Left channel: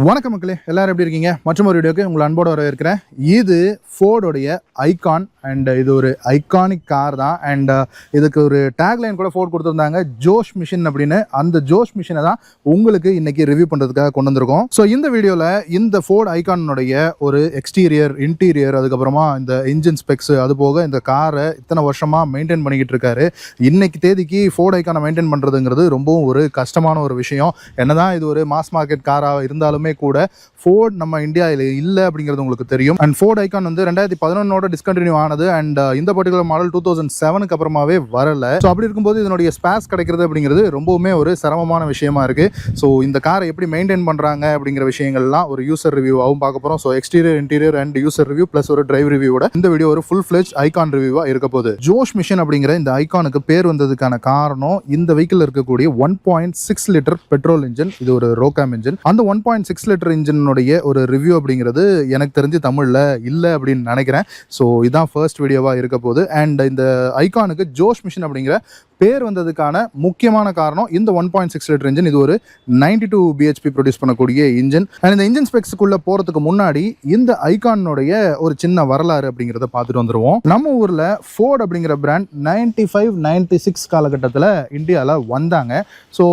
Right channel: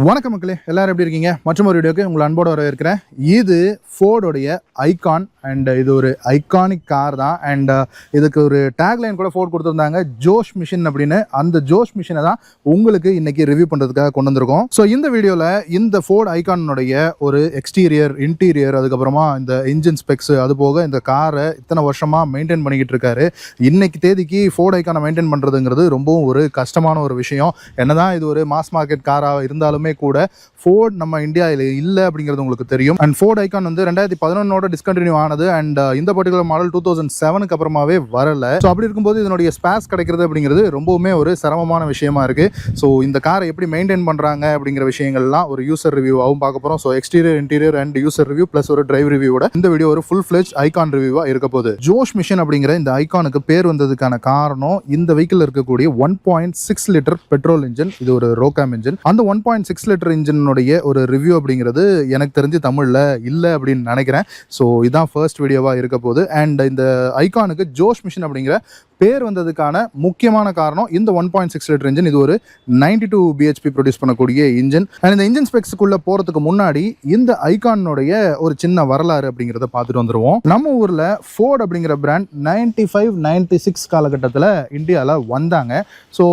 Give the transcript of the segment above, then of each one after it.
வணக்கம் மக்களே, எல்லாரும் எப்படி இருக்கீங்க? மற்றும் ஒரு வீடியோக்கு உங்களை அன்போடு வரவேற்கிறேன். இது ஃபோர்டோடைய ஐகான் அண்ட் இது ஒரு ஐகானிக் கார் தான். அண்ட் இதுக்கு ஒரு டேக்லைன் கூட ஃபோர்ட் கொடுத்துருந்தாங்க, ஜோஷ் மிஷின் அப்படின்னு. அந்த ஜோஷ் மிஷினை தான் உங்களுக்கு இன்னைக்கு ரிவ்யூ பண்ணுறதுக்காக கொண்டு வந்திருக்கோம். ஸோ இந்த வீடியோவில் இந்த ஃபோர்ட் ஐகானுடைய ஒரு எக்ஸ்டீரியர், இன்டீரியர், அதுக்கப்புறமா இந்த இன்ஜின் ஸ்பெக்ஸ், அது போக இந்த காரை இத்தனை வருஷமாக மெயின்டைன் பண்ணிக்கிட்டு இருக்காரு. இன்னைக்கு தேதிக்கு ஃபோர்ட் ஐகானை மெயின்டைன் பண்ணுறதுங்கிறது ரொம்பவும் ஒரு கஷ்டமான ஒரு விஷயம். என்னதான் இது ஒரு மாஸ் மார்க்கெட் காராக இருந்தாலும் கூட ஃபோர்ட் நம்ம இந்தியாவில் இல்லை அப்படிங்கிறது உங்களுக்கு தெரியும். அண்ட் ஃபோர்ட் ஐகான் வந்து 2011 டிஸ்கண்டினியூ ஆனது. அண்ட் இந்த பர்டிகுலர் மாடல் 2007க்கு அப்புறமாவே வரல. ஸோ அப்படி இருக்கும்போது இதனுடைய ஸ்பேஸ் கிடைக்கிறது அப்படிங்கிறது ரொம்பவுமே ஒரு சிரமமான விஷயமா இருக்கு. ஸோ இந்த காரை எப்படி மெயின்டைன் பண்றாங்க அப்படிங்கிற விஷயங்கள்லாம் ஒரு யூசர் ரிவ்யூவாகவும் பார்க்க போறோம். So exterior, interior and user review plus ஒரு டிரைவ் ரிவ்யூவோட இந்த வீடியோ ஒரு ஃபுல் ஃபிளெஜ் ஐகான் ரிவ்யூவா இருக்க போகுது. ஜோஷ் மிஷின் அப்படிங்கிற இந்த ஐகானுக்கு பேர் வந்ததுக்கான காரணம் இந்த வெஹிக்கிள் இருக்கக்கூடிய 1.6 லிட்டர் பெட்ரோல் இன்ஜின். இது ஒரு ரோகாம் இன்ஜின். அந்த 1.6 லிட்டர் இன்ஜினுடைய ஒரு ரிவ்யூ அப்படிங்கிறது எனக்கு தெரிஞ்சு தமிழில் இல்லை அப்படின்னு நினைக்கிறேன். ஸோ இதான் ஃபர்ஸ்ட் வீடியோவாக இருக்க போகுது. அண்ட் இந்த ஐகானுக்கு ஜோஷ் மிஷின் அப்படிங்கிற பேர் வந்ததுக்கான முக்கியமான காரணம் இந்த 1.6 லிட்டர் இன்ஜின். இது ஒரு 92 பிஹெச்பி ப்ரொடியூஸ் பண்ணக்கூடிய இன்ஜின். அண்ட் இந்த இன்ஜின் ஸ்பெக்ஸுக்குள்ள போகிறதுக்கு முன்னாடி இந்த ஐகானுடைய ஒரு சின்ன வரலாறு அப்படிங்கிறத பார்த்துட்டு வந்துடுவோம். நம்ம ஊரில் ஃபோர்ட் அப்படிங்கிற பிராண்ட் 95, 96 காலகட்டத்தில் இந்தியாவில் வந்தாங்க. ஸோ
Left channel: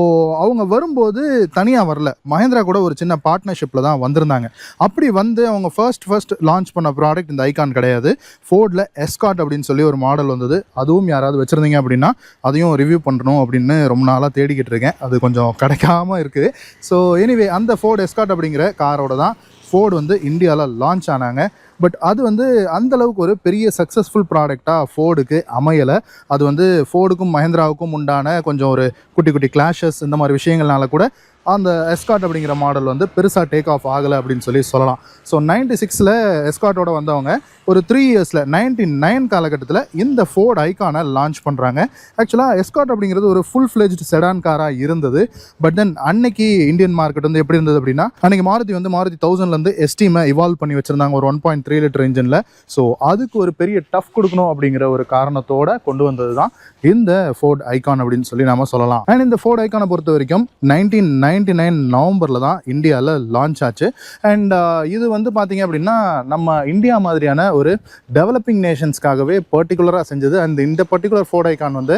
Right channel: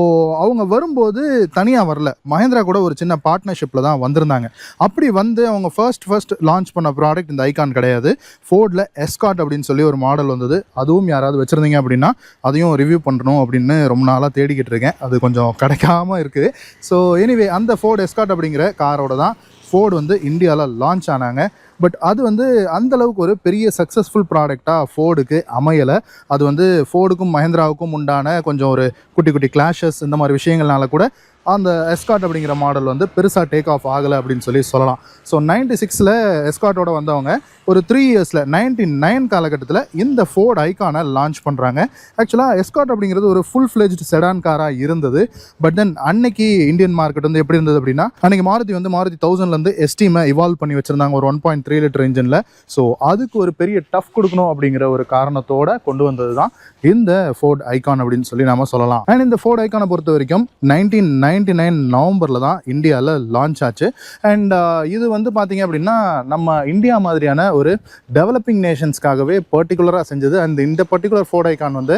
அவங்க வரும்போது தனியாக வரல, மஹேந்திரா கூட ஒரு சின்ன பார்ட்னர்ஷிப்பில் தான் வந்திருந்தாங்க. அப்படி வந்து அவங்க ஃபர்ஸ்ட் லான்ச் பண்ண ப்ராடக்ட் இந்த ஐகான் கிடையாது. ஃபோர்டில் எஸ்கார்ட் அப்படின்னு சொல்லி ஒரு மாடல் வந்தது. அதுவும் யாராவது வச்சுருந்தீங்க அப்படின்னா அதையும் ரிவ்யூ பண்ணணும் அப்படின்னு ரொம்ப நாளாக தேடிக்கிட்டு இருக்கேன். அது கொஞ்சம் கிடைக்காமல் இருக்குது. ஸோ எனிவே அந்த ஃபோர்ட் எஸ்கார்ட் அப்படிங்கிற காரோட தான் ஃபோர்டு வந்து இந்தியாவில் லான்ச் ஆனாங்க. பட் அது வந்து அந்தளவுக்கு ஒரு பெரிய சக்ஸஸ்ஃபுல் ப்ராடக்டாக ஃபோர்டுக்கு அமையலை. அது வந்து ஃபோர்டுக்கும் மஹேந்திராவுக்கும் உண்டான கொஞ்சம் ஒரு குட்டி குட்டி கிளாஷஸ், இந்த மாதிரி விஷயங்கள்னால கூட அந்த எஸ்கார்ட் அப்படிங்கிற மாடல் வந்து பெருசாக டேக் ஆஃப் ஆகலை அப்படின்னு சொல்லலாம். ஸோ 96ல் எஸ்கார்ட்டோட வந்தவங்க ஒரு 3 இயர்ஸில் 99 காலகட்டத்தில் இந்த ஃபோர்ட் ஐகானை லான்ச் பண்ணுறாங்க. ஆக்சுவலாக எஸ்கார்ட் அப்படிங்கிறது ஒரு ஃபுல் ஃப்ளெஜ்டு செடான் காராக இருந்தது. பட் தென் அன்னைக்கு இந்தியன் மார்க்கெட் வந்து எப்படி இருந்தது அப்படின்னா, அன்றைக்கி மாருதி 1000லேருந்து எஸ்டீமை இவால்வ் பண்ணி வச்சுருந்தாங்க ஒரு 1.3 லிட்டர் இன்ஜினில். ஸோ அதுக்கு ஒரு பெரிய டஃப் கொடுக்கணும் அப்படிங்கிற ஒரு காரணத்தோடு கொண்டு வந்தது தான் இந்த ஃபோர்ட் ஐகான் அப்படின்னு சொல்லி நாம சொல்லலாம். அண்ட் இந்த ஃபோர்ட் ஐகானை பொறுத்த வரைக்கும் 1999 நவம்பரில் தான் இந்தியாவில் லான்ச் ஆச்சு. அண்ட் இது வந்து பார்த்தீங்க அப்படின்னா நம்ம இந்தியா மாதிரியான ஒரு டெவலப்பிங் நேஷன்ஸ்க்காகவே பர்டிகுலராக செஞ்சது. அண்ட் இந்த பர்டிகுலர் ஃபோர்ட் ஐகான் வந்து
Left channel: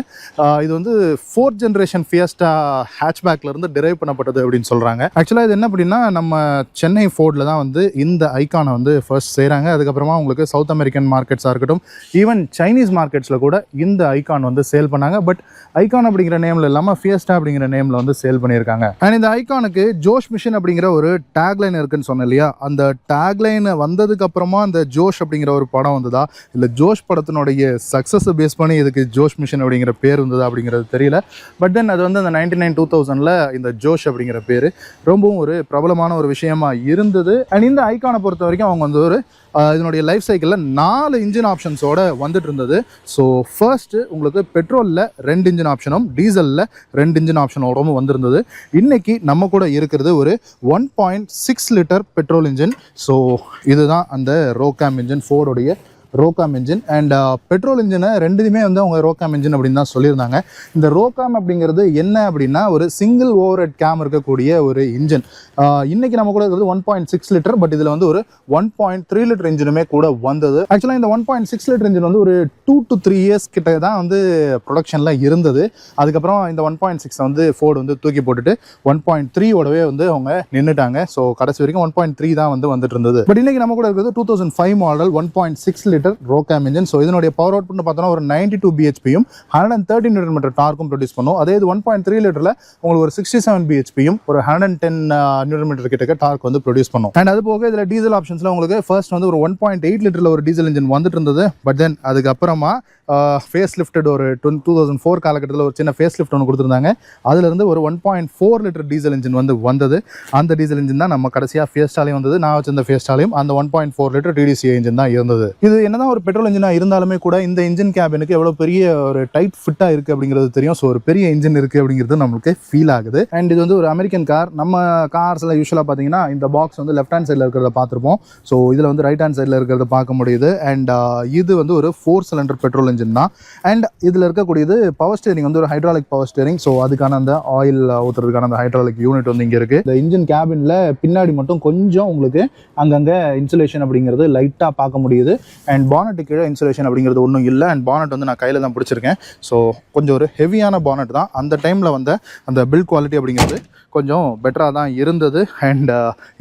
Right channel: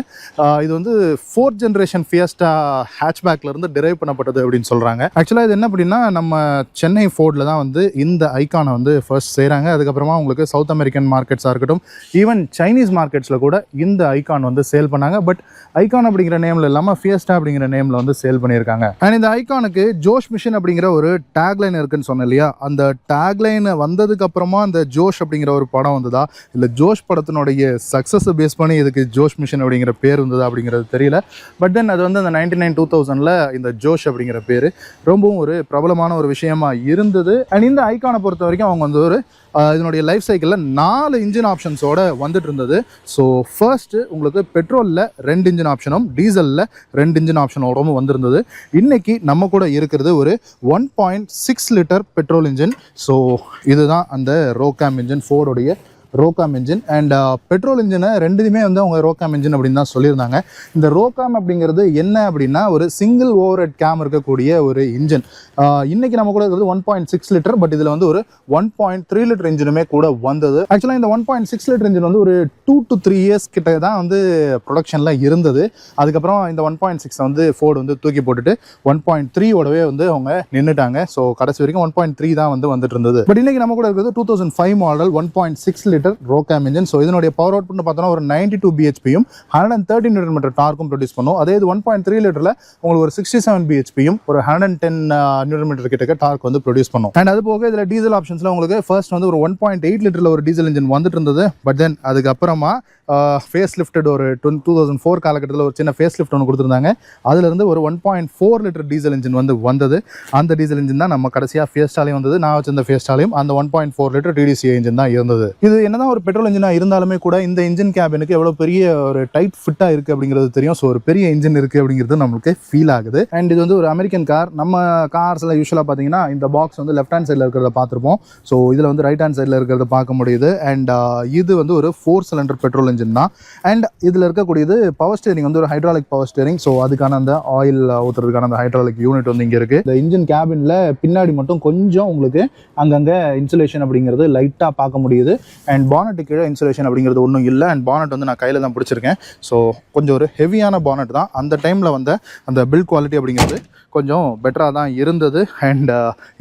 இது வந்து 4th ஜென்ரேஷன் ஃபியஸ்டா ஹேட்ச்பேக்லேருந்து டிரைவ் பண்ணப்பட்டது அப்படின்னு சொல்கிறாங்க. ஆக்சுவலாக இது என்ன அப்படின்னா, நம்ம சென்னை ஃபோர்டில் தான் வந்து இந்த ஐகானை வந்து ஃபர்ஸ்ட் செய்கிறாங்க. அதுக்கப்புறமா உங்களுக்கு சவுத் அமெரிக்கன் மார்க்கெட்ஸாக இருக்கட்டும், ஈவன் சைனீஸ் மார்க்கெட்ஸில் கூட இந்த ஐகான் வந்து சேல் பண்ணாங்க. பட் ஐகான் அப்படிங்கிற நேமில் இல்லாமல் ஃபியஸ்டா அப்படிங்கிற நேமில் வந்து சேல் பண்ணியிருக்காங்க. அண்ட் இந்த ஐகானுக்கு ஜோஷ் மிஷின் அப்படிங்கிற ஒரு டேக்லைன் இருக்குன்னு சொன்னேன் இல்லையா, அந்த டேக்லைன் வந்ததுக்கு அப்புறமா அந்த ஜோஷ் அப்படிங்கிற ஒரு படம் வந்ததா, இல்லை ஜோஷ் படத்தினுடைய சக்ஸஸை பேஸ் பண்ணி இதுக்கு ஜோஷ் மிஷின் அப்படிங்கிற பேர் வந்ததா அப்படிங்கிறது தெரியல. பட் தென் அது வந்து அந்த 99, 2000ல் இந்த ஜோஷ் அப்படிங்கிற பேர் ரொம்பவும் ஒரு பிரபலமான ஒரு விஷயமா இருந்தது. அண்ட் இந்த ஐகானை பொறுத்த வரைக்கும் அவங்க வந்து ஒரு இதனுடைய லைஃப் சைக்கிளில் 4 இன்ஜின் ஆப்ஷன்ஸோட வந்துட்டு இருந்தது. ஸோ ஃபர்ஸ்ட்டு உங்களுக்கு பெட்ரோலில் 2 இன்ஜின் ஆப்ஷனும், டீசலில் 2 இன்ஜின் ஆப்ஷனோடவும் வந்திருந்தது. இன்னைக்கு நம்ம கூட இருக்கிறது ஒரு 1.6 லிட்டர் பெட்ரோல் இன்ஜின். ஸோ இதுதான் அந்த ரோகாம் இன்ஜின், ஃபோர்டுடைய ரோகாம் இன்ஜின். அண்ட் பெட்ரோல் இன்ஜினை ரெண்டுமே வந்து அவங்க ரோகாம் இன்ஜின் அப்படின்னு தான் சொல்லியிருந்தாங்க. இந்த ரோகாம் அப்படிங்கிறது என்ன அப்படின்னா, ஒரு சிங்கிள் ஓவர் ஹெட் கேம் இருக்கக்கூடிய ஒரு இன்ஜின். இன்னைக்கு நம்ம கூட இருக்கிறது 1.6 லிட்டர். பட் இதில் வந்து ஒரு 1.3 லிட்டர் இன்ஜினுமே கூட வந்தது. ஆக்சுவலாக இந்த 1.6 லிட்டர் இன்ஜின் வந்து ஒரு 2 to 3 இயர்ஸ் கிட்ட தான் வந்து ப்ரொடக்ஷனில் இருந்தது. அதுக்கப்புறம் இந்த 1.6 வந்து ஃபோர்டு வந்து தூக்கி போட்டுட்டு 1.3ஓடவே வந்து அவங்க நின்றுட்டாங்க. ஸோ கடைசி வரைக்கும் 1.3 தான் வந்து வந்துட்டு இருந்தது. பட் இன்னைக்கு நம்ம கூட இருக்கிறது 2005 மாடல் 1.6 லிட்டர் ரோகாம் இன்ஜின். ஸோ இதனுடைய பவர் அவுட்புட் பார்த்தோன்னா ஒரு 92 பிஹெச்பியும் 113 நியூட்டன் மீட்டர் டார்க்கும் ப்ரொடியூஸ் பண்ணும். அதே இது 1.3 லிட்டரில் உங்களுக்கு ஒரு 67 பிஹெச்பியும் ஒரு 110 நியூட்டன் மீட்டர் கிட்ட டார்க் வந்து ப்ரொடியூஸ் பண்ணும். அண்ட் அது போக இதில் டீசல் ஆப்ஷன்ஸில் உங்களுக்கு ஃபர்ஸ்ட் வந்து ஒரு 1.8 லிட்டரில் ஒரு டீசல் இன்ஜின் வந்துட்டு இருந்தது. பட் தென் அதுக்கப்புறமா ஃபேஸ் லிஃப்டட் ஒரு 2004 காலகட்டத்தில் ஒரு சின்ன ஃபேஸ் லிஃப்ட் ஒன்று கொடுத்துருந்தாங்க. அதுலேருந்து ஒரு 1.4 லிட்டர் டீசல் இன்ஜின் வந்து வந்தது. அந்த டீசல் இன்ஜின் தான் நம்ம கடைசியாக ஃபியஸ்டாலையும் வந்தது. நான் வச்சிருந்த ஃபியஸ்டாலையும் அந்த 1.4 லிட்டர் டிடிசிஏ இன்ஜின் தான் இருந்தது. இது என்னதான் ஒரு பெட்ரோல் இன்ஜினாக இருந்தாலுமே கூட இந்த இன்ஜின் கேபினுக்கு எவ்வளோ பெரிய ஒரு டைட் ஃபிட்டாக இருக்குது அப்படிங்கிறது தெரியும். ஸோ ஒரு பெரிய இன்ஜின் இருக்குது அப்படிங்கிறது நம்மளுக்கு ஃபீல் ஆகுது. அண்ட் இது வந்து ஒரு அமெரிக்கன் கார். நம்ம கார்ஸில் யூஸ்வலாக பார்த்தீங்கன்னா இந்த பாக்ஸ் வந்து லெஃப்ட் ஹேண்ட் சைடில் இருக்கிறத பார்த்துருப்போம். ஸோ இதில் வந்து ரைட் ஹேண்ட் சைடில் இருக்கிறத பார்க்க முடியுது. அண்ட் இது வந்து ஒரு 4 சிலிண்டர் பெட்ரோல் இன்ஜின் தான். அண்ட் இதில் இருக்கக்கூடியது பவர் ஸ்டேரிங் வந்து ஒரு ஹைட்ராலிக் பவர் ஸ்டேரிங். ஸோ அதுக்கான அந்த ஆயில் ஊற்றுறதுக்கான அந்த ஹைட்ராலிக் யூனிட் வந்து இங்கே இருக்குது. இந்த இன்ஜின் கேபினில் பின்னாடி மட்டும் கொஞ்சம் உங்களுக்கு அங்கங்கே இன்சுலேஷன் அப்படிங்கிறது லைட்டாக பார்க்க முடியுது. அண்ட் பானட்டு கீழே இன்சுலேஷன் அப்படிங்கிறது ஒன்றும் இல்லை. அண்ட் பானட் வந்து நான் கையில் தான் பிடிச்சிருக்கேன். ஸோ கொஞ்சம் ஒரு ஹெவியான பானட் தான். அந்த டைமில் வந்த அந்த பில்ட் குவாலிட்டி அப்படிங்கிறது கொஞ்சம் பெட்டராக தான் இருந்தது. அண்ட்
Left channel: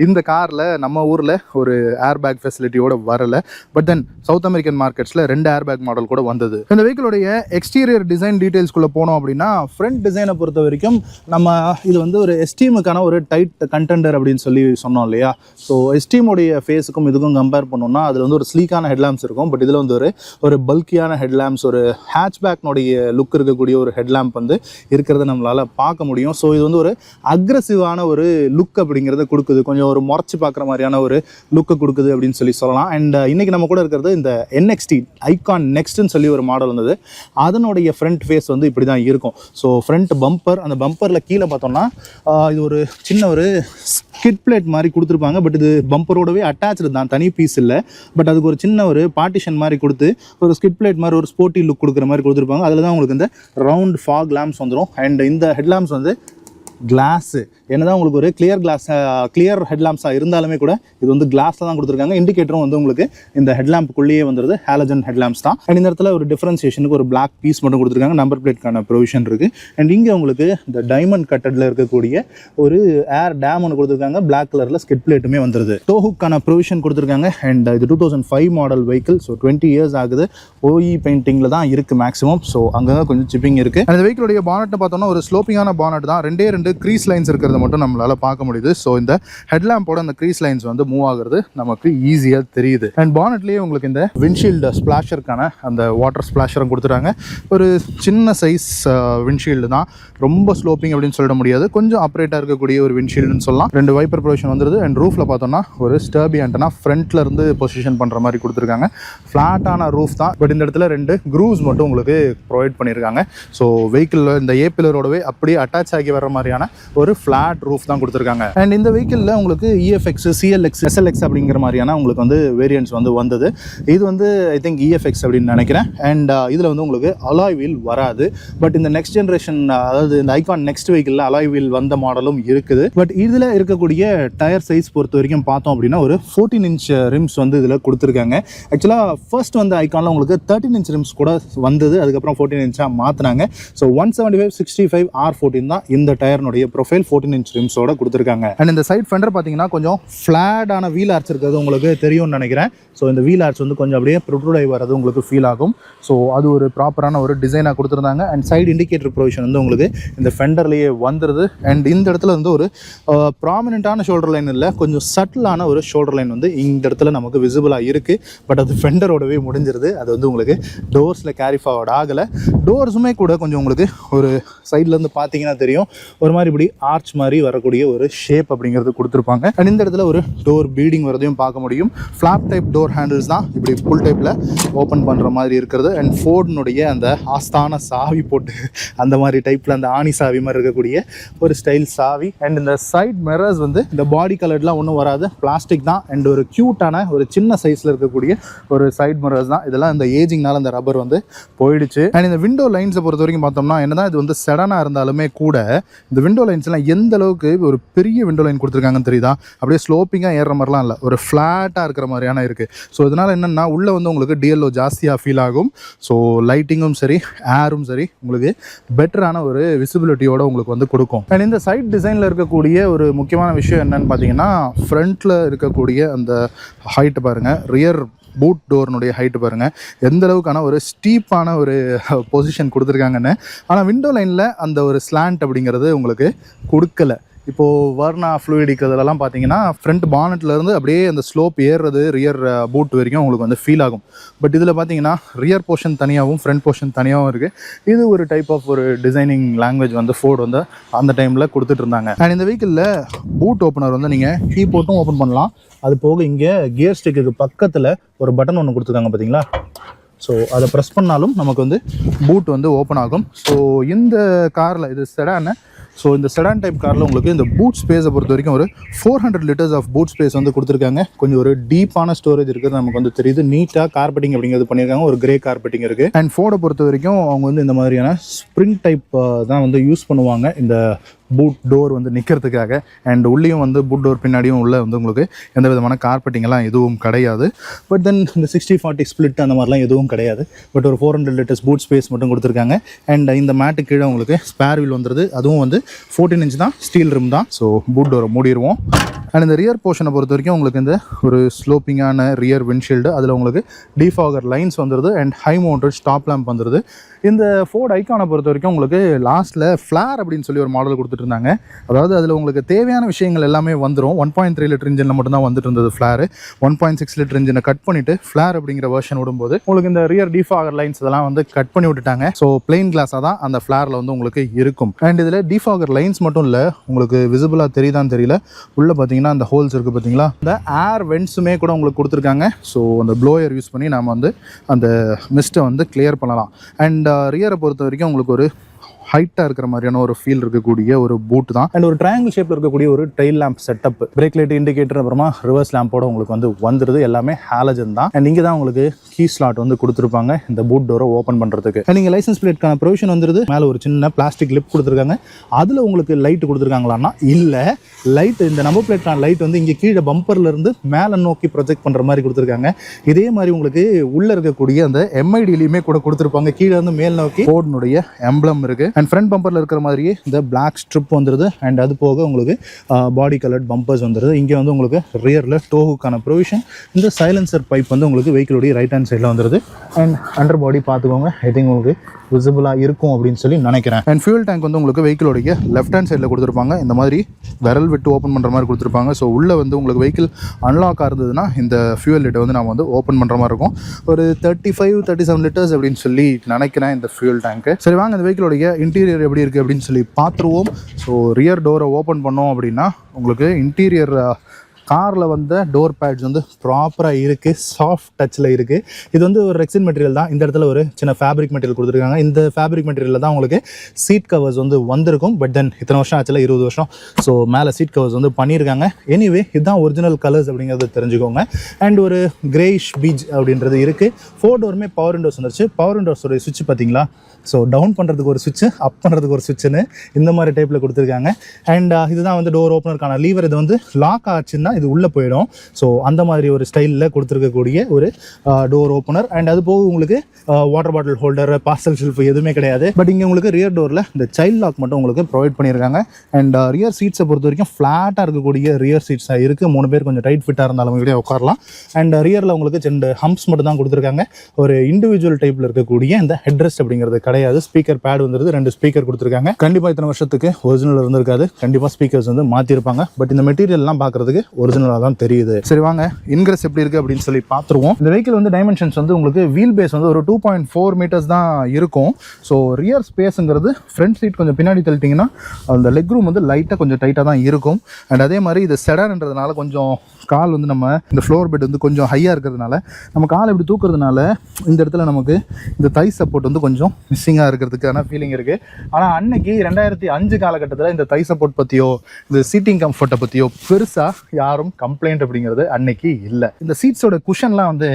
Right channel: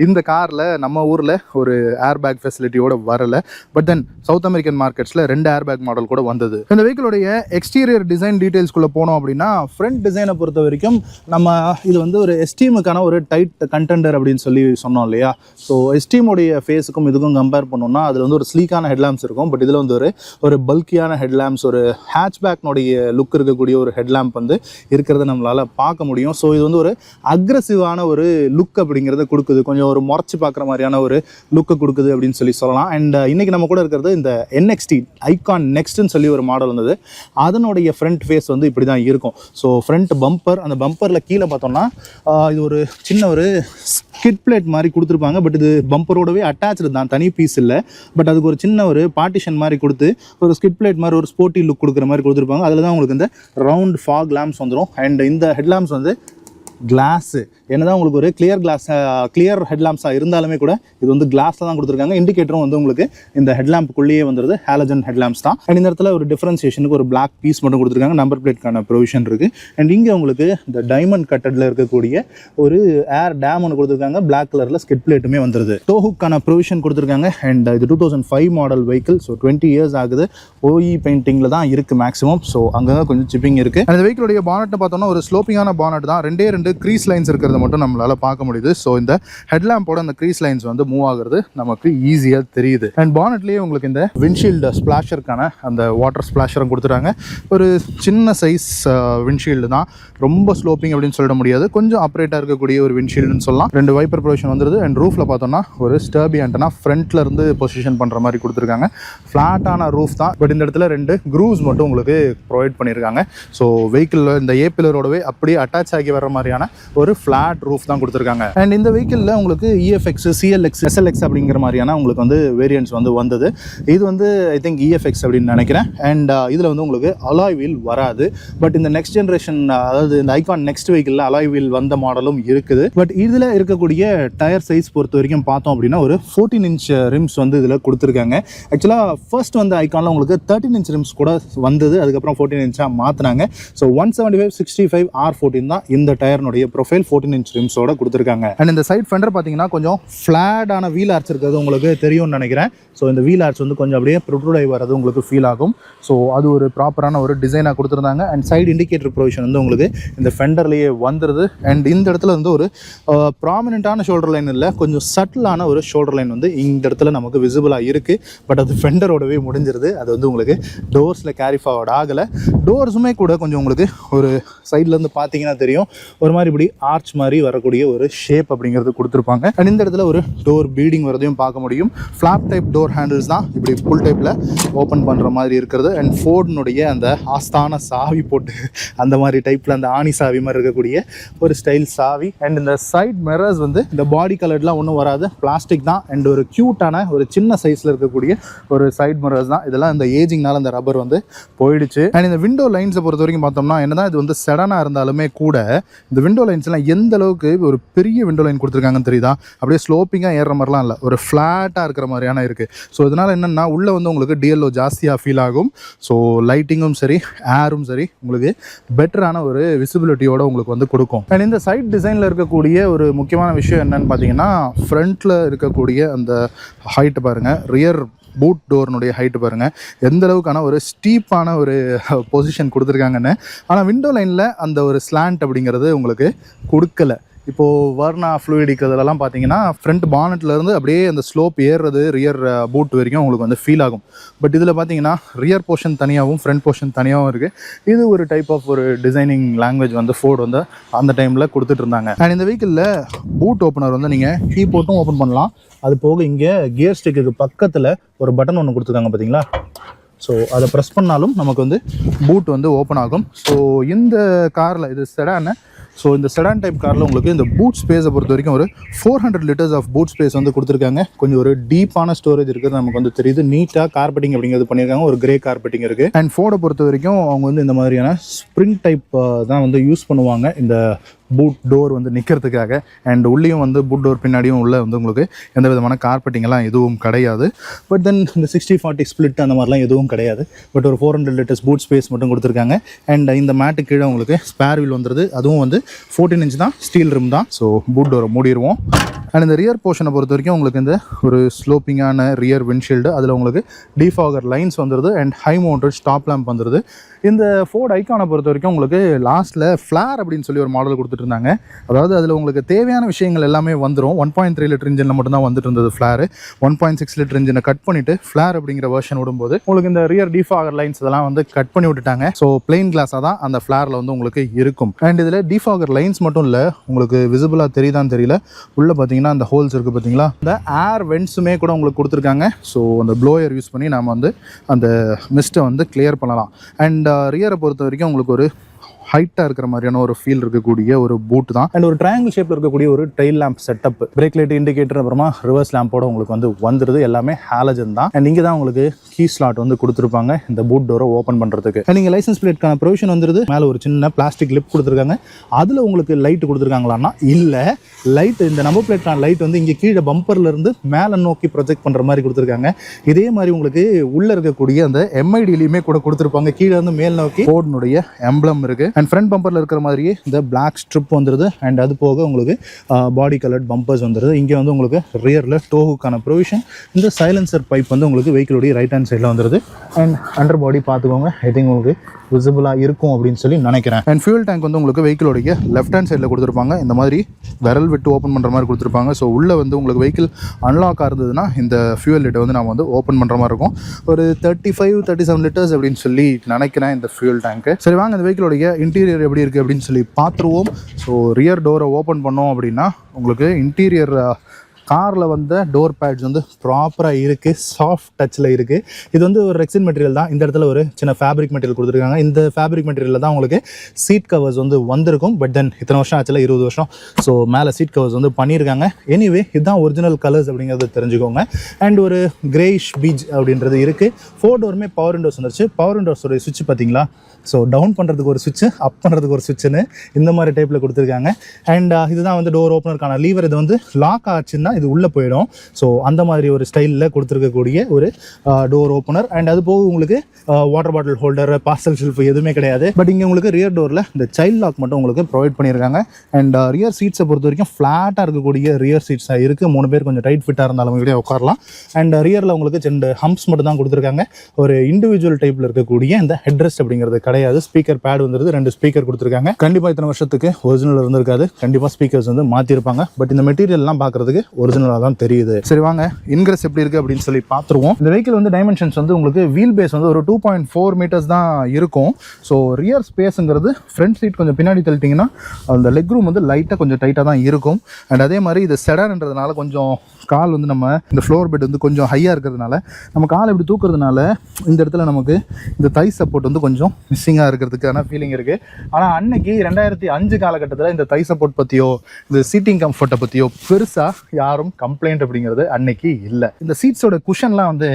இந்த காரில் நம்ம ஊரில் ஒரு ஏர் பேக் ஃபெசிலிட்டியோடு வரலை. பட் தென் சவுத் அமெரிக்கன் மார்க்கெட்ஸில் 2 ஏர் பேக் மாடல் கூட வந்தது. இந்த வெஹிக்கிளுடைய எக்ஸ்டீரியர் டிசைன் டீட்டெயில்ஸ்குள்ளே போனோம் அப்படின்னா ஃப்ரண்ட் டிசைனை பொறுத்த வரைக்கும் நம்ம இது வந்து ஒரு எஸ்டீமுக்கான ஒரு டைட் கண்டெண்டர் அப்படின்னு சொல்லி சொன்னோம் இல்லையா. ஸோ எஸ்டீமுடைய ஃபேஸுக்கும் இதுக்கும் கம்பேர் பண்ணோம்னா அதில் வந்து ஒரு ஸ்லீக்கான ஹெட்லாம்ப்ஸ் இருக்கும். பட் இதில் வந்து ஒரு பல்கியான ஹெட்லாம்ப்ஸ், ஒரு ஹேட்ச்பேக்னுடைய லுக் இருக்கக்கூடிய ஒரு ஹெட்லாம்ப் வந்து இருக்கிறத நம்மளால் பார்க்க முடியும். ஸோ இது வந்து ஒரு அக்ரெசிவான ஒரு லுக் அப்படிங்கிறத கொடுக்குது. கொஞ்சம் ஒரு முறைச்சி பார்க்குற மாதிரியான ஒரு லுக்கை கொடுக்குது அப்படின்னு சொல்லலாம். அண்ட் இன்றைக்கி நம்ம கூட இருக்கிறது இந்த NXT ஐகான் நெக்ஸ்ட்னு சொல்லி ஒரு மாடல் வந்தது. அதனுடைய ஃப்ரண்ட் ஃபேஸ் வந்து இப்படி தான் இருக்கும். ஸோ ஃப்ரண்ட் பம்பர், அந்த பம்பரில் கீழே பார்த்தோம்னா இது ஒரு சின்ன ஒரு ஸ்கிட் பிளேட் மாதிரி கொடுத்துருப்பாங்க. பட் இது பம்பரோடவே அட்டாச்சு தான், தனி பீஸ் இல்லை. பட் அதுக்கு ஒரு சின்ன ஒரு பார்ட்டிஷன் மாதிரி கொடுத்து ஒரு ஸ்கிட் பிளேட் மாதிரி ஒரு ஸ்போர்ட்டி லுக் கொடுக்குற மாதிரி கொடுத்துருப்பாங்க. அதில் தான் உங்களுக்கு இந்த ரவுண்ட் ஃபாக் லேம்ப்ஸ் வந்துடும். அண்ட் இந்த ஹெட்லாம்ப்ஸ் வந்து கிளாஸு என்னதான் உங்களுக்கு ஒரு கிளியர் ஹெட்லாம்ப்ஸாக இருந்தாலுமே கூட இது வந்து கிளாஸில் தான் கொடுத்துருக்காங்க. இண்டிகேட்டரும் வந்து உங்களுக்கு இந்த ஹெட்லாம்புக்குள்ளேயே வந்துடுது, ஹாலஜன் ஹெட்லாம்ப்ஸ் தான். அண்ட் இந்த இடத்துல ஒரு டிஃபரன்சியேஷனுக்கு ஒரு பிளாக் பீஸ் மட்டும் கொடுத்துருக்காங்க. நம்பர் பிளேட்கான ப்ரொவிஷன் இருக்குது. அண்ட் இங்கே உங்களுக்கு இந்த டைமண்ட் கட்டடில் இருக்கக்கூடிய ஒரு ஏர் டேம் ஒன்று கொடுத்துருக்காங்க. பிளாக் கலரில் ஸ்கிட் பிளேட்டுமே வந்துடுது. டோஹுக்கான ப்ரொவிஷன் கொடுத்துருக்காங்க. அண்ட் இது 2005 மாடல் வெஹிக்கிள். ஸோ 20 இயர்ஸ் ஆகுது. OE பெயிண்டிங்கில் தான் இருக்குது மேக்ஸிமம். ஸோ அங்கே கொஞ்சம் சிப்பிங் இருக்குது. அந்த வெஹிக்கிளுடைய பானட்டை பார்த்தோம்னா ஒரு ஸ்லோப்பிங்கான பானட் தான். 2 க்ரீஸ் லைன்ஸ் இருக்கிறத மட்டும் நம்மளால பார்க்க முடியுது. ஸோ இந்த ஹெட்லாம்போட அந்த க்ரீஸ் லைன்ஸ் வந்து மூவ் ஆகுறது நமக்கு ஈஸியாக தெரியுது. அண்ட் பானட்லேயே உங்களுக்கு இந்த விண்ட்ஷீல்டு ஸ்பிளாஷருக்கான அந்த வாட்டர் ஸ்பிளாஷரும் கொடுத்துட்டாங்க. ஒரு சின்ன சைஸ் விண்ட்ஷீல்டு தான், ரொம்ப ஸ்லோப்பிங் அப்படின்னு சொல்ல முடியாது. கொஞ்சம் ஆப்ரேட்டாக இருக்கக்கூடிய ஒரு விண்ட்ஷீல்டுன்னு சொல்லலாம். 2 வைப்பர் ப்ரொவிஷன் வந்துருது. அண்ட் ரூஃபில் பார்த்தோம்னா ஒரு ஸ்டர்பி ஆண்டனா ஃப்ரண்ட்ல இருந்து பொசிஷன் பண்ணுற மாதிரி கொடுத்துருக்காங்க. ஃப்ளாட்டான ரூஃப் தான். பட் இந்த இடத்துல 2 க்ரூஸ் மட்டும் உங்களுக்கு ப்ரொவைட் பண்ணியிருக்காங்க. ஸோ வெஹிக்கிளில் இந்த ஏபிலரோடவே அப்படியே அட்டாச் ஆகி வர மாதிரியான ஒரு ஃபிளாட் ரூஃப் தான் கொடுத்துருக்காங்க. அண்ட் இந்த வெஹிக்கிளில் உங்களுக்கு EFX, CLX, SLX அப்படிங்கிற மாதிரியான உங்களுக்கு வந்து வேரியன்ட்ஸ் வந்து வந்தது. இது வந்து ஐ திங்க் EFX அப்படின்னு நினைக்கிறேன். அண்ட் இதில் வந்து உங்களுக்கு அலாய் வீல் வராது. பட் இந்த நெக்ஸ்ட் ஜென்ரேஷன், அதாவது இந்த ஐகான் நெக்ஸ்ட் வெஹிக்கிளில் அலாய் வீல் வந்த மாடலும் இருக்குது. பட் இதில் இருக்கக்கூடிய டயர் சைஸ் பொறுத்த வரைக்கும் பார்த்தோம் அப்படின்னா ஒரு 14 இன்ச் ரிம்ஸ் வந்து இதில் கொடுத்துருக்காங்க. ஆக்சுவலாக ஃபர்ஸ்ட் வந்து ஐகானில் உங்களுக்கு 13 இன்ச் ரிம்ஸ் கூட வந்தது. அதுக்கப்புறம் 14 இன்ச்சாக மாற்றினாங்க. ஸோ 175, 65, R14 தான் இந்த டயர்னுடைய ப்ரொஃபைல். 14 இன்ச் ரிம்ஸோட கொடுத்துருக்காங்க. அண்ட் இந்த சைட் ஃபெண்டர் பார்த்தீங்கன்னா கொஞ்சம் ஃப்ளாட்டான வீல் ஆர்ச் இருக்கிறது உங்களுக்கு தெரியும்னு நினைக்கிறேன். ஸோ இந்த வீல் ஆர்ச் வந்து கொஞ்சம் அப்படியே ப்ரொட்ரூட் வரது உங்களுக்கு ஃபீல் ஆகும். ஸோ அது ஒரு ப்ராப்பரான ஒரு டிசைனாக கொடுத்துருந்தாங்க. அண்ட் சைடு இண்டிகேட்டர் ப்ரொவிஷன் வந்து உங்களுக்கு இந்த ஃபெண்டர்லேயே வந்துடுது. அண்ட் இந்த இடத்துல வந்து ஒரு ப்ராமினென்ட்டான ஷோல்டர் லைன் இல்லை, கொஞ்சம் சட்டிலான ஒரு ஷோல்டர் லைன் வந்து இந்த இடத்துல நமக்கு விசிபிளாக இருக்குது. பட் அது ஃபெண்டரோடவே முடிஞ்சிருது. அது வந்து உங்களுக்கு டோர்ஸில் கேரி ஃபார்வர்ட் ஆகலை. டோர்ஸுமே கூட கொஞ்சம் உங்களுக்கு ஒரு சைட்லேருந்து பார்த்தீங்கன்னா தெரியும், ஒரு மாதிரி இப்படி ஆர்ச் மாதிரி வரக்கூடிய ஒரு ஷேப் அப்படிங்கிறது கொடுத்துருப்பாங்க. அண்ட் இந்த இடத்துல ஒரு டோர் பீடிங் வரதையும் பார்க்க முடியும். ஃப்ளாப் டைப் டோர் ஹேண்டில்ஸ் தான் இப்படி ஃபுல் டைப்பில் ஓப்பன் பண்ணுற மாதிரி இருக்கிறது. அண்ட் ஃபோர்டுனுடைய அந்த ஆஸ்தான சாவி போட்டு அந்த மாதிரி டைப்பில் அந்த ஆணி சாவி மாதிரி இருக்கக்கூடிய ஒரு ஸ்டைல் சாவி. அண்ட் இந்த சைட் மிரர்ஸ் வந்து இந்த பாடி கலர்லாம் ஒன்றும் வராது, பிளாஸ்டிக் தான். அண்ட் ஒரு க்யூட்டான ஒரு சின்ன சைஸில் இருக்கக்கூடிய ஒரு சைட் மிரர்ஸ் தான். இதெல்லாம் இந்த ஏஜிங்னால அந்த ரப்பர் வந்து போயிடுச்சு. அண்ட் இந்த விண்டோ லைன்ஸை பொறுத்த வரைக்கும் பார்த்தோம்னா என்னதான் இது வந்து செடனாக இருந்தாலுமே கூட இந்த விண்டோ லைன்ஸ்லாம் எந்த அளவுக்கு ஒரு பெரிய விண்டோ லைன் கொடுத்துருக்காங்கன்னு தெரியுதா. அப்படியே ஸ்லோப்பிங்காக ஏறுற மாதிரிலாம் இல்லை, ஒரு ஃப்ளாட்டாக இருக்கிற மாதிரியான இருக்குது. ஸோ இதனால் என்னென்னா உள்ளே வந்து உங்களுக்கு DLO ஜாஸ்தியாக ஃபீல் ஆகும். ஸோ லைட்டிங்கும் சரி, ஏரும் சரி, உங்களுக்கு பெட்டரான ஒரு விசிபிலிட்டியோட உங்களுக்கு வந்து கொடுக்கும். அண்ட் இந்த சைட் டிசைனில் இருக்கக்கூடிய ஒரு முக்கியமான விஷயம் என்னன்னு பார்த்தீங்கன்னா, ஃப்ரண்ட்டில் இருக்கக்கூடிய அந்த ஹைட்டு பாருங்கள், ரியர் பூட் டோர்னுடைய ஹைட்டு பாருங்கள் எந்த அளவுக்கான ஒரு ஸ்டீப்பான ஒரு பொசிஷன் கொடுத்துருக்காங்கன்னு. ஆனால் விண்டோ லைனில் அந்த ஒரு ஸ்லாண்ட் அப்படிங்கிறது உங்களுக்கு கொடுக்கல. இப்போது வர்னா ஃப்ளூயிடிக் இதெல்லாம் பார்த்தீங்கன்னா ஃப்ரண்ட் பானட்லேருந்து அப்படியே அந்த ஸ்லோப் ஏறுறது ரியர் பூட் வரைக்கும் உங்களுக்கு வந்து ஃபீல் ஆகும். பட் இதில் பார்த்தீங்கன்னா ரியர் போர்ஷன் தனியாகவும் ஃப்ரண்ட் போர்ஷன் தனியாகவும் இருக்குது. இது ஒரு டைப் ஆஃப் ஒரு டிசைனிங் லாங்குவேஜ் வந்து ஃபோர்டு வந்து அந்த டைமில் கொடுத்துட்டு இருந்தாங்க. அண்ட் இந்த வெஹிக்கிளில் பூட் ஓப்பனர் வந்து நீங்கள் கீ போட்டும் ஓப்பன் பண்ணலாம். அது போக இங்கே கியர் ஸ்டிக்கு பக்கத்தில் ஒரு பட்டன் ஒன்று கொடுத்துருக்காங்க பார்த்தீங்களா. ஸோ அதை ப்ரெஸ் பண்ணாலும் நமக்கு வந்து பூட் வந்து ஓப்பன் ஆகும். ஸோ இந்த காரில் இது செடானு. ஸோ இந்த செடான் டைப் காரில் உங்களுக்கு இந்த பூட் ஸ்பேஸை பொறுத்த வரைக்கும் ஒரு 400 liters ஆஃப் பூட் ஸ்பேஸ் வந்து கொடுத்துருக்காங்க. கொஞ்சம் ஒரு டீப்பான ஸ்டோரேஜ் இருக்குது நமக்கு வந்து தெரியுது. நீட்டாக கார்பெட்டிங் அப்படிங்கிறது பண்ணியிருக்காங்க. ஒரு கிரே கார்பெட்டிங் இருக்குது. அண்ட் ஃபோர்டை பொறுத்த வரைக்கும் அவங்க வந்து இந்த மாதிரியான ஸ்ப்ரிங் டைப் தான் வந்து யூஸ் பண்ணுவாங்க இந்த பூட் டோர் வந்து நிற்கிறதுக்காக. அண்ட் உள்ளேயும் வந்து பூட் டோர் பின்னாடியும் உள்ள வந்து உங்களுக்கு எந்த விதமான கார்பெட்டிங் எல்லாம் எதுவும் கிடையாது. பட் தென் இந்த 60-40 ஸ்பிளிட் அந்த மாதிரிலாம் எதுவும் கிடையாது. பட் ஒரு 400 liters பூட் ஸ்பேஸ் மட்டும் கொடுத்துருக்காங்க. அண்ட் இந்த மேட்டு கீழே உங்களுக்கு ஸ்பேர் வீல் வந்துடுது. அதுவும் வந்து 14 inch தான், ஸ்டீல் ரிம் தான். ஸோ பூட் டோரை மூடிடுவோம். அண்ட் இந்த ரியர் போர்ஷனை பொறுத்த வரைக்கும் உங்களுக்கு இந்த ஒரு ஸ்லோப்பிங்கான ரியர் விண்ட்ஷீல்டு, அதில் உங்களுக்கு டிஃபாகர் லைன்ஸ் வந்துடுது. And high mounted stop lamp வந்துடுது. இந்த ஃபோர்ட் ஐகானை பொறுத்த வரைக்கும் உங்களுக்கு லாஸ்ட்டில் ஃப்ளார் அப்படின்னு சொல்லி ஒரு மாடல் கொடுத்துட்டு இருந்தாங்க. அதாவது அதில் உங்களுக்கு தேவையான விஷயங்கள் எல்லாமே வந்துடும். 1.3 liter இன்ஜினில் மட்டும்தான் வந்துட்டு இருந்தது ஃப்ளார். 1.6 liter இன்ஜினை கட் பண்ணிவிட்டு ஃப்ளார் அப்படிங்கிற வெர்ஷன் விடும்போது உங்களுக்கு இந்த ரியர் டிஃபாகர் லைன்ஸ் இதெல்லாம் வந்து கட் பண்ணி விட்டுட்டாங்க. ஸோ பிளெயின் கிளாஸாக தான் அந்த ஃப்ளாரில் வந்து உங்களுக்கு இருக்கும். அண்ட் இதில் டிஃபாகர் லைன்ஸ் மட்டும் இல்லை, உங்களுக்கு விசிபிளாக தெரியுதான்னு தெரியல, உள்ளே பார்த்தீங்கன்னா அந்த ஹோல்ஸ் இருக்குது பார்த்தீங்களா, இந்த ஏர் வென்ட்ஸுமே கூட உங்களுக்கு கொடுத்துருக்காங்க. ஸோ அந்த ப்ளோயர் யூஸ் பண்ணி நாம் வந்து அந்த மிஸ்ட்டை வந்து கிளியர் பண்ணலாம். அண்ட் ரியரை பொறுத்த வரைக்கும் உங்களுக்கு ஒரு ஹைட்டாக இருக்கிற மாதிரியான ஒரு ஃபீல் இருக்கக்கூடிய ஒரு பூட் தான். அண்ட் ஒரு ட்ரையாங்கிள் ஷேப்பில் இருக்கக்கூடிய ஒரு tail lamp setup, brake light, indicator, அப்புறமா ரிவர்ஸ் லேம்போட உங்களுக்கு வந்து வந்துடுது. எல்லாமே ஹாலஜன் தான். அண்ட் இங்கே தான் உங்களுக்கு கீ ஸ்லாட் வந்து கொடுத்துருப்பாங்க இந்த பூட் டோரை ஓப்பன் பண்ணுறதுக்கு. அண்ட் நீங்கள் லைசன்ஸ் பிளேட்கான ப்ரொவிஷன் வந்துடுது. மேலே ஒரு சின்ன பிளாஸ்டிக் லிப் கொடுத்துருக்காங்க. அதில் உங்களுக்கு லைட் கொடுத்துருக்காங்களான்னா இல்லை, லைட் இந்த நம்பர் பிளேட்கான லைட் வந்து இங்கே கீழே பம்பர்லேருந்து மேலே நோக்கி ப்ரொஜெக்ட் பண்ணுற மாதிரி கொடுத்துருக்காங்க. இதே மாதிரி உங்களுக்கு உள்ளே இருக்கக்கூடிய அந்த எம்ஐடிலையுமே கூட கொடுத்துருப்பாங்க. கீழே வந்து மேல் நோக்கி ஃபோர்டுனுடைய எம்ப்ளம் இருக்குது. அண்ட் ஃப்ரண்ட் பம்பரில் இருக்கிற மாதிரியே இந்த பிளாக் ஸ்ட்ரிப் வந்துடுது. அண்ட் அது போக உங்களுக்கு பாடி கலர்ட் பம்பர்ஸ் வந்துடுது. இங்கே வந்து உங்களுக்கு ரியரில் டோஹுக்கான ப்ரொவிஷன். இந்த சைலன்சர் பைப் வந்து உங்களுக்கு வெஹிக்கிளுடைய ரைட் ஹேண்ட் சைடில் வந்துடுது. அண்ட் அண்டர் பாடி பார்த்துக்கோங்க, ஐ திங்க் உங்களுக்கு விசிபிளாக இருக்கும் அப்படின்னு சொல்லி நினைக்கிறேன். அண்ட் ஃபியூல் டேங்க் வந்து உங்களுக்கு வெஹிக்கிளுடைய லெஃப்ட் ஹேண்ட் சைடில் கொடுத்துருப்பாங்க. இந்த மாதிரி விரல் விட்டு ஓப்பன் பண்ணுற மாதிரி கொடுத்துருப்பாங்க. ஸோ உள்ளே வந்து உங்களுக்கு வெஹிக்கிள் அன்லாக் ஆகுதுன்னா இந்த ஃபியூல் லிட்டை வந்து நம்ம வந்து ஓப்பன் பண்ணுற மாதிரி இருக்கும். ஒரு 35-37 liters அப்படின்னு சொல்லி நினைக்கிறேன் இந்த ஃபியூல் டேங்க்கு. சரி வாங்க இந்த வெஹிக்கிளுடைய இன்டீரியர் எப்படி இருக்குது அப்படின்னு சொல்லி பார்த்துருவோம். ஸோ ரியர் டோரை ஓப்பன் பண்ணோம் அப்படின்னா உங்களுக்கு இன்டீரியர் காரில் வந்த டோர் பேட்ஸ் வந்து ப்ராப்பராக இருக்குது, சாஃப்ட் டச்சில் இருக்குது. இது வந்து ஒரு ரெக்சின் மெட்டீரியல் தான். இந்த இடத்துல ஒரு சின்ன ஃபேப்ரிக் மெட்டீரியல் கொடுத்துருக்காங்க. இந்த ஃபேப்ரிக் மெட்டீரியலில் தான் உங்களுக்கு சீட் கவர்ஸ் வந்து வந்திருக்கும். பட் தென் இத்தனை வருஷம் ஆச்சுல, 20 வருஷம். ஸோ மேலே சீட் கவர்ஸ் வந்து பண்ணியிருக்காங்க. எனிவே இதுதான் ஒரிஜினல் கலர்ஸ் அப்படிங்கிறது தெரிஞ்சுக்கோங்க. அண்ட் ஒரு கிரேஷ் பீச் அப்படின்றது இருக்குது. 4 டோருமே பவர் விண்டோஸ் வந்துருச்சு. பவர் விண்டோஸோடைய சுவிட்ச் பார்த்தீங்களா, ஸோ டவுன் பண்ணுறதுக்கு ஒரு சுவிட்சு, அப் பண்ணுறதுக்கு ஒரு சுவிட்சுன்னு இந்த மாதிரி டைப்பில் கொடுத்துருக்காங்க. அண்ட் இதுதான் வந்து டோர் ஓப்பனருக்கான லீவர். இது வந்து லாக் ஆச்சுன்னா இது உள்ளே போயிடும். ஸோ அந்த மாதிரி ஒரு ஸ்டைலில் கொடுத்துருக்கக்கூடிய ஒரு டோர் ஓப்பனர். அண்ட் அது போக உங்களுக்கு water bottle holder, parcel shelf எதுவுமே கிடையாது. பட் இங்கே உங்களுக்கு ரியர் டோரில் இந்த சைல்ட் லாக் மட்டும் உங்களுக்கு ப்ரொவைட் பண்ணியிருக்காங்க. அண்ட் ரியர் சீட்ஸை பொறுத்த வரைக்கும் ஃப்ளாட்டாக இருக்கக்கூடிய ரியர் சீட்ஸாக இருக்குது. 3 பேர் கொஞ்சம் டைட் ஃபிட்டாக இருந்தாலும் இப்படியே உட்காரலாம். அண்ட் ரியரில் உங்களுக்கு 2 ஹம்ப்ஸ் மட்டும் தான் கொடுத்துருக்காங்க. ஒரு இண்டிவிஜுவல் டைப்பில் இருக்கக்கூடிய இந்த ஹெட்ரெஸ்ட் அப்படிங்கிறது கிடையாது. ஸ்பீக்கர் பேட் வந்துருது. 2 ஸ்பீக்கர் கொடுத்துருக்காங்க. கண்டிப்பாக இத்தனை வருஷத்துக்கு ஒரிஜினல் இருந்திருக்காது. கண்டிப்பாக ஸ்பீக்கர்ஸ் வந்து மாற்றிருப்பாங்க. பட் இந்த மெட்டீரியல்லாம் பார்க்குறதுக்கு ஒரிஜினலாக தான் தெரியுது. சரி வாங்க இன்கிரஸ் எப்படி இருக்குது அப்படின்னு சொல்லி பார்த்துருவோம். இந்த வெஹிக்கிள் வந்து டைமென்ஷன்ஸ் வந்து உங்களுக்கு வீல் பேஸ் வந்து ஒரு 2.4 meters தான் இருக்கும். ஸோ ரியர் ஸ்பேஸுங்கிறது ஃப்ரண்ட் சீட் கொஞ்சம் பின்னாடி தள்ளிட்டிங்கன்னா அந்த லெக் ரூம் வந்து லைட்டாக கொஞ்சம் டைட்டாக தான் இருக்கும். அண்ட் அதே மாதிரி இது செடான்ன்றதுனால கொஞ்சம் கால் வந்து நம்ம இந்த ஃப்ளோர் பெட் வந்து கொஞ்சம் ஹையாக இருக்கிறதுனால நம்ம கால் இப்படி தூக்குறதுனால இந்த இடத்துல நமக்கு இந்த தை சப்போர்ட் வந்து கொஞ்சம் மிஸ்ஸிங்காக இருக்கிறதுக்கான ஃபீலிங் இருக்குது. ஆனால் அன்னைக்கு 2005 காலகட்டத்தில் இந்த தை சப்போர்ட் பற்றியோ இந்த சீட்டிங் கம்ஃபர்ட்டை பற்றியோ பெருசாக யாரும் கம்ப்ளைண்ட் அப்படிங்கிறது அன்னைக்கு இல்லை. இந்த சீட்ஸோட குஷன்லாம் வந்து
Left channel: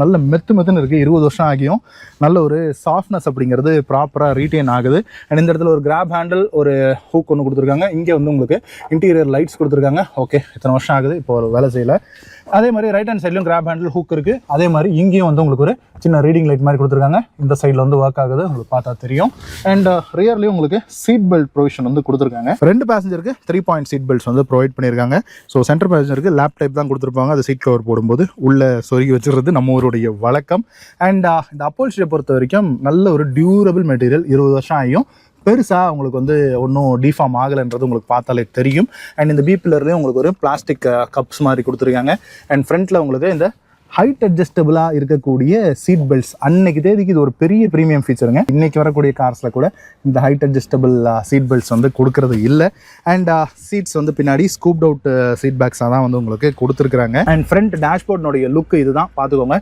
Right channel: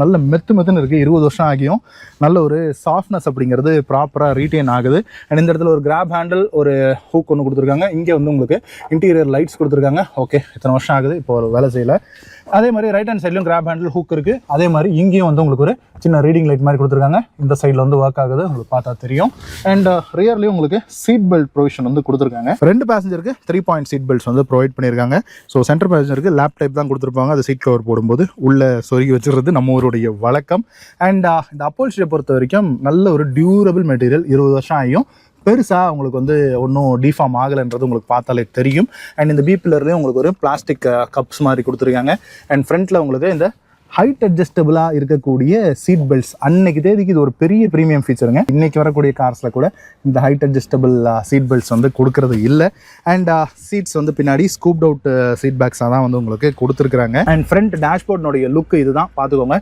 நல்ல மெத்துன்னு இருக்குது. 20 வருஷம் ஆகியும் நல்ல ஒரு சாஃப்ட்னஸ் அப்படிங்கிறது ப்ராப்பராக ரீட்டைன் ஆகுது. அண்ட் இந்த இடத்துல ஒரு கிராப் ஹேண்டில், ஒரு ஹூக் ஒன்று கொடுத்துருக்காங்க. இங்கே வந்து உங்களுக்கு இன்டீரியர் லைட்ஸ் கொடுத்துருக்காங்க. ஓகே, இத்தனை வருஷம் ஆகுது, இப்போ ஒரு வேலை செய்யலை. அதே மாதிரி ரைட் ஹேண்ட் சைட்லையும் கிராப் ஹேண்டில் ஹூக் இருக்குது. அதே மாதிரி இங்கேயும் வந்து உங்களுக்கு ஒரு சின்ன ரீடிங் லைட் மாதிரி கொடுத்துருக்காங்க. இந்த சைடில் வந்து ஒர்க் ஆகுது, உங்களுக்கு பார்த்தா தெரியும். அண்ட் ரியர்லேயும் உங்களுக்கு சீட் பெல்ட் ப்ரொவிஷன் வந்து கொடுத்துருக்காங்க. 2 பேசஞ்சருக்கு 3 point சீட் பெல்ட்ஸ் வந்து ப்ரொவைட் பண்ணியிருக்காங்க. ஸோ சென்டர் பேசஞ்சருக்கு லேப் டைப் தான் கொடுத்துருப்பாங்க. அது சீட் கவர் போடும்போது உள்ளே சொருகி வச்சுருது நம்ம ஊருடைய வழக்கம். அண்ட் இந்த அப்போல்ஸ்ட்ரியை பொறுத்த வரைக்கும் நல்ல ஒரு டியூரபிள் மெட்டீரியல். 20 வருஷம் ஆகியும் பெருசாக உங்களுக்கு வந்து ஒன்றும் டிஃபார்ம் ஆகலைன்றது உங்களுக்கு பார்த்தாலே தெரியும். அண்ட் இந்த பிபிலர்லேயும் உங்களுக்கு ஒரு பிளாஸ்டிக் கப்ஸ் மாதிரி கொடுத்துருக்காங்க. அண்ட் ஃப்ரண்ட்டில் உங்களுக்கு இந்த ஹைட் அட்ஜஸ்டபிளாக இருக்கக்கூடிய சீட் பெல்ட்ஸ். அன்னைக்கு தேதிக்கு இது ஒரு பெரிய ப்ரீமியம் ஃபீச்சருங்க. இன்றைக்கி வரக்கூடிய கார்ஸில் கூட இந்த ஹைட் அட்ஜஸ்டபிள் சீட் பெல்ட்ஸ் வந்து கொடுக்கறது இல்லை. அண்ட் சீட்ஸ் வந்து பின்னாடி ஸ்கூப்ட் அவுட் சீட் பேக்ஸாக தான் வந்து உங்களுக்கு கொடுத்துருக்குறாங்க. அண்ட் ஃப்ரண்ட் டேஷ்போர்ட்னுடைய லுக் இதுதான், பார்த்துக்கோங்க.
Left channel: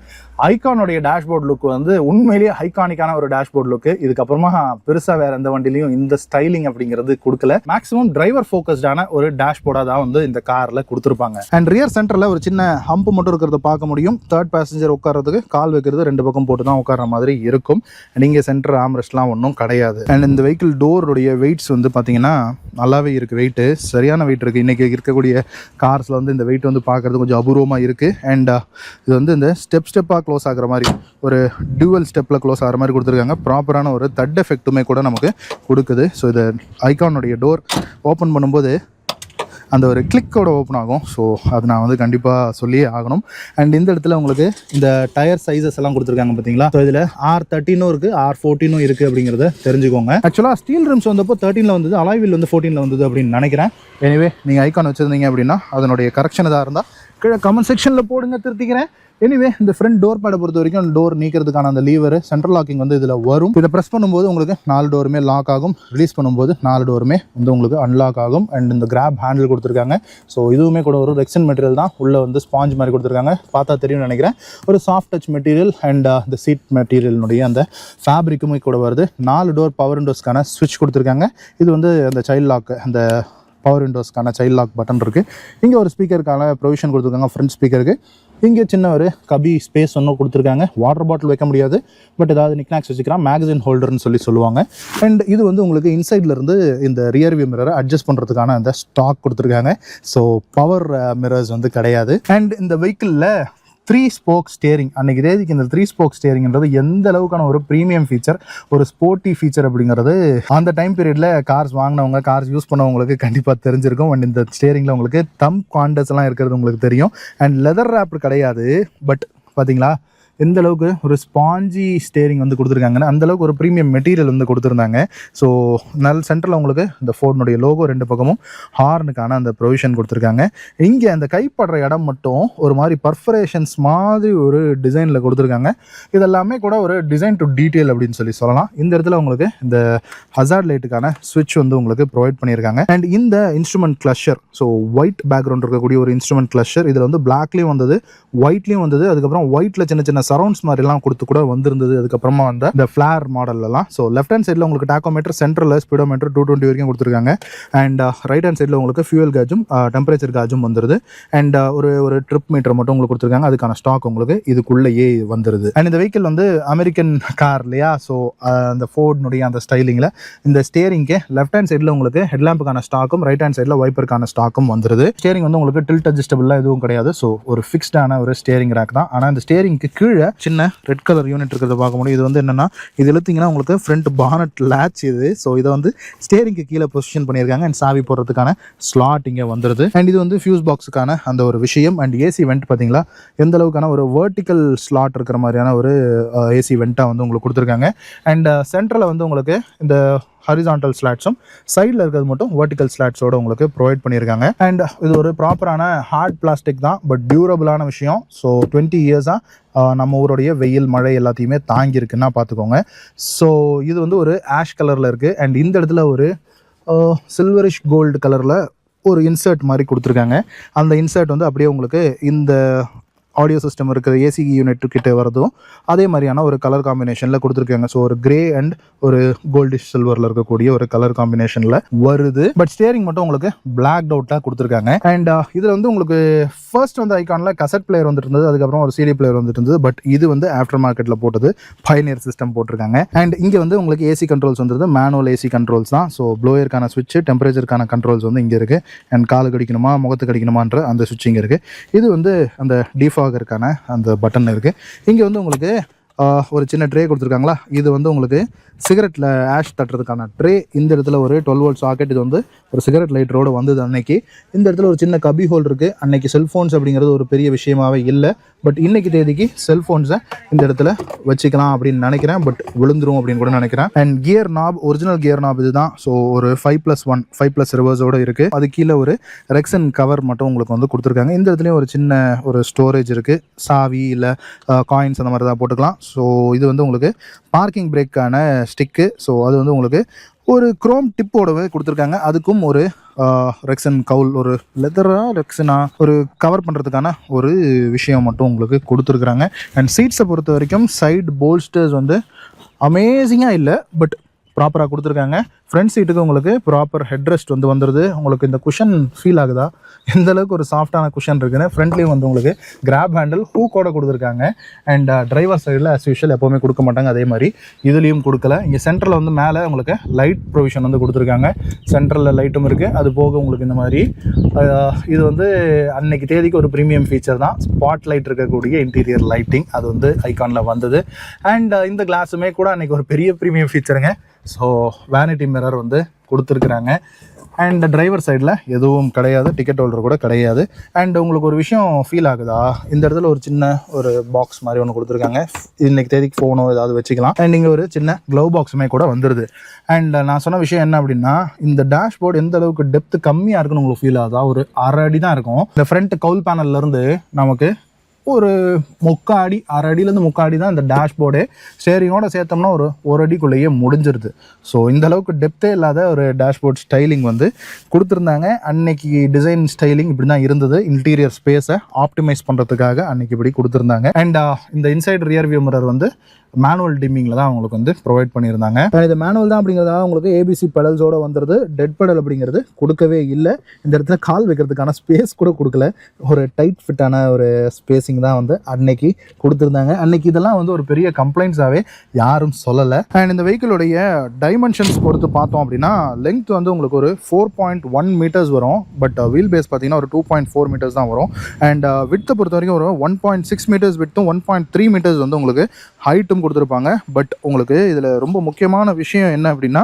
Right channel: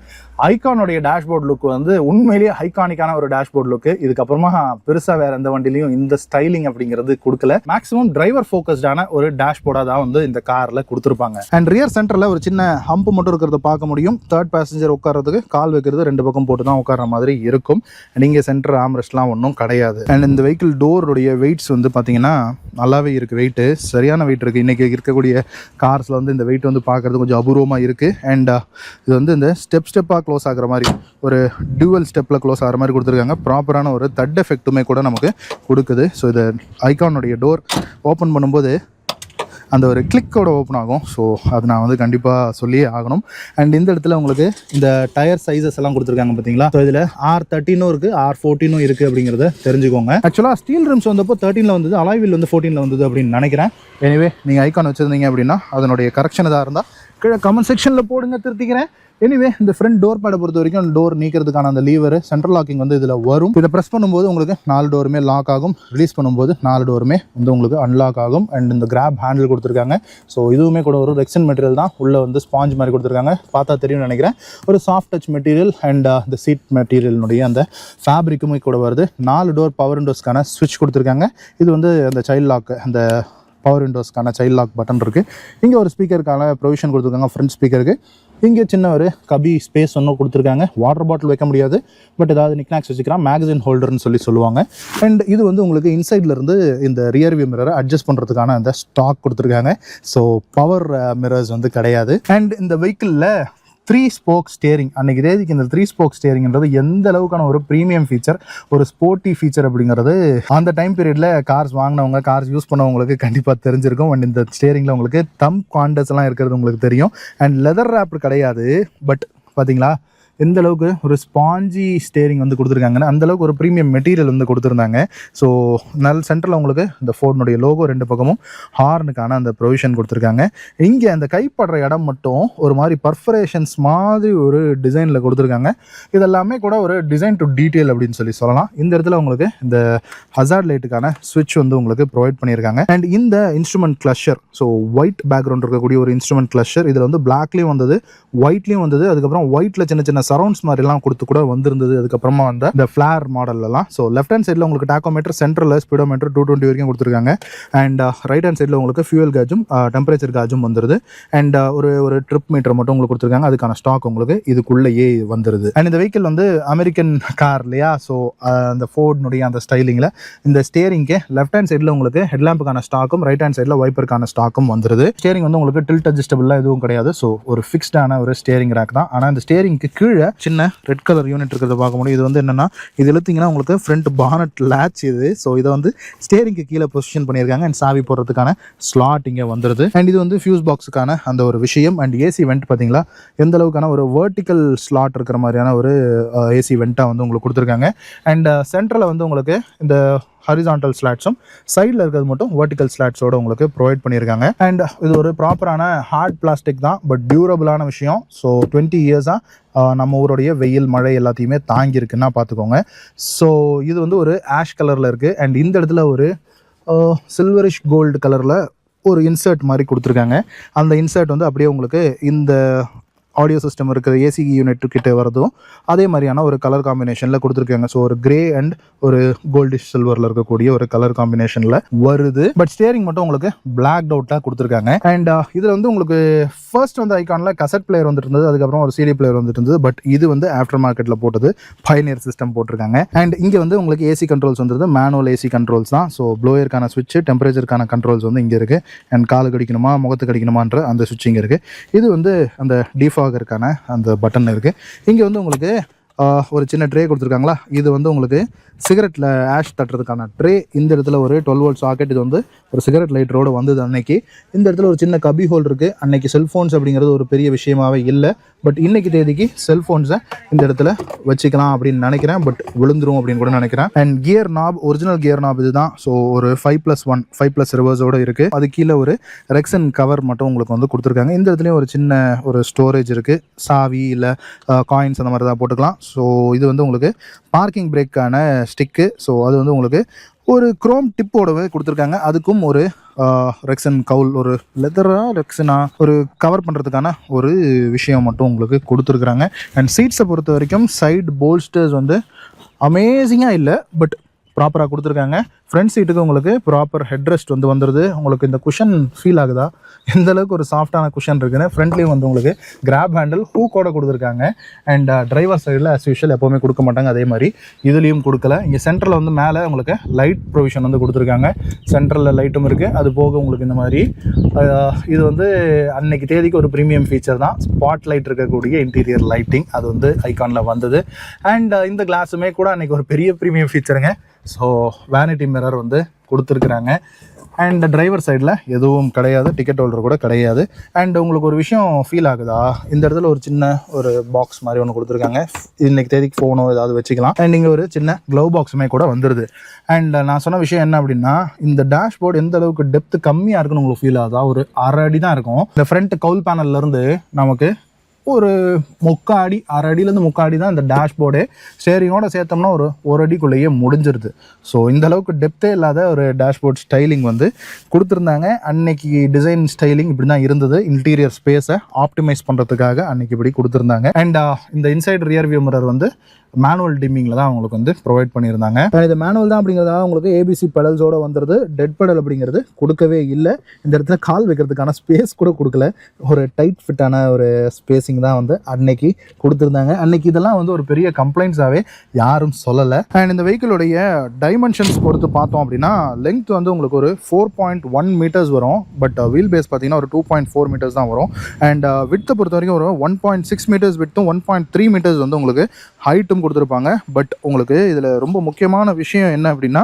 ஐகானுடைய டேஷ்போர்ட் லுக் வந்து உண்மையிலேயே ஐகானிக்கான ஒரு டேஷ்போர்ட் லுக்கு. இதுக்கப்புறமா பெருசாக வேறு எந்த வண்டிலையும் இந்த ஸ்டைலிங் அப்படிங்கிறது கொடுக்கல. மேக்ஸிமம் டிரைவர் ஃபோக்கஸ்டான ஒரு டேஷ்போர்டாக தான் வந்து இந்த காரில் கொடுத்துருப்பாங்க. அண்ட் ரியர் சென்டரில் ஒரு சின்ன ஹம்ப் மட்டும் இருக்கிறத பார்க்க முடியும். தேர்ட் பேசஞ்சர் உட்காரதுக்கு கால் வைக்கிறது 2 பக்கம் போட்டு தான் உட்கார மாதிரி இருக்கும். நீங்கள் சென்டர் ஆம்ரெஸ்ட்லாம் ஒன்றும் கிடையாது. அண்ட் இந்த வெஹிக்கிள் டோருடைய வெயிட்ஸ் வந்து பார்த்தீங்கன்னா நல்லாவே இருக்குது. வெயிட்டு சரியான வெயிட் இருக்குது. இன்றைக்கி இருக்கக்கூடிய கார்ஸில் வந்து இந்த வெயிட் வந்து பார்க்குறது கொஞ்சம் அபூர்வமாக இருக்குது. அண்ட் இது வந்து இந்த ஸ்டெப்பாக க்ளோஸ் ஆகிற மாதிரி ஒரு டியூவல் ஸ்டெப்பில் க்ளோஸ் ஆகிற மாதிரி கொடுத்துருக்காங்க. ப்ராப்பரான ஒரு தட் எஃபெக்ட்டுமே கூட நமக்கு கொடுக்குது. ஸோ இது ஐகானுடைய டோர் ஓப்பன் பண்ணும்போது அந்த ஒரு கிளிக்கோட ஓப்பன் ஆகும். ஸோ அது நான் வந்து கண்டிப்பாக சொல்லியே ஆகணும். அண்ட் இந்த இடத்துல உங்களுக்கு இந்த டயர் சைஸஸ் எல்லாம் கொடுத்துருக்காங்க பார்த்தீங்களா. ஸோ இதில் R13 இருக்குது, R14 இருக்குது அப்படிங்கிறத தெரிஞ்சுக்கோங்க. ஆக்சுவலாக ஸ்டீல் ரிம்ஸ் வந்தப்போ 13 வந்தது, அலாய்வில் வந்து 14 வந்தது அப்படின்னு நினைக்கிறேன். எனிவே நீங்கள் ஐகான் வச்சுருந்தீங்க அப்படின்னா அதனுடைய கரெக்ஷன் எதாக இருந்தால் கீழே கமெண்ட் செக்ஷனில் போடுங்க, திருத்திக்கிறேன். எனிவே இந்த ஃப்ரண்ட் டோர் பேடை பொறுத்த வரைக்கும் டோர் நீக்கிறதுக்கான அந்த லீவர் சென்ட்ரல் லாக்கிங் வந்து இதில் வரும். இதை ப்ரெஸ் பண்ணும்போது உங்களுக்கு 4 டோருமே லாக் ஆகும். ரிலீஸ் பண்ணும்போது 4 டோருமே வந்து உங்களுக்கு அன்லாக் ஆகும். அண்ட் இந்த கிராப் ஹேண்டில் கொடுத்துருக்காங்க. ஸோ இதுவுமே கூட ஒரு ரெக்ஸன் மெட்டீரியல் தான். உள்ளே வந்து ஸ்பாஞ்ச் மாதிரி கொடுத்துருக்காங்க. பார்த்தா தெரியும்னு நினைக்கிறேன். ஒரு சாஃப்ட் டச் மெட்டீரியல் அண்ட் இந்த சீட் மெட்டீரியலினுடைய அந்த ஃபேப்ரிக்குமே கூட வருது. 4 டோர் பவர் விண்டோஸ்க்கான ஸ்விட்ச் கொடுத்துருக்காங்க. இது வந்து அந்த சைல்ட் லாக், அந்த பவர் விண்டோஸ்க்கான சைல்ட் லாக் பட்டன் இருக்குது. இங்கே ஒரு ஸ்பீக்கருக்கான ப்ரொவிஷன் கொடுத்துருக்காங்க. ஃப்ரண்ட் ஸ்பீக்கருக்கு இங்கே சின்ன ஒரு கபி ஸ்பேஸ் ஒன்றும் கொடுத்துருக்காங்க. வாட்டர் பாட்டில் வைக்க முடியாது, பட் ஏதாவது நிக்நாக்ஸ் வச்சுக்கலாம். மேகசின் ஹோல்டர்னு சொல்லுவாங்க. அண்ட் இது வந்து உங்களுக்கு இன்சைட்லேருந்து இந்த ரியர் வியூ மிரரை அட்ஜஸ்ட் பண்ணுறதுக்கான அந்த ஸ்டாக் கொடுத்துருக்காங்க. ஸோ பவர் மிரர்ஸ் வந்து கிடையாது. அண்ட் இந்த வெஹிக்கிளில் 3 ஸ்போக் ஸ்டேரிங். அன்றைக்கி தேதிக்கு இந்த 3 ஸ்போக் ஸ்டேரிங்கிறது எந்த அளவுக்கான ஒரு ப்ரீமியம் ஃபீச்சர், ஒரு ஸ்போர்ட்டி ஃபீச்சர் அப்படிங்கிறது அந்த டைம் பீரியடில் கார்ஸ் வாங்கினவங்க, கார்ஸ் யூஸ் பண்ணவங்களுக்கு கண்டிப்பாக தெரிஞ்சிருக்கும். அண்ட் இந்த ஸ்டேரிங்கில் உங்களுக்கு தம் குவாண்டஸ் எல்லாம் இருக்கிறது உங்களுக்கு தெரியும். அண்ட் லெதர் ரேப் கிடையாது, பட் பார்த்தீங்களா எந்த அளவுக்கு ஒரு ஸ்பாஞ்சி ஸ்டேரிங் வந்து கொடுத்துருக்காங்கன்னு, அந்தளவுக்கு ஒரு ப்ரீமியம் மெட்டீரியல் வந்து கொடுத்துருந்தாங்க. ஸோ சென்டரில் உங்களுக்கு இந்த ஃபோர்டுனுடைய லோகோ 2 பக்கமும் ஹார்னுக்கான அந்த ப்ரொவிஷன் கொடுத்துருக்காங்க. இங்கே அந்த கைப்படுற இடம் மட்டும் ஒரு மாதிரி பர்ஃபரேஷன்ஸ் மாதிரி ஒரு டிசைனில் கொடுத்துருக்காங்க. இதெல்லாமே கூட ஒரு டிசைன் டு டீட்டெயில் அப்படின்னு சொல்லலாம். இந்த இடத்துல உங்களுக்கு இந்த ஹசார்ட் லைட்டுக்கான ஸ்விட்ச் வந்து உங்களுக்கு ப்ரொவைட் பண்ணியிருக்காங்க. அண்ட் இந்த இன்ஸ்ட்ருமெண்ட் கிளஷர், ஸோ ஒயிட் பேக்ரவுண்ட் இருக்கக்கூடிய ஒரு இன்ஸ்ட்ருமெண்ட் கிளஷர். இதில் வந்து பிளாக்லேயும் வந்தது, ஒயிட்லேயும் வந்தது. அதுக்கப்புறம் ஒயிட்டில் சின்ன சின்ன சரௌண்ட்ஸ் மாதிரிலாம் கொடுத்து கூட வந்திருந்தது. அதுக்கப்புறமா வந்த இந்த ஃபிளார் மாடல்லாம். ஸோ லெஃப்ட் ஹேண்ட் சைடில் உங்களுக்கு டாக்கோமீட்டர், சென்ட்ரலில் ஸ்பீடோமீட்டர் 220 வரைக்கும் கொடுத்துருக்காங்க. அண்ட் ரைட் ஹேண்ட் சைடில் உங்களுக்கு ஃபியூல் கேஜும் டெம்பரேச்சர் கேஜும் வந்துருது. அண்ட் ஒரு ட்ரிப் மீட்டர் மட்டும் உங்களுக்கு கொடுத்துருக்காங்க. அதுக்கான ஸ்டாக் உங்களுக்கு இதுக்குள்ளேயே வந்துருது. அண்ட் இந்த வெஹிக்கிள் வந்து அமெரிக்கன் கார் இல்லையா. ஸோ அந்த ஃபோர்டுனுடைய அந்த ஸ்டைலிங்கில் இந்த ஸ்டேரிங்க்கு லெஃப்ட் ஹேண்ட் சைடில் உங்களுக்கு ஹெட்லாம்புக்கான ஸ்டாக்கும், ரைட் ஹேண்ட் சைடில் வைப்பருக்கான ஸ்டாக்கும் வந்துருது. ஸ்டேரிங் வந்து உங்களுக்கு டில்ட் அட்ஜஸ்டபிளாக எதுவும் கிடையாது. ஸோ ஒரு ஃபிக்ஸ்டான ஒரு ஸ்டேரிங் ரேக் தான். ஆனால் இந்த ஸ்டேரிங்க்கு கீழே சின்ன ரெட் கலர் யூனிட் இருக்கிறத பார்க்க முடியும். இது வந்து என்னன்னா, இது இழுத்தீங்கன்னா உங்களுக்கு ஃப்ரண்ட் பானட் லேட்ச் இது. ஸோ இதை வந்து ஸ்டேரிங்க்கு கீழே பொசிஷன் பண்ணியிருக்காங்க. அண்ட் சாவி போடுறதுக்கான ஸ்லாட் இங்கே வந்துருது. அண்ட் இது வந்து ஃபியூஸ் பாக்ஸுக்கான அந்த ஒரு விஷயம். அண்ட் ஏசி வெண்ட் பார்த்தீங்களா எந்த அளவுக்கான ஒரு வெர்டிக்கல் ஸ்லாட் இருக்கிற மாதிரியான ஒரு ஏசி வெண்ட்டாக வந்து உங்களுக்கு கொடுத்துருக்காங்க. அண்ட் சென்டரில் வந்து உங்களுக்கு இந்த ஹரிசான்டல் ஸ்லாட்ஸும், சைடில் இருக்கிறது மட்டும் வெர்டிக்கல் ஸ்லாட்ஸோட உங்களுக்கு ப்ரொவைட் பண்ணியிருக்காங்க. அண்ட் இது ஒரு ப்ராப்பரான ஹார்ட் பிளாஸ்டிக் தான், பட் டியூரபிளான விஷயம். ஸோ 20 இயர்ஸாக நம்ம ஊருடைய வெயில், மழை எல்லாத்தையுமே தாங்கியிருக்குன்னா பார்த்துக்கோங்க. ஸோ இது வந்து ஒரு ஆஷ் கலரில் இருக்குது. அண்ட் இந்த இடத்துல ஒரு சில்வரிஷ் கோல்டு கலரில் ஒரு இன்சர்ட் மாதிரி கொடுத்துருக்காங்க. அந்த இன்சர்ட் வந்து அப்படியே உங்களுக்கு இந்த ஆடியோ சிஸ்டம் இருக்கிற ஏசி யூனிட் கிட்ட வரதும் அதே மாதிரியான ஒரு கலர் காம்பினேஷனில் கொடுத்துருக்காங்க. ஸோ ஒரு கிரே அண்ட் ஒரு கோல்டிஷ் சில்வரில் இருக்கக்கூடிய ஒரு கலர் காம்பினேஷனில் வருது. பட் ஸ்டேரிங் மட்டும் உங்களுக்கு பிளாக் அவுட்டாக கொடுத்துருக்காங்க. அண்ட் இதில் வந்து உங்களுக்கு ஃபர்ஸ்ட் வந்து ஐகானில் கசட் பிளேயர் வந்துட்டு இருந்தது, அதுக்கப்புறம் ஒரு சிடி பிளேயர் வந்துட்டு இருந்தது. பட் இது வந்து ஆஃப்டர் மார்க்கெட்டில் போட்டது, பைனியர் சிஸ்டம் போட்டிருக்காங்க. அண்ட் இங்கே வந்து உங்களுக்கு ஏசி கண்ட்ரோல்ஸ் வந்துருது, மேனுவல் ஏசி கண்ட்ரோல்ஸ் தான். ஸோ ப்ளோயருக்கான ஸ்விட்ச், டெம்பரேச்சருக்கான கண்ட்ரோல்ஸ் வந்து இங்கே இருக்குது. அண்ட் காலுக்கு அடிக்கணுமா, முகத்துக்கு அடிக்கணுமான்ற அந்த ஸ்விட்ச் இங்கே இருக்குது. இது வந்து அந்த டிஃபாகருக்கான அந்த பட்டன் இருக்குது. இங்கே வந்து உங்களுக்கு ஒரு சின்ன ட்ரே கொடுத்துருக்காங்களா, இது வந்து உங்களுக்கு சிகரெட்டில் ஆஷ் தட்டுறதுக்கான ட்ரே. இந்த இடத்துல ஒரு 12 வோல்ட் சாக்கெட், இது வந்து ஒரு சிகரெட் லைட்டரோடு வந்தது அன்னைக்கு. இந்த இடத்துல ஒரு சின்ன கபி ஹோல் இருக்குது. அன்னைக்கு செல்ஃபோன்ஸ் அப்படிங்கிறது ஒரு பெரிய விஷயமாகவே இல்லை, பட் இன்னைக்கு தேதிக்கு செல்ஃபோன்ஸை இந்த இடத்துல வச்சுக்கலாம் அப்படின்னு நினைக்கிறேன், பட் விழுந்துரும் அப்படின்னு கூட நினைக்கிறேன். And gear knob, original gear knob இதுதான். ஸோ ஒரு 5+1 5+ ரிவர்ஸோடு இருக்குது. அது கீழே ஒரு ரெக்ஸன் கவர் மட்டும் உங்களுக்கு வந்து கொடுத்துருக்காங்க. இந்த இடத்துலையும் ஒரு சின்ன ஒரு ஸ்டோரேஜ் இருக்குது, சாவி இல்லை காயின்ஸ் அந்த மாதிரி தான் போட்டுக்கலாம். ஸோ இது வந்து உங்களுக்கு பார்க்கிங் பிரேக்கான ஸ்டிக்கு. ஸோ அது வந்து உங்களுக்கு ஒரு குரோம் டிப்போடவே கொடுத்துருக்காங்க. அதுக்கும் ஒரு ரெக்ஸன் கவுல், ஒரு லெதரா ரெக்ஸனா ஒரு கவர் பண்ணுறதுக்கான ஒரு விஷயம் மட்டும் உங்களுக்கு கொடுத்துருக்குறாங்க. அண்ட் சீட்ஸை பொறுத்த வரைக்கும் சைடு போல்ஸ்டர்ஸ் வந்து அமேசிங்காக இல்லை, பட் ப்ராப்பராக கொடுத்துருக்காங்க. ஃப்ரண்ட் சீட்டுக்கு உங்களுக்கு ப்ராப்பர் ஹெட்ரெஸ்ட் வந்து வந்துடுது. உங்களுக்கு இந்த குஷன் ஃபீல் ஆகுதா, எந்த அளவுக்கு ஒரு சாஃப்டான குஷன் இருக்குன்னு. ஃப்ரண்ட்லேயும் வந்து உங்களுக்கு கிராப் ஹேண்டில் ஹூக்கோட கொடுத்துருக்காங்க. அண்ட் டிரைவர் சைடில் ஆஸ் யூஷுவல் எப்போவுமே கொடுக்க மாட்டாங்க, அதே மாதிரி இதுலேயும் கொடுக்கல. இங்கே சென்டரில் வந்து மேலே உங்களுக்கு லைட் ப்ரொவிஷன் வந்து கொடுத்துருக்காங்க. சென்ட்ரலில் லைட்டும் இருக்குது. அது போக உங்களுக்கு இந்த மாதிரி இது வந்து அன்னைக்கு தேதிக்கு ஒரு ப்ரீமியம் ஃபீச்சர் தான், ஸ்பாட் லைட் இருக்கக்கூடிய இன்டீரியர் லைட்டிங். அது வந்து ஐகானில் வந்தது. அண்ட் இந்த கிளாஸுமே கூட அன்றைக்கி ஒரு பெரிய ப்ரீமியம் ஃபீச்சருங்க. ஸோ வேனிட்டி மிரர் வந்து கொடுத்துருக்குறாங்க. அண்ட் டிரைவர் சைடில் எதுவும் கிடையாது, டிக்கெட் ஹோல்டர் கூட கிடையாது. அண்ட் உங்களுக்கு ஒரு விஷயம் ஃபீல் ஆகுதா, இந்த இடத்துல ஒரு சின்ன ஒரு பாக்ஸ் மாதிரி ஒன்று கொடுத்துருக்காங்க. இன்னைக்கு தேதிக்கு ஃபோனோ ஏதாவது வச்சுக்கலாம். அண்ட் இங்கே ஒரு சின்ன க்ளவ் பாக்ஸுமே கூட வந்துடுது. அண்ட் நான் சொன்ன விஷயம் என்ன அப்படின்னா, இந்த டேஷ்போர்டு எந்த அளவுக்கு டெப்த்து கம்மியாக இருக்குன்னு உங்களுக்கு ஃபீல் ஆகுதா, ஒரு 1/2 அடி தான் இருக்கும். இந்த ஃப்ரண்ட் கவுல் பேனல்லேருந்து நமக்கு ஒரு 3/4 அடி, 1/2 அடியிலேருந்து 3/4 அடி தான் இந்த டேஷ்போர்டு. ஸ்டேரிங்கோட சேர்த்தோம்னா ஒரு அடிக்குள்ளேயே முடிஞ்சிருது. ஸோ இந்த அளவுக்கு டெப்த்தே இல்லாத ஒரு டேஷ்போர்ட் ஸ்டைலிங் வந்து கொடுத்துருந்தாங்க. அன்னைக்கு டிசைன் ஸ்டைலிங் இப்படி தான் இருந்தது. இன்டீரியர் ஸ்பேஸை ஆப்டிமைஸ் பண்ணுறதுக்காக அன்னைக்கு இப்படி கொடுத்துருந்தாங்க. அண்ட் இந்த இன்சைட் ரியர் வியூ மிரர் வந்து மேனுவல் டிம்மிங்கில் தான் அவங்களுக்கு வந்து ப்ரொவைட் பண்ணியிருந்தாங்க. இது மேனுவல் தான் அப்படிங்கிறதால உங்களுக்கு ஏபிசி பெடல்ஸோடு வந்துடுது. டெட் பெடல் அப்படிங்கிறது கொடுக்கவே இல்லை. இந்த இடத்துல கால் வைக்கிறதுக்கான ஸ்பேஸ் கூட கொடுக்கல. ஒரு டைட் ஃபிட்டான ஒரு ஸ்பேசிங் தான் வந்து அன்னைக்கு கொடுத்துருந்தாங்க. அன்னைக்கு இதெல்லாம் வந்து ஒரு பெரிய கம்ப்ளைண்ட்ஸாகவே யாரும் சொல்லலை. அண்ட் இந்த வெஹிக்கிளுடைய டைமென்ஷன்ஸ் பொறுத்து பார்த்தோம் அப்படின்னா, லெங்த் வந்து உங்களுக்கு ஒரு 4.1 மீட்டர்ஸ் வரும். பட் வீல் பேஸ் பார்த்தீங்கன்னா ஒரு 2.4 மீட்டர்ஸ் தான் வரும். அண்ட் விட்த்தை பொறுத்த வரைக்கும் ஒரு 1.6 மீட்டர்ஸ் விட்த்தும் 1.3 மீட்டர்ஸ் வந்து உங்களுக்கு ஹைட்டும் கொடுத்துருப்பாங்க. பட் உங்களுக்கு இதில் ரொம்ப முக்கியமான விஷயம் என்ன அப்படின்னா,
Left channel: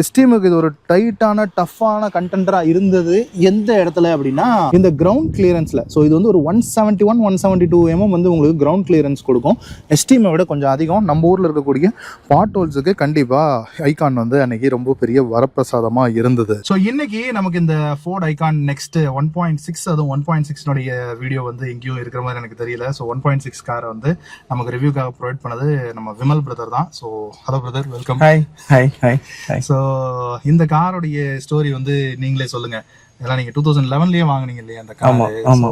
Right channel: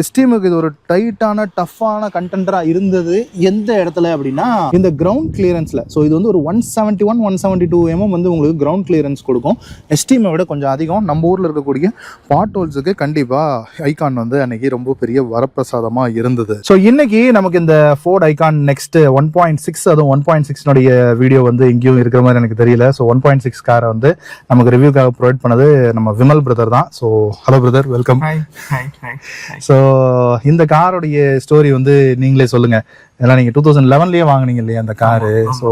எஸ்டீமுக்கு இது ஒரு டைட்டான டஃப்பான கண்டென்டராக இருந்தது எந்த இடத்துல அப்படின்னா, இந்த கிரவுண்ட் கிளியரன்ஸில். ஸோ இது வந்து ஒரு 171 172 mm வந்து உங்களுக்கு கிரவுண்ட் கிளியரன்ஸ் கொடுக்கும். எஸ்டீமை விட கொஞ்சம் அதிகம். நம்ம ஊரில் இருக்கக்கூடிய பாட் ஹோல்ஸுக்கு கண்டிப்பாக ஐகான் வந்து அன்னைக்கு ரொம்ப பெரிய வரப்பிரசாதமாக இருந்தது. ஸோ இன்னைக்கு நமக்கு இந்த ஃபோர்ட் ஐகான் நெக்ஸ்ட் 1.6, அதுவும் 1.6 வீடியோ வந்து எங்கேயும் இருக்கிற மாதிரி எனக்கு தெரியல. ஸோ 1.6 காரை வந்து நமக்கு ரிவ்யூக்காக ப்ரொவைட் பண்ணது நம்ம விமல் பிரதர் தான். So hello brother, welcome. So இந்த காரோடைய ஸ்டோரி வந்து நீங்களே சொல்லுங்க. இதெல்லாம் நீங்க 2011லயே வாங்குனீங்க இல்லையா அந்த காரு? ஸோ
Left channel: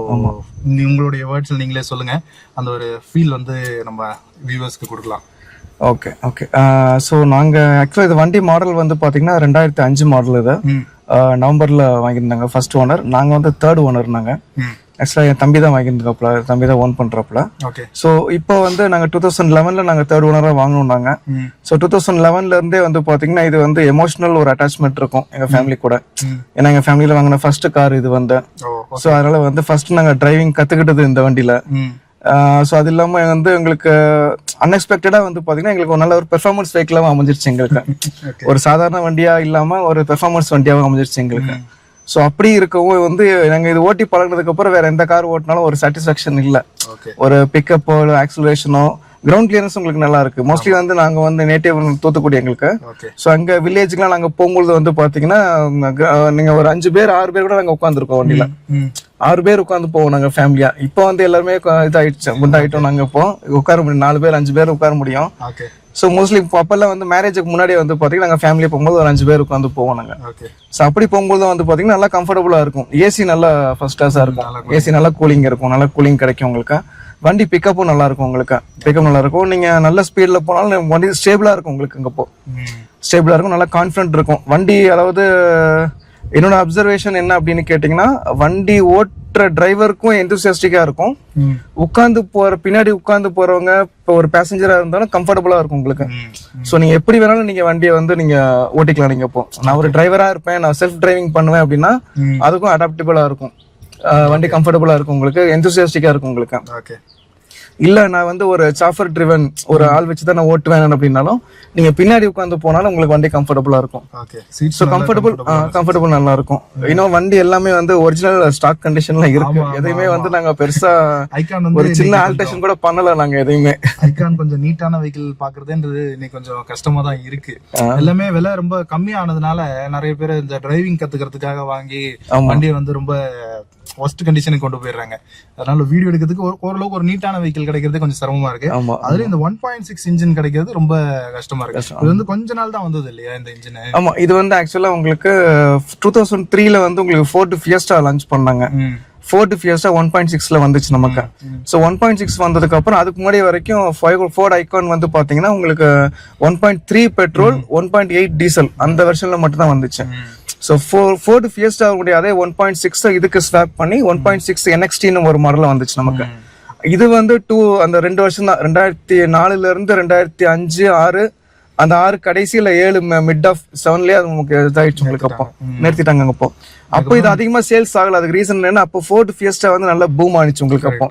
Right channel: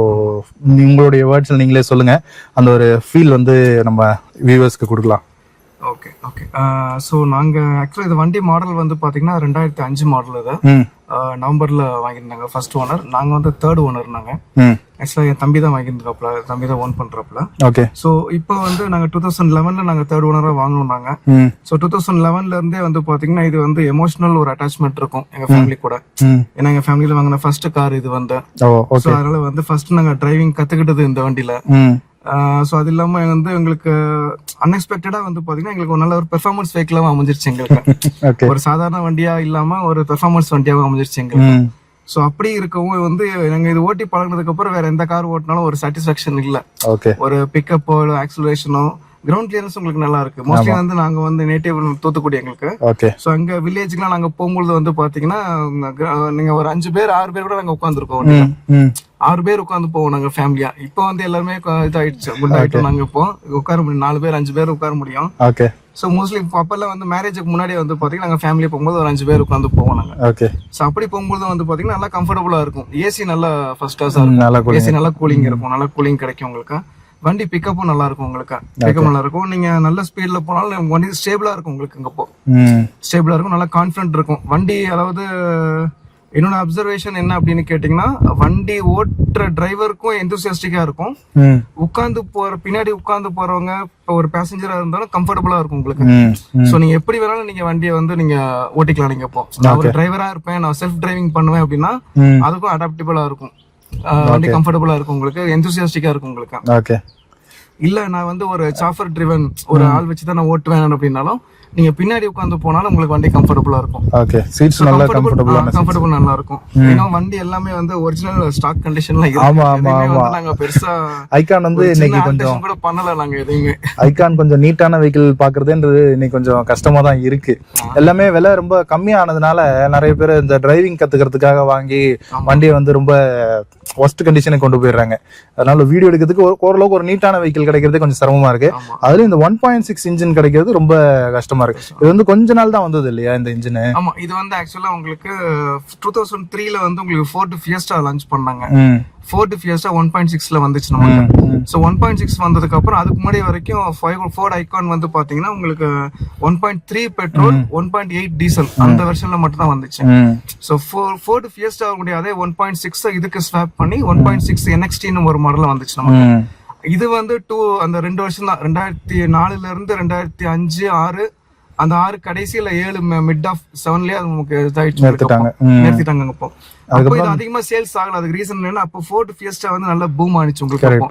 உங்களுடைய வேர்ட்ஸ்ல நீங்களே சொல்லுங்க. அந்த ஒரு ஃபீல் வந்து நம்ம வியூவர்ஸ்க்கு கொடுக்கலாம். ஓகே. ஸோ நாங்கள் ஆக்சுவலாக இது வண்டி மாடல் வந்து பார்த்தீங்கன்னா 2005 மாடல். இது நவம்பரில் வாங்கியிருந்தாங்க ஃபர்ஸ்ட் ஓனர். நாங்கள் வந்து தேர்ட் ஓனர். நாங்கள் ஆக்சுவலாக என் தம்பி தான் வாங்கியிருந்தாப்புல, தம்பி தான் ஓன் பண்ணுறாப்புல. ஓகே. ஸோ இப்போ வந்து நாங்கள் 2011ல் நாங்கள் தேர்ட் ஓனராக வாங்கணும். நாங்கள் ஸோ 2011லேருந்தே வந்து பார்த்தீங்கன்னா இது வந்து எமோஷனல் ஒரு அட்டாச்மெண்ட் இருக்கும் எங்கள் ஃபேமிலி கூட. ஏன்னா எங்கள் ஃபேமிலியில் வாங்கின ஃபர்ஸ்ட் கார் இது வந்து. ஸோ அதனால வந்து ஃபர்ஸ்ட் நாங்கள் டிரைவிங் கற்றுக்கிட்டது இந்த வண்டியில். ஸோ அது இல்லாம வந்து எங்களுக்கு அன்எக்ஸ்பெக்டடா வந்து பாத்தீங்கன்னா எங்களுக்கு ஒரு நல்ல ஒரு பெர்ஃபார்மன்ஸ் வெஹிக்கிளாவும் அமைஞ்சிருச்சு எங்களுக்கு. ஒரு சாதாரண வண்டியா இல்லாம ஒரு பெர்ஃபார்மன்ஸ் வண்டியாவும் அமைஞ்சிருச்சு எங்களுக்கு. ஸோ அப்படி இருக்கவும் வந்து நாங்க இது ஓட்டி பழகினதுக்கு அப்புறம் வேற எந்த கார் ஓட்டினாலும் ஒரு சாட்டிஸ்பாக்சன் இல்ல. ஒரு பிக்கப்போ ஆக்சிலரேஷனோ கிரவுண்ட் கிளியரன்ஸ் உங்களுக்கு நல்லா இருக்கு. மோஸ்ட்லி வந்து நாங்க வந்து நேட்டிவ் தூத்துக்குடி எங்களுக்கு. ஸோ அங்க வில்லேஜ்க்குலாம் நாங்க போகும்போது வந்து பாத்தீங்கன்னா நீங்க ஒரு 5 பேர் 6 பேர் கூட நாங்க உட்காந்துருக்கோம் வண்டியில. 6 பேர் உட்காந்து போவோம் நாங்க ஃபேமிலியா. இப்போ வந்து எல்லாருமே இதாயிடுச்சு, குண்டாயிட்டோம். நாங்க இப்போ உட்கார முடியும் 4 பேர் 5 பேர் உட்கார முடியும். ஸோ மோஸ்ட்லி அப்பெல்லாம் வந்து மேரேஜுக்கு முன்னாடியே வந்து பாத்தீங்கன்னா நாங்க ஃபேமிலியா போகும்போது ஒரு 5 பேர் உட்காந்து போவோம் நாங்க. ஸோ அப்படி போகும்போது வந்து பாத்தீங்கன்னா நல்லா கம்ஃபர்டபுளா இருக்கும். ஏசி நல்லா ஃபர்ஸ்ட் கிளாஸா இருக்கும். ஏசி நல்லா கூலிங் இருக்கும், நல்லா கூலிங் கிடைக்கும் உங்களுக்கு. வண்டி பிக்கப்பும் நல்லா இருக்கும் உங்களுக்கு. பிக்கப் நல்லா இருக்கும். நீங்க நல்ல ஸ்பீட்ல போனாலும் வண்டி ஸ்டேபிளா இருக்கும் உங்களுக்கு. அங்க ஸ்டேபிளா இருக்கும், நல்லா கான்பிடன்ட் இருக்கும் வண்டி. அதாவது என்னோட அப்சர்வேஷன் என்ன அப்படின்னு கேட்டீங்கன்னா, வண்டி ஓட்டுற டிரைவருக்கும் எந்தூசியாஸ்டிக்கா இருக்கும். உட்கார்ந்து பின்னாடி உட்கார்ந்து போறவங்க இப்போ ஒரு பேசஞ்சரா இருந்தாலும் கம்ஃபர்டபுளா இருக்கும் உங்களுக்கு. சோ நீங்க எப்படி வேணாலும் நீங்க வண்டியை வந்து நீங்க ஓட்டிக்கலாம். நீங்க இப்போ நான் ஒரு டிரைவரா இருப்பேன், நான் செல்ஃப் டிரைவிங் பண்ணுவேன் அப்படின்னா அதுக்கும் அடாப்டபிளா இருக்கும். வண்டி கம்ஃபர்டபுளா இருக்கும் உங்களுக்கு, எந்தூசியாஸ்டிக்கா இருக்கும் உங்களுக்கு. ஓகே. இல்ல நான் வந்து ஒரு சாஃபர் ட்ரிவன் ஒரு ஆள் வச்சு தான் நான் ஓட்டுவேன் அப்படின்னாலும் நீங்க பின்னாடி உட்காந்து போனாலும் உங்களுக்கு வண்டி கம்ஃபர்டபுளா இருக்கும். ஓகே, சீட்ஸ் கம்ஃபர்டபுள் நல்லா இருக்கும். இன்னும் வண்டி எல்லாமே வந்து ஒரிஜினல் ஸ்டாக் கண்டிஷன்ல இருக்கு. எதையுமே வந்து நாங்க பெருசா ஐகான் வந்து சின்ன ஆல்டரேஷன் கூட பண்ணல நாங்க எதையுமே. ஐகான் கொஞ்சம் நீட்டான வெஹிக்கிள் பாக்குறதுன்றது இன்னைக்கு கொஞ்சம் கஷ்டமா தான் இருக்கு. எல்லாமே விலை ரொம்ப கம்மியானதுனால நிறைய பேர் இந்த டிரைவிங் கத்துக்கிறதுக்காக வாங்கி வண்டியை வந்து ரொம்ப ஒஸ்ட் கண்டிஷனுக்கு கொண்டு போயிடுறாங்க. அதனால வீடியோ எடுக்கிறதுக்கு ஓரளவுக்கு ஒரு நீட்டான வெஹிக்கிள் கிடைக்கிறது கொஞ்சம் சிரமமா இருக்கு. அதுல இந்த 1.6 இன்ஜின் கிடைக்கிறது ரொம்ப கஷ்டமா இருக்கு. இது வந்து கொஞ்ச நாள் தான் வந்தது இல்லையா இந்த இன்ஜின்? ஆமா, இது வந்து ஆக்சுவலா உங்களுக்கு 2003ல வந்து உங்களுக்கு ஃபோர்ட் ஃபியஸ்டா லான்ச் பண்ணாங்க. ஃபோர்ட் ஃபியஸ்டா 1.6ல வந்துச்சு நமக்கு. ஸோ 1.6 வந்ததுக்கு அப்புறம் அதுக்கு முன்னாடி வரைக்கும் ஃபோர்ட் ஐகான் வந்து பாத்தீங்கன்னா உங்களுக்கு 1.3 பெட்ரோல் 1.8 டீசல் அந்த வெர்ஷன்ல மட்டும் தான் வந்துச்சு. ஸோ ஃபோர்ட் ஃபியஸ்டா அதே 1.6 இதுக்கு ஸ்வாப் பண்ணி 1.6 NXT ஒரு மாடல் வந்துச்சு நமக்கு. இது வந்து அந்த 2 வருஷம் தான், 2004ல இருந்து 2005 6 அந்த 6 கடைசியில 7 மிட் ஆஃப் 7லயே அது நமக்கு இதாயிடுச்சு, நிறுத்திட்டாங்க. அப்போ இது அதிகமா சேல்ஸ் ஆகல. அதுக்கு ரீசன் என்னன்னா அப்போ ஃபோர்ட் ஃபியஸ்டா வந்து நல்ல பூம் ஆனிச்சு உங்களுக்கு. அப்போ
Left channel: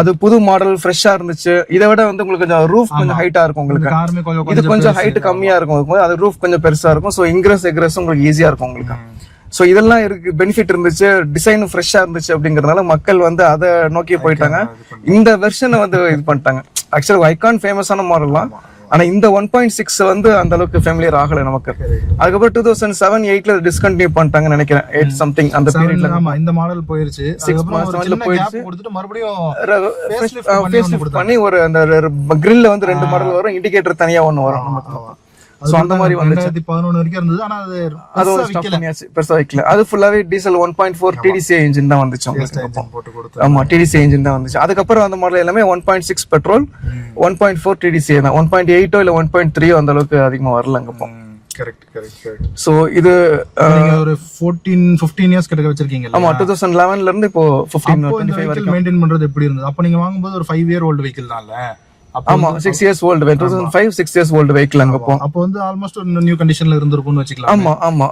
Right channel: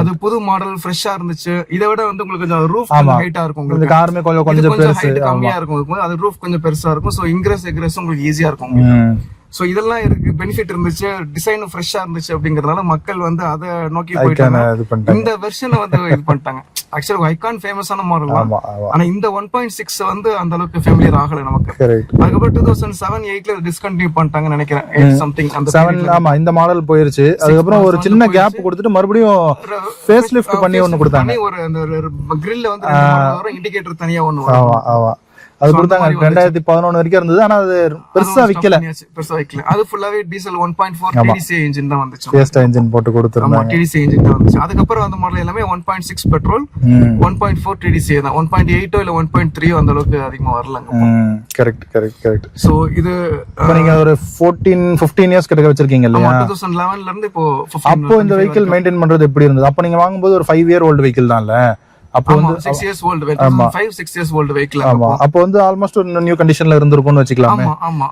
அது புது மாடல் ஃப்ரெஷ்ஷா இருந்துச்சு. இதை விட வந்து உங்களுக்கு கொஞ்சம் ரூஃப் கொஞ்சம் ஹைட்டா இருக்கும் உங்களுக்கு. இது கொஞ்சம் ஹைட் கம்மியா இருக்கும், அது ரூஃப் கொஞ்சம் பெருசா இருக்கும். சோ இன்கிரஸ் எக்ரஸ் உங்களுக்கு ஈஸியா இருக்கும் உங்களுக்கு. சோ இதெல்லாம் இருக்கு, பெனிஃபிட் இருந்துச்சு, டிசைனும் ஃப்ரெஷ்ஷா இருந்துச்சு. அப்படிங்கறதுனால மக்கள் வந்து அதை நோக்கி போயிட்டாங்க. இந்த வெர்ஷனை வந்து இது பண்ணிட்டாங்க. ஆக்சுவலா ஐகான் ஃபேமஸான மாடல் தான், ஆனா இந்த 1.6 வந்து அந்த அளவுக்கு ஃபேமிலியர் ஆகல நமக்கு. அதுக்கப்புறம் 2007 8ல டிஸ்கண்டினியூ பண்ணிட்டாங்கன்னு நினைக்கிறேன். 8 சம்திங் அந்த பீரியட்ல ஆமா இந்த மாடல் போயிருச்சு. அதுக்கப்புறம் ஒரு சின்ன கேப் கொடுத்துட்டு மறுபடியும் ஃபேஸ் லிஃப்ட் பண்ணி ஒன்னு கொடுத்தாங்க. ஒரு அந்த கிரில்ல வந்து 2 மாடல் வரும், இண்டிகேட்டர் தனியா ஒன்னு வரும். அது 2011 வரைக்கும் இருந்தது. ஆனா அது பெருசா விக்கல. அது ஃபுல்லாவே டீசல் 1.4 TDCI இன்ஜின் தான் வந்துச்சு. ஃபியஸ்டா இன்ஜின் போட்டு கொடுத்தாங்க. ஆமா, TDCI இன்ஜின் தான் வந்துச்சு. அதுக்கப்புறம் அந்த மாடல் எல்லாமே 1.6 பெட்ரோல் 1.4 TDCI தான். 1.8 இல்ல 1.3 அந்த அளவுக்கு அதிகமா வரலங்க. கரெக்ட். சோ இது நீங்க ஒரு 15 இயர்ஸ் கிட்ட வச்சிருக்கீங்கல்ல? ஆமா, 2011ல இருந்து இப்போ 15. அப்போ இந்த வெஹிக்கிள் மெயின்டைன் பண்றது எப்படி இருந்தது? அப்போ நீங்க வாங்கும்போது ஒரு 5 இயர் ஓல்ட் வெஹிக்கிள் தான்ல? அப்போ 6 years old vehicle, 6 years old vehicle. அப்போ வந்து ஆல்மோஸ்ட் ஒரு நியூ கண்டிஷன்ல இருந்திருக்கும்னு வச்சுக்கலாம். ஆமா.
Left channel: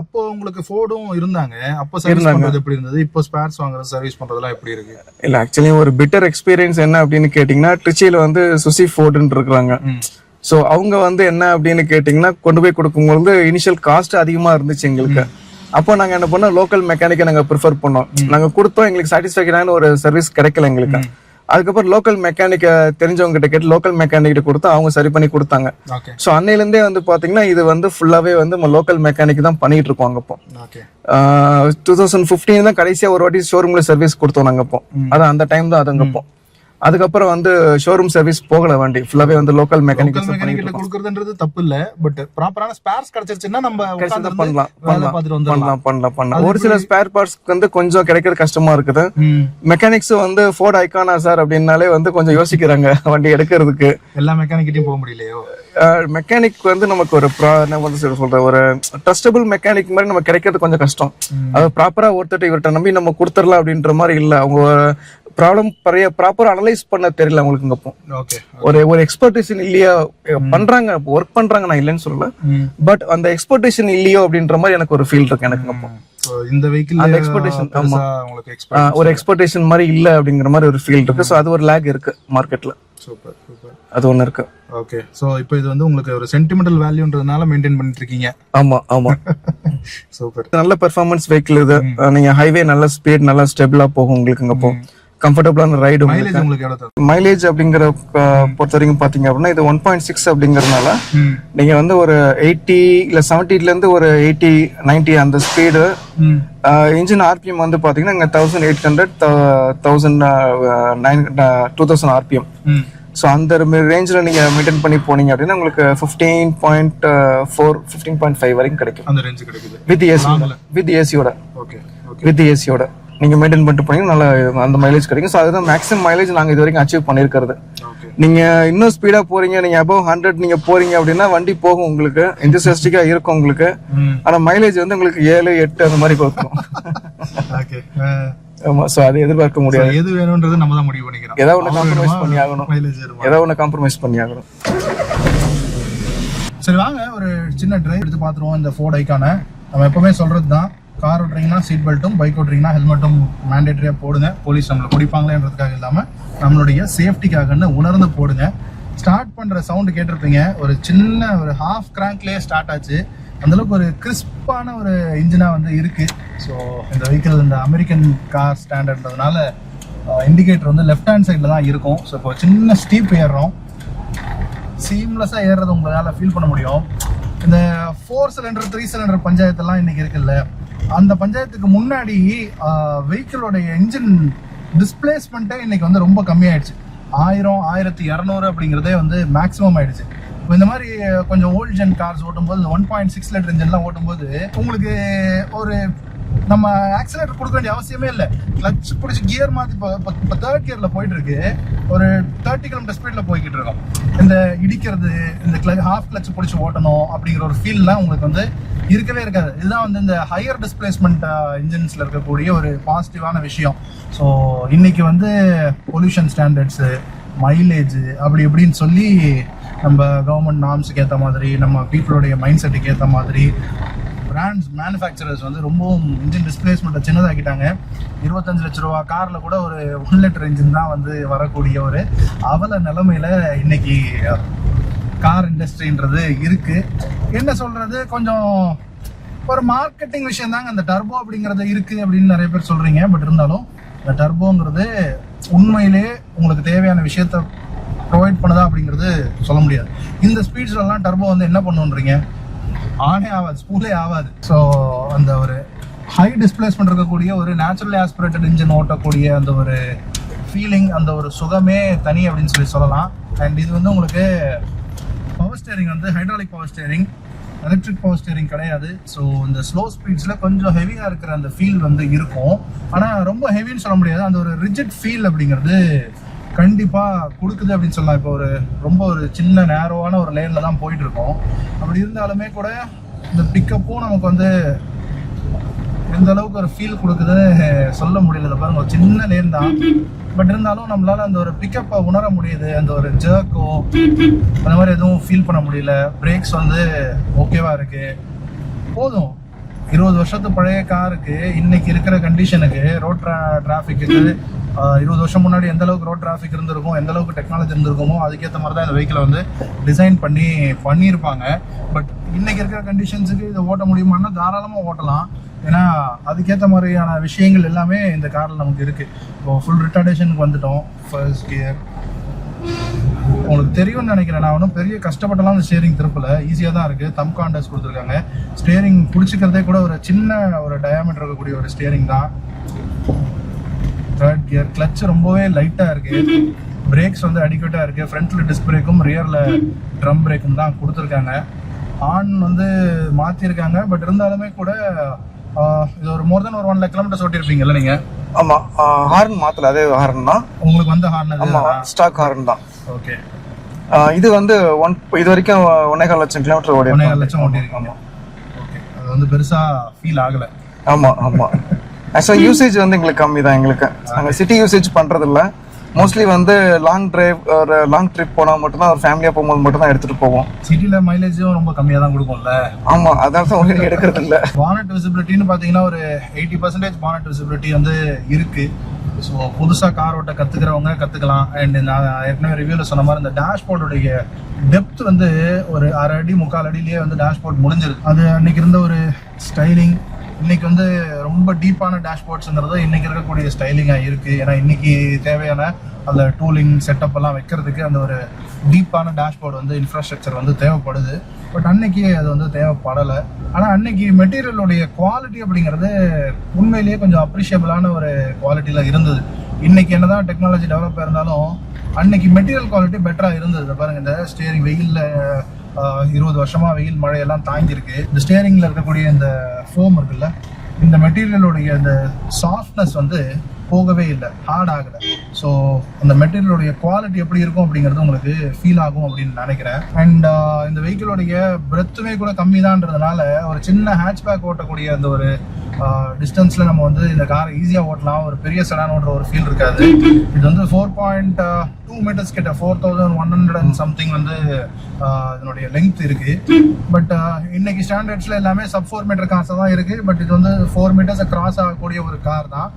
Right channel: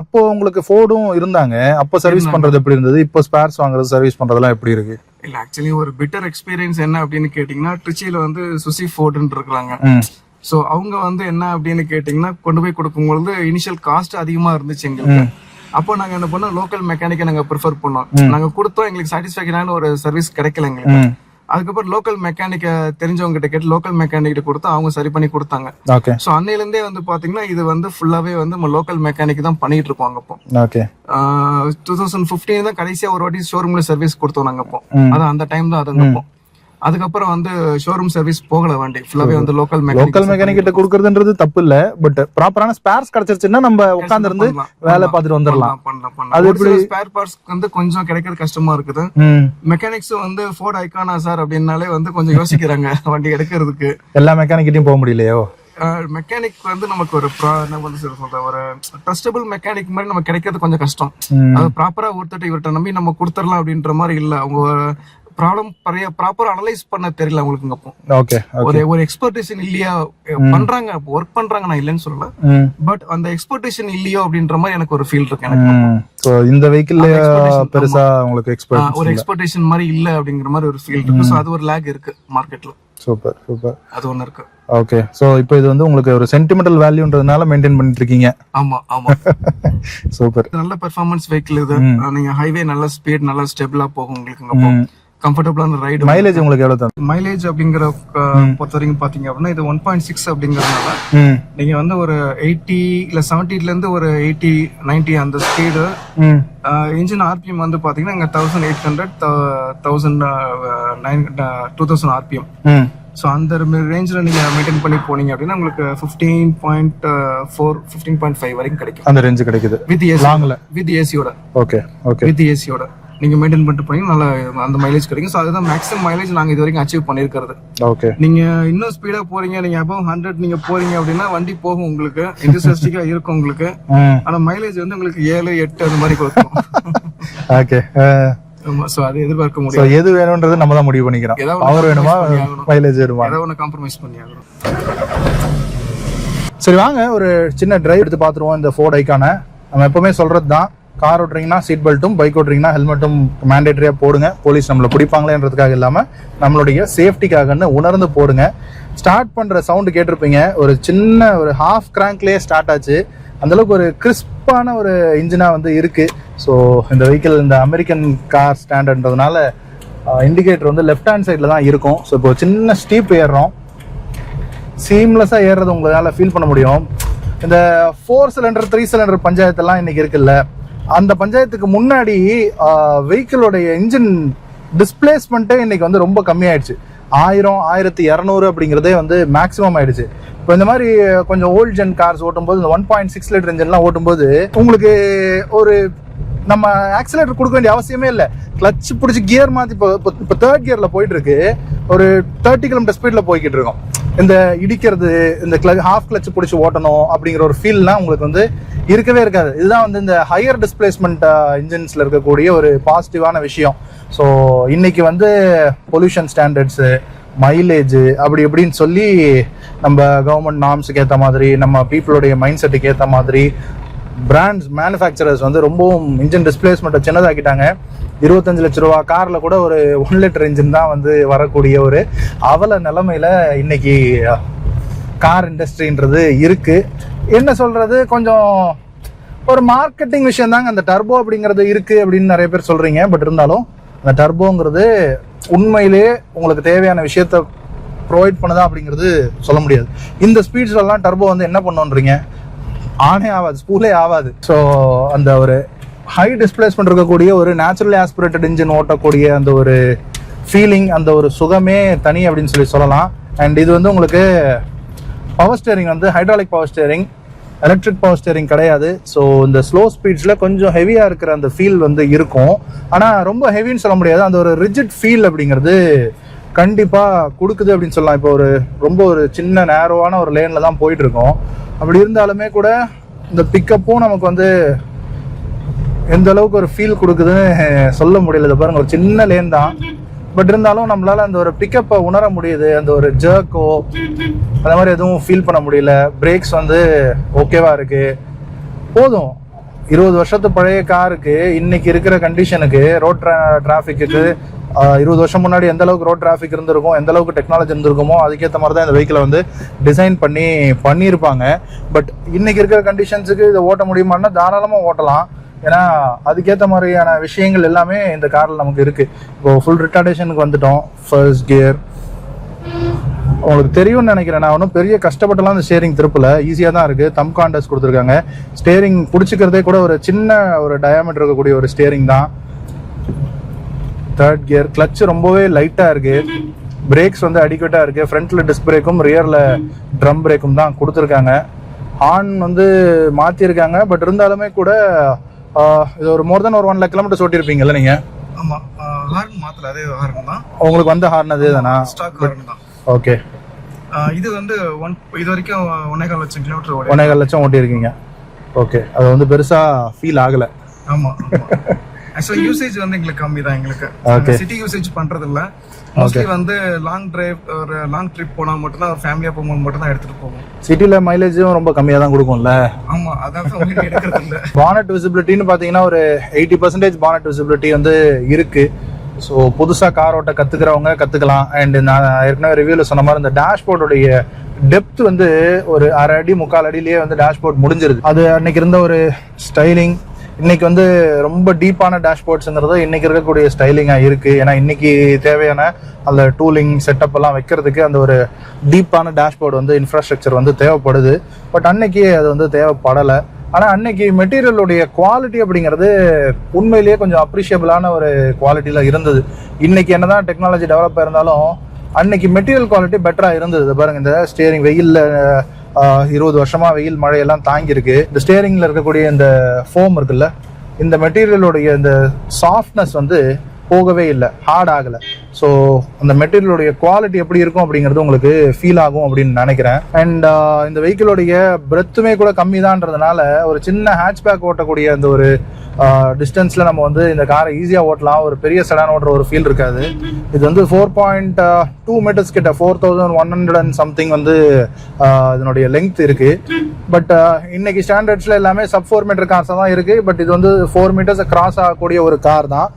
அப்போ உங்களுக்கு ஃபோர்டும் இருந்தாங்க. அப்போ சர்வீஸ் பண்றது எப்படி இருந்தது? இப்போ ஸ்பேர்ஸ் வாங்குறது, சர்வீஸ் பண்றதெல்லாம் எப்படி இருக்கு? இல்ல ஆக்சுவலி ஒரு பிட்டர் எக்ஸ்பீரியன்ஸ் என்ன அப்படின்னு கேட்டீங்கன்னா, ட்ரிச்சியில வந்து சுசி ஃபோர்டுன்னு இருக்காங்க. சோ அவங்க வந்து என்ன அப்படின்னு கேட்டீங்கன்னா, கொண்டு போய் கொடுக்கும்போது இனிஷியல் காஸ்ட் அதிகமா இருந்துச்சு எங்களுக்கு. அப்போ நாங்க என்ன பண்ணோம், லோக்கல் மெக்கானிக்கை நாங்க ப்ரிஃபர் பண்ணோம். நாங்க கொடுத்தோம், எங்களுக்கு சாட்டிஸ்ஃபேக்டரான ஒரு சர்வீஸ் கிடைக்கல எங்களுக்கு. அதுக்கப்புறம் லோக்கல் மெக்கானிக்க தெரிஞ்சவங்க கிட்ட கேட்டு லோக்கல் மெக்கானிக் கிட்ட கொடுத்தா அவங்க சரி பண்ணி கொடுத்தாங்க. சோ அன்னையில இருந்தே வந்து பாத்தீங்கன்னா இது வந்து ஃபுல்லாவே வந்து நம்ம லோக்கல் மெக்கானிக் தான் பண்ணிட்டு இருக்கோம். அப்போ 2015 தான் கடைசியா ஒரு வாட்டி ஷோரூம்ல சர்வீஸ் கொடுத்தோம் நாங்க. அப்போ அதான் அந்த டைம் தான் அதுங்கப்போ. அதுக்கப்புறம் வந்து ஷோரூம் சர்வீஸ் போகல, வண்டி ஃபுல்லாவே வந்து லோக்கல் மெக்கானிக் கிட்ட கொடுக்கறதுன்றது தப்பு இல்ல. பட் ப்ராப்பரான ஸ்பேர்ஸ் கிடைச்சிருச்சுன்னா நம்ம உட்கார்ந்து இருந்து வேலை பார்த்துட்டு வந்துடலாம். பண்ணலாம். ஒரு சில ஸ்பேர் பார்ட்ஸ் வந்து கொஞ்சம் கிடைக்கிறது கஷ்டமா இருக்குது. மெக்கானிக்ஸ் வந்து ஃபோர்ட் ஐகானா சார் அப்படின்னாலே வந்து கொஞ்சம் யோசிக்கிறாங்க வண்டி எடுக்கிறதுக்கு. எல்லா மெக்கானிக்கிட்டையும் போக முடியலையோ? மெக்கானிக் வந்து நமக்கு ஒரு சொல்ற ஒரு ட்ரஸ்டபிள் மெக்கானிக் மாதிரி நம்ம கிடைக்கிறது கொஞ்சம் கஷ்டம். அது ப்ராப்பரா ஒருத்தர் இவர்கிட்ட நம்பி நம்ம கொடுத்துடலாம் அப்படின்ற மாதிரி இல்ல. அவங்க ப்ராப்ளம் ப்ராப்பரா அனலைஸ் பண்ண தெரியல அவங்களுக்கு. ஒரு எக்ஸ்பர்டேஷன் இல்லையா, பண்றாங்க ஒர்க் பண்றாங்க, நான் இல்லைன்னு சொல்லல. பட் அந்த எக்ஸ்பர்டேஷன் இல்லையோ அப்படின்ற மாதிரி எனக்கு ஒரு ஃபீல் இருக்கு எனக்கு. இந்த வெஹிக்கிள் ஒரு எக்ஸ்பர்டேஷன் மாதிரி இல்ல அப்படிங்கிற மாதிரி ஒரு ஃபீல் இருக்கு. சோ அது ஒரு லேக் இருக்கு மார்க்கெட்ல. சூப்பர் அது ஒண்ணு இருக்கு. ஓகே, சோ இப்போ இது வந்து உங்களுக்கு ஒரு சென்டிமெண்டல் வேல்யூன்றதுனால மெயின்டைன் பண்ணிட்டு இருக்கீங்க. ஆமா. சூப்பர். நல்ல பெர்ஃபார்மன்ஸ் வெஹிக்கிள் இது. நீங்க ஹைவே நல்ல ஸ்பீட் நல்லா ஸ்டெபிளா போகும் உங்களுக்கு. அங்க கம்ஃபர்டபுளான ரைடு. மைலேஜ் உங்களுக்கு எவ்வளவு தரும்? மைலேஜ் அப்படிங்கிற பொறுத்த வரைக்கும் பாத்தீங்க அப்படின்னா இது 1.6 அப்படிங்கறதுனால நீங்க வந்து ஒரு 80 இல்ல 70ல இருந்து ஒரு 80 90 அந்த ஸ்பீடு. இன்ஜின் ஆர்பிஎம் வந்து பாத்தீங்கன்னா இங்க 1800 2000 ஆர்பிஎம். சோ அந்த ரேஞ்சில நீங்க மெயின்டைன் பண்ணி போனீங்க அப்படின்னா உங்களுக்கு 15.4 15.5 வரைக்கும் கிடைக்கும். அந்த ரேஞ்ச் கிடைக்குது வித் ஏசி. வித் ஏசியோட. ஓகே வித் ஏசியோட நீங்க மெயின்டைன் பண்ணிட்டு போனீங்கன்னா நல்ல அந்த மைலேஜ் கிடைக்கும். சோ அதுதான் மேக்ஸிமம் மைலேஜ் நாங்க இது வரைக்கும் அச்சீவ் பண்ணிருக்கிறது. ஓகே, நீங்க இன்னும் ஸ்பீடா போறீங்க, நீங்க above 100 நீங்க போறீங்க அப்படின்னா வண்டி போகும் உங்களுக்கு, என்தூசியாஸ்டிக்கா இருக்கும் உங்களுக்கு. ஆனா மைலேஜ் வந்து உங்களுக்கு 7 8 அந்த மாதிரி கொடுக்கும். ஓகே, ஆமா. சோ அது எதிர்பார்க்க முடியாது. எது வேணும்ன்றது நம்ம தான் முடிவு பண்ணிக்கிறோம். ஏதாவது வேணுமா, மைலேஜ் வேணுமா, ஏதாவது ஒன்று காம்ப்ரமைஸ் பண்ணி ஆகணும். சரி வாங்க ஒரு சின்ன டிரைவ் எடுத்து பாத்துருவோம். இந்த ஃபோர்ட் ஐகானை நம்ம எப்பவுமே சொல்றது தான், கார் ஓட்டுறீங்கன்னா சீட் பெல்ட்டும், பைக் ஓட்டுறீங்கன்னா ஹெல்மெட்டும் மேண்டேட்டரியாக போடுங்க. போலீஸ் நம்மளை பிடிப்பாங்களேன்றதுக்காக இல்லாமல் நம்மளுடைய சேஃப்டிக்காகன்னு உணர்ந்து போடுங்க. ஸ்டார்ட் பண்ணுற சவுண்டு கேட்டிருப்பீங்க, ஒரு சின்ன ஒரு ஹாஃப் கிராங்க்லேயே ஸ்டார்ட் ஆச்சு. அந்தளவுக்கு ஒரு கிறிஸ்பான ஒரு இன்ஜினாக வந்து இருக்குது. ஸோ இந்த வெஹிக்கிள் இந்த அமெரிக்கன் கார் ஸ்டாண்டர்ட்ன்றதுனால இண்டிகேட்டர் வந்து லெஃப்ட் ஹேண்ட் சைடில் தான் இருக்கும். ஸோ இப்போ சின்ன ஸ்டீப் ஏறுறோம், சீம்லெஸ்ஸாக ஏறுறது உங்களால் ஃபீல் பண்ண முடியும். இந்த 4 சிலிண்டர் 3 சிலிண்டர் பஞ்சாயத்தெல்லாம் இன்னைக்கு இருக்குல்ல, அந்த பஞ்சாயத்துக்கு முன்னாடி வெஹிக்கிளோடைய இன்ஜின் டிஸ்பிளேஸ்மெண்ட்டே இன்னைக்கு வந்து ரொம்ப கம்மியாயிடுச்சு. 1000 1200 அப்படிங்கிறதே வந்து மேக்ஸிமம் ஆயிடுச்சு. இப்போ இந்த மாதிரி கொஞ்சம் ஓல்ட் ஜென் கார்ஸ் ஓட்டும்போது இந்த 1.6 லிட்டர் இன்ஜின்லாம் ஓட்டும்போது உங்களுக்கு ஒரு நம்ம ஆக்சிலேட்டர் கொடுக்க வேண்டிய அவசியமே இல்லை. கிளச் பிடிச்சி கியர் மாற்றி இப்போ 3rd கியரில் போயிட்டு இருக்கு, ஒரு 30 கிலோமீட்டர் ஸ்பீடில் போய்கிட்டு இருக்கோம். இந்த இடிக்கிறது, இந்த ஹாஃப் கிளச் பிடிச்சி ஓட்டணும் அப்படிங்கிற ஒரு ஃபீல்லாம் உங்களுக்கு வந்து இருக்கவே இருக்காது. இதுதான் வந்து இந்த ஹையர் டிஸ்பிளேஸ்மெண்ட் இன்ஜின்ஸில் இருக்கக்கூடிய ஒரு பாசிட்டிவான விஷயம். ஸோ இன்னைக்கு வந்து பொல்யூஷன் ஸ்டாண்டர்ட்ஸு, மைலேஜ் அப்படி இப்படின்னு சொல்லி நம்ம கவர்மெண்ட் நார்ம்ஸுக்கு ஏற்ற மாதிரி, நம்ம பீப்புளுடைய மைண்ட் செட்டுக்கு ஏற்ற மாதிரி பிராண்ட்ஸ் மேனுஃபேக்சரர்ஸ் வந்து ரொம்பவும் இன்ஜின் டிஸ்பிளேஸ்மெண்ட்டை சின்னதாக்கிட்டாங்க. 25 லட்ச ரூபா காரில் கூட ஒரு 1 லிட்டர் இன்ஜின் தான் வந்து வரக்கூடிய ஒரு அவல நிலைமையில இன்னைக்கு கார் இண்டஸ்ட்ரின்றது இருக்கு. என்ன சொல்றது, கொஞ்சம் ஒரு மார்க்கெட்டிங் விஷயம் தாங்க அந்த டர்போ அப்படிங்கிறது இருக்கு அப்படின்னு நிறைய பேர் சொல்றீங்க. பட் இருந்தாலும் அந்த டர்போங்கிறது உண்மையிலேயே உங்களுக்கு தேவையான விஷயத்த ப்ரொவைட் பண்ணுதா அப்படிங்கிறது சொல்ல முடியாது. இந்த ஸ்பீட்ஸ்லாம் டர்போ வந்து என்ன பண்ணுன்றீங்க, ஆனே ஆகாது, ஸ்பூலே ஆகாது. ஸோ அந்த ஒரு ஹை டிஸ்பிளேஸ்மெண்ட் இருக்கக்கூடிய ஒரு நேச்சுரலி ஆஸ்பிரேட்டட் இன்ஜின் ஓட்டக்கூடிய அந்த ஒரு ஃபீலிங், அந்த ஒரு சுகமே தனி அப்படின்னு சொல்லலாம். அண்ட் இது வந்து உங்களுக்கு பவர் ஸ்டேரிங் வந்து hydraulic power steering, electric power steering கிடையாது. ஸோ இந்த ஸ்லோ ஸ்பீட்ஸில் கொஞ்சம் ஹெவியாக இருக்கிற அந்த ஃபீல் வந்து இருக்கும். ஆனால் ரொம்ப ஹெவின்னு சொல்ல முடியாது, அந்த ஒரு ரிஜிட் ஃபீல் அப்படிங்கிறது கண்டிப்பாக கொடுக்குது அப்படின்னு சொல்லலாம். இப்போ ரொம்ப ஒரு சின்ன நேரோவான ஒரு லேனில் தான் போயிட்டு இருக்கோம். அப்படி இருந்தாலுமே கூட இந்த பிக்கப்பும் நமக்கு வந்து எந்த அளவுக்கு ஒரு ஃபீல் கொடுக்குதுன்னு சொல்ல முடியல. இதை பாருங்க, ஒரு சின்ன லேன் தான், பட் இருந்தாலும் நம்மளால அந்த ஒரு பிக்கப்பை உணர முடியுது. அந்த ஒரு ஜர்க்கோ அந்த மாதிரி எதுவும் ஃபீல் பண்ண முடியல. பிரேக்ஸ் வந்து ஓகேவா இருக்கு. போதும், 20 வருஷத்து பழைய காருக்கு இன்னைக்கு இருக்கிற கண்டிஷனுக்கு, ரோட் டிராஃபிக்கு 20 வருஷம் முன்னாடி எந்த அளவுக்கு ரோட் டிராஃபிக் இருந்திருக்கும், எந்த அளவுக்கு டெக்னாலஜி இருந்திருக்குமோ அதுக்கேற்ற மாதிரி தான் இந்த வெஹிக்கிளை வந்து டிசைன் பண்ணியிருப்பாங்க. பட் இன்னைக்கு இருக்கிற கண்டிஷன்ஸுக்கு இதை ஓட்ட முடியுமான்னா தாராளமாக ஓட்டலாம். ஏன்னா அதுக்கேற்ற மாதிரியான விஷயங்கள் எல்லாமே இந்த காரில் நமக்கு இருக்குது. இப்போ ஃபுல் ரிட்டார்டேஷனுக்கு வந்துட்டோம். ஃபர்ஸ்ட் கியர் உங்களுக்கு தெரியும்னு நினைக்கிறேன். நான் ஒன்றும் பெரிய கஷ்டப்பட்டலாம் இந்த ஸ்டேரிங் திருப்பல, ஈஸியாக தான் இருக்குது. தம் காண்டஸ் கொடுத்துருக்காங்க. ஸ்டேரிங் பிடிச்சிக்கிறதே கூட ஒரு சின்ன ஒரு டயாமீட்டர் இருக்கக்கூடிய ஒரு ஸ்டேரிங் தான். 3rd கியர், கிளச் ரொம்பவே லைட்டாக இருக்குது. பிரேக்ஸ் வந்து அடிக்வேட்டாக இருக்குது. ஃப்ரண்ட்டில் டிஸ்க் பிரேக்கும் ரியரில் ட்ரம் பிரேக்கும் தான் கொடுத்துருக்காங்க. ஹார்ன் வந்து மாற்றிருக்காங்க. பட் இருந்தாலுமே கூட இது ஒரு மோர் தென் ஒரு 1 lakh கிலோமீட்டர் ஓட்டிருப்பீங்கல்ல நீங்க? ஆமா, ஹார்ன் மாத்தல, அதே ஹார்ன் தான். உங்களுக்கு வந்த ஹார்ன் அதே தானா? ஸ்டாக் ஹார்ன் தான். ஓகே. இது வந்து இது வரைக்கும் 1.25 லட்சம் கிலோமீட்டர் ஓடி 1.25 லட்சம் ஓட்டி இருக்கீங்க. ஓகே, அது வந்து பெருசா ஃபீல் ஆகல. ஆமா ஆமா. ஆக்சுவலா யூசேஜ் வந்து எங்களுக்கு கம்மி தான். எங்களுக்கு சிட்டி யூசேஜ் பண்றது இல்ல. மோஸ்ட்லி வந்து லாங் டிரைவ் ஒரு லாங் ட்ரிப் போனா மட்டும் தான், ஃபேமிலியா போகும்போது மட்டும் தான் எடுத்துட்டு போவோம். சிட்டில மைலேஜும் ரொம்ப கம்மியா தான் கொடுக்கும்ல? ஆமா, அதனால தான் ஒண்ணு எடுக்கிறது இல்ல. பானட் விசிபிலிட்டின்னு பாத்தீங்கன்னா ஒரு 80% பானட் விசிபிலிட்டி வந்து இருக்கு. ஸோ புதுசா கார் ஓட்ட கத்துக்கிறவங்க கத்துக்கலாம். அண்ட் நான் ஏற்கனவே ரிவ்யூல சொன்ன மாதிரி இந்த டேஷ்போர்டுடைய டெப்த் வந்து ஒரு 1/2 அடி 3/4 அடியிலேயே வந்து டேஷ்போர்ட் முடிஞ்சிருது. அது அன்னைக்கு இருந்த ஒரு ஸ்டைலிங் இன்னைக்கு வந்து ரொம்ப டீப்பான டேஷ்போர்ட்ஸ்ங்கிறது இன்னைக்கு இருக்கக்கூடிய ஸ்டைலிங்காக இருக்கு. ஏன்னா இன்னைக்கு தேவையான அந்த டூலிங் செட்டப் எல்லாம் வைக்கிறதுக்கு அந்த ஒரு டீப்பான டேஷ்போர்டு வந்து இன்ஃப்ராஸ்ட்ரக்சர் வந்து தேவைப்படுது. பட் அன்னைக்கு அது வந்து தேவைப்படலை. ஆனால் அன்னைக்கு மெட்டீரியலுடைய குவாலிட்டி அப்படிங்கிறது உண்மையிலேயே கொஞ்சம் அப்ரிஷியபிளான ஒரு குவாலிட்டியில் இருந்தது. இன்னைக்கு என்னதான் டெக்னாலஜி டெவலப் இருந்தாலும் அன்னைக்கு மெட்டீரியல் குவாலிட்டி பெட்டராக இருந்தது. பாருங்க, இந்த ஸ்டியரிங் வெயிலில் 20 வருஷமா வெயில் மழையெல்லாம் தாங்கியிருக்கு. இந்த ஸ்டியரிங்ல இருக்கக்கூடிய இந்த ஃபோம் இருக்குல்ல, இந்த மெட்டீரியலுடைய இந்த சாஃப்ட்னஸ் வந்து போகவே இல்லை, ஹார்ட் ஆகலை. ஸோ அந்த மெட்டீரியலுடைய குவாலிட்டி எப்படி இருக்கும் அப்படிங்கிறது உங்களுக்கு ஃபீல் ஆகும் அப்படின்னு நினைக்கிறேன். அண்ட் இந்த வெஹிக்கிளோடைய பிரெத்துமே கூட கம்மி தான்றதுனால ஒரு சின்ன ஹேட்ச்பேக் ஓட்டக்கூடிய அந்த ஒரு டிஸ்டன்ஸில் நம்ம வந்து இந்த காரை ஈஸியாக ஓட்டலாம். ஒரு பெரிய செடான் ஓட்டுற ஒரு ஃபீல் இருக்காது. இது வந்து 4.2 மீட்டர்ஸ் கிட்ட 4100 and something வந்து இதனுடைய லெங்த் இருக்கு. பட் இன்னைக்கு ஸ்டாண்டர்ட்ஸில் எல்லாமே சப் 4 மீட்டர் கார்ஸாக தான் இருக்கு. பட் இது வந்து 4 மீட்டர்ஸை கிராஸ் ஆகக்கூடிய ஒரு கார் தான்.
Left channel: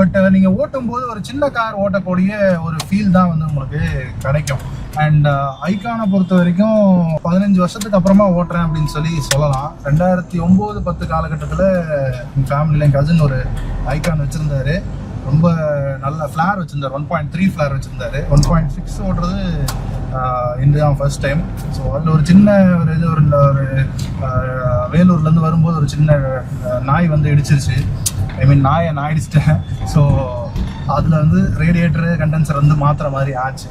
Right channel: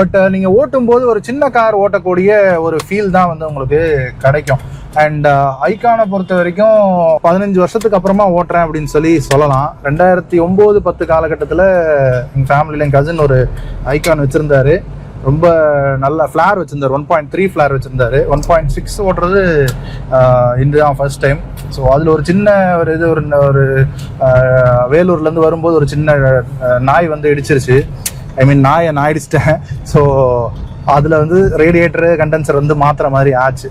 பட் நீங்கள் ஓட்டும்போது ஒரு சின்ன கார் ஓட்டக்கூடிய ஒரு ஃபீல் தான் வந்து உங்களுக்கு கிடைக்கும். அண்ட் ஐகானை பொறுத்த வரைக்கும் 15 வருஷத்துக்கு அப்புறமா ஓட்டுறேன் அப்படின்னு சொல்லலாம். 2009-10 காலகட்டத்தில் எங்கள் ஃபேமிலியில் என் கசின் ஒரு ஐகான் வச்சுருந்தாரு. ரொம்ப நல்ல ஃப்ளார் வச்சுருந்தார். 1.3 ஃப்ளார் வச்சுருந்தாரு. 1.6 ஓட்டுறது இதுதான் ஃபர்ஸ்ட் டைம். ஸோ அதில் ஒரு சின்ன ஒரு வேலூர்லேருந்து வரும்போது ஒரு சின்ன நாய் வந்து இடிச்சிருச்சு. ஐ மீன் நான் அடிச்சிட்டேன். ஸோ அதில் வந்து ரேடியேட்டரு கண்டென்சர் வந்து மாற்றுற மாதிரி ஆச்சு.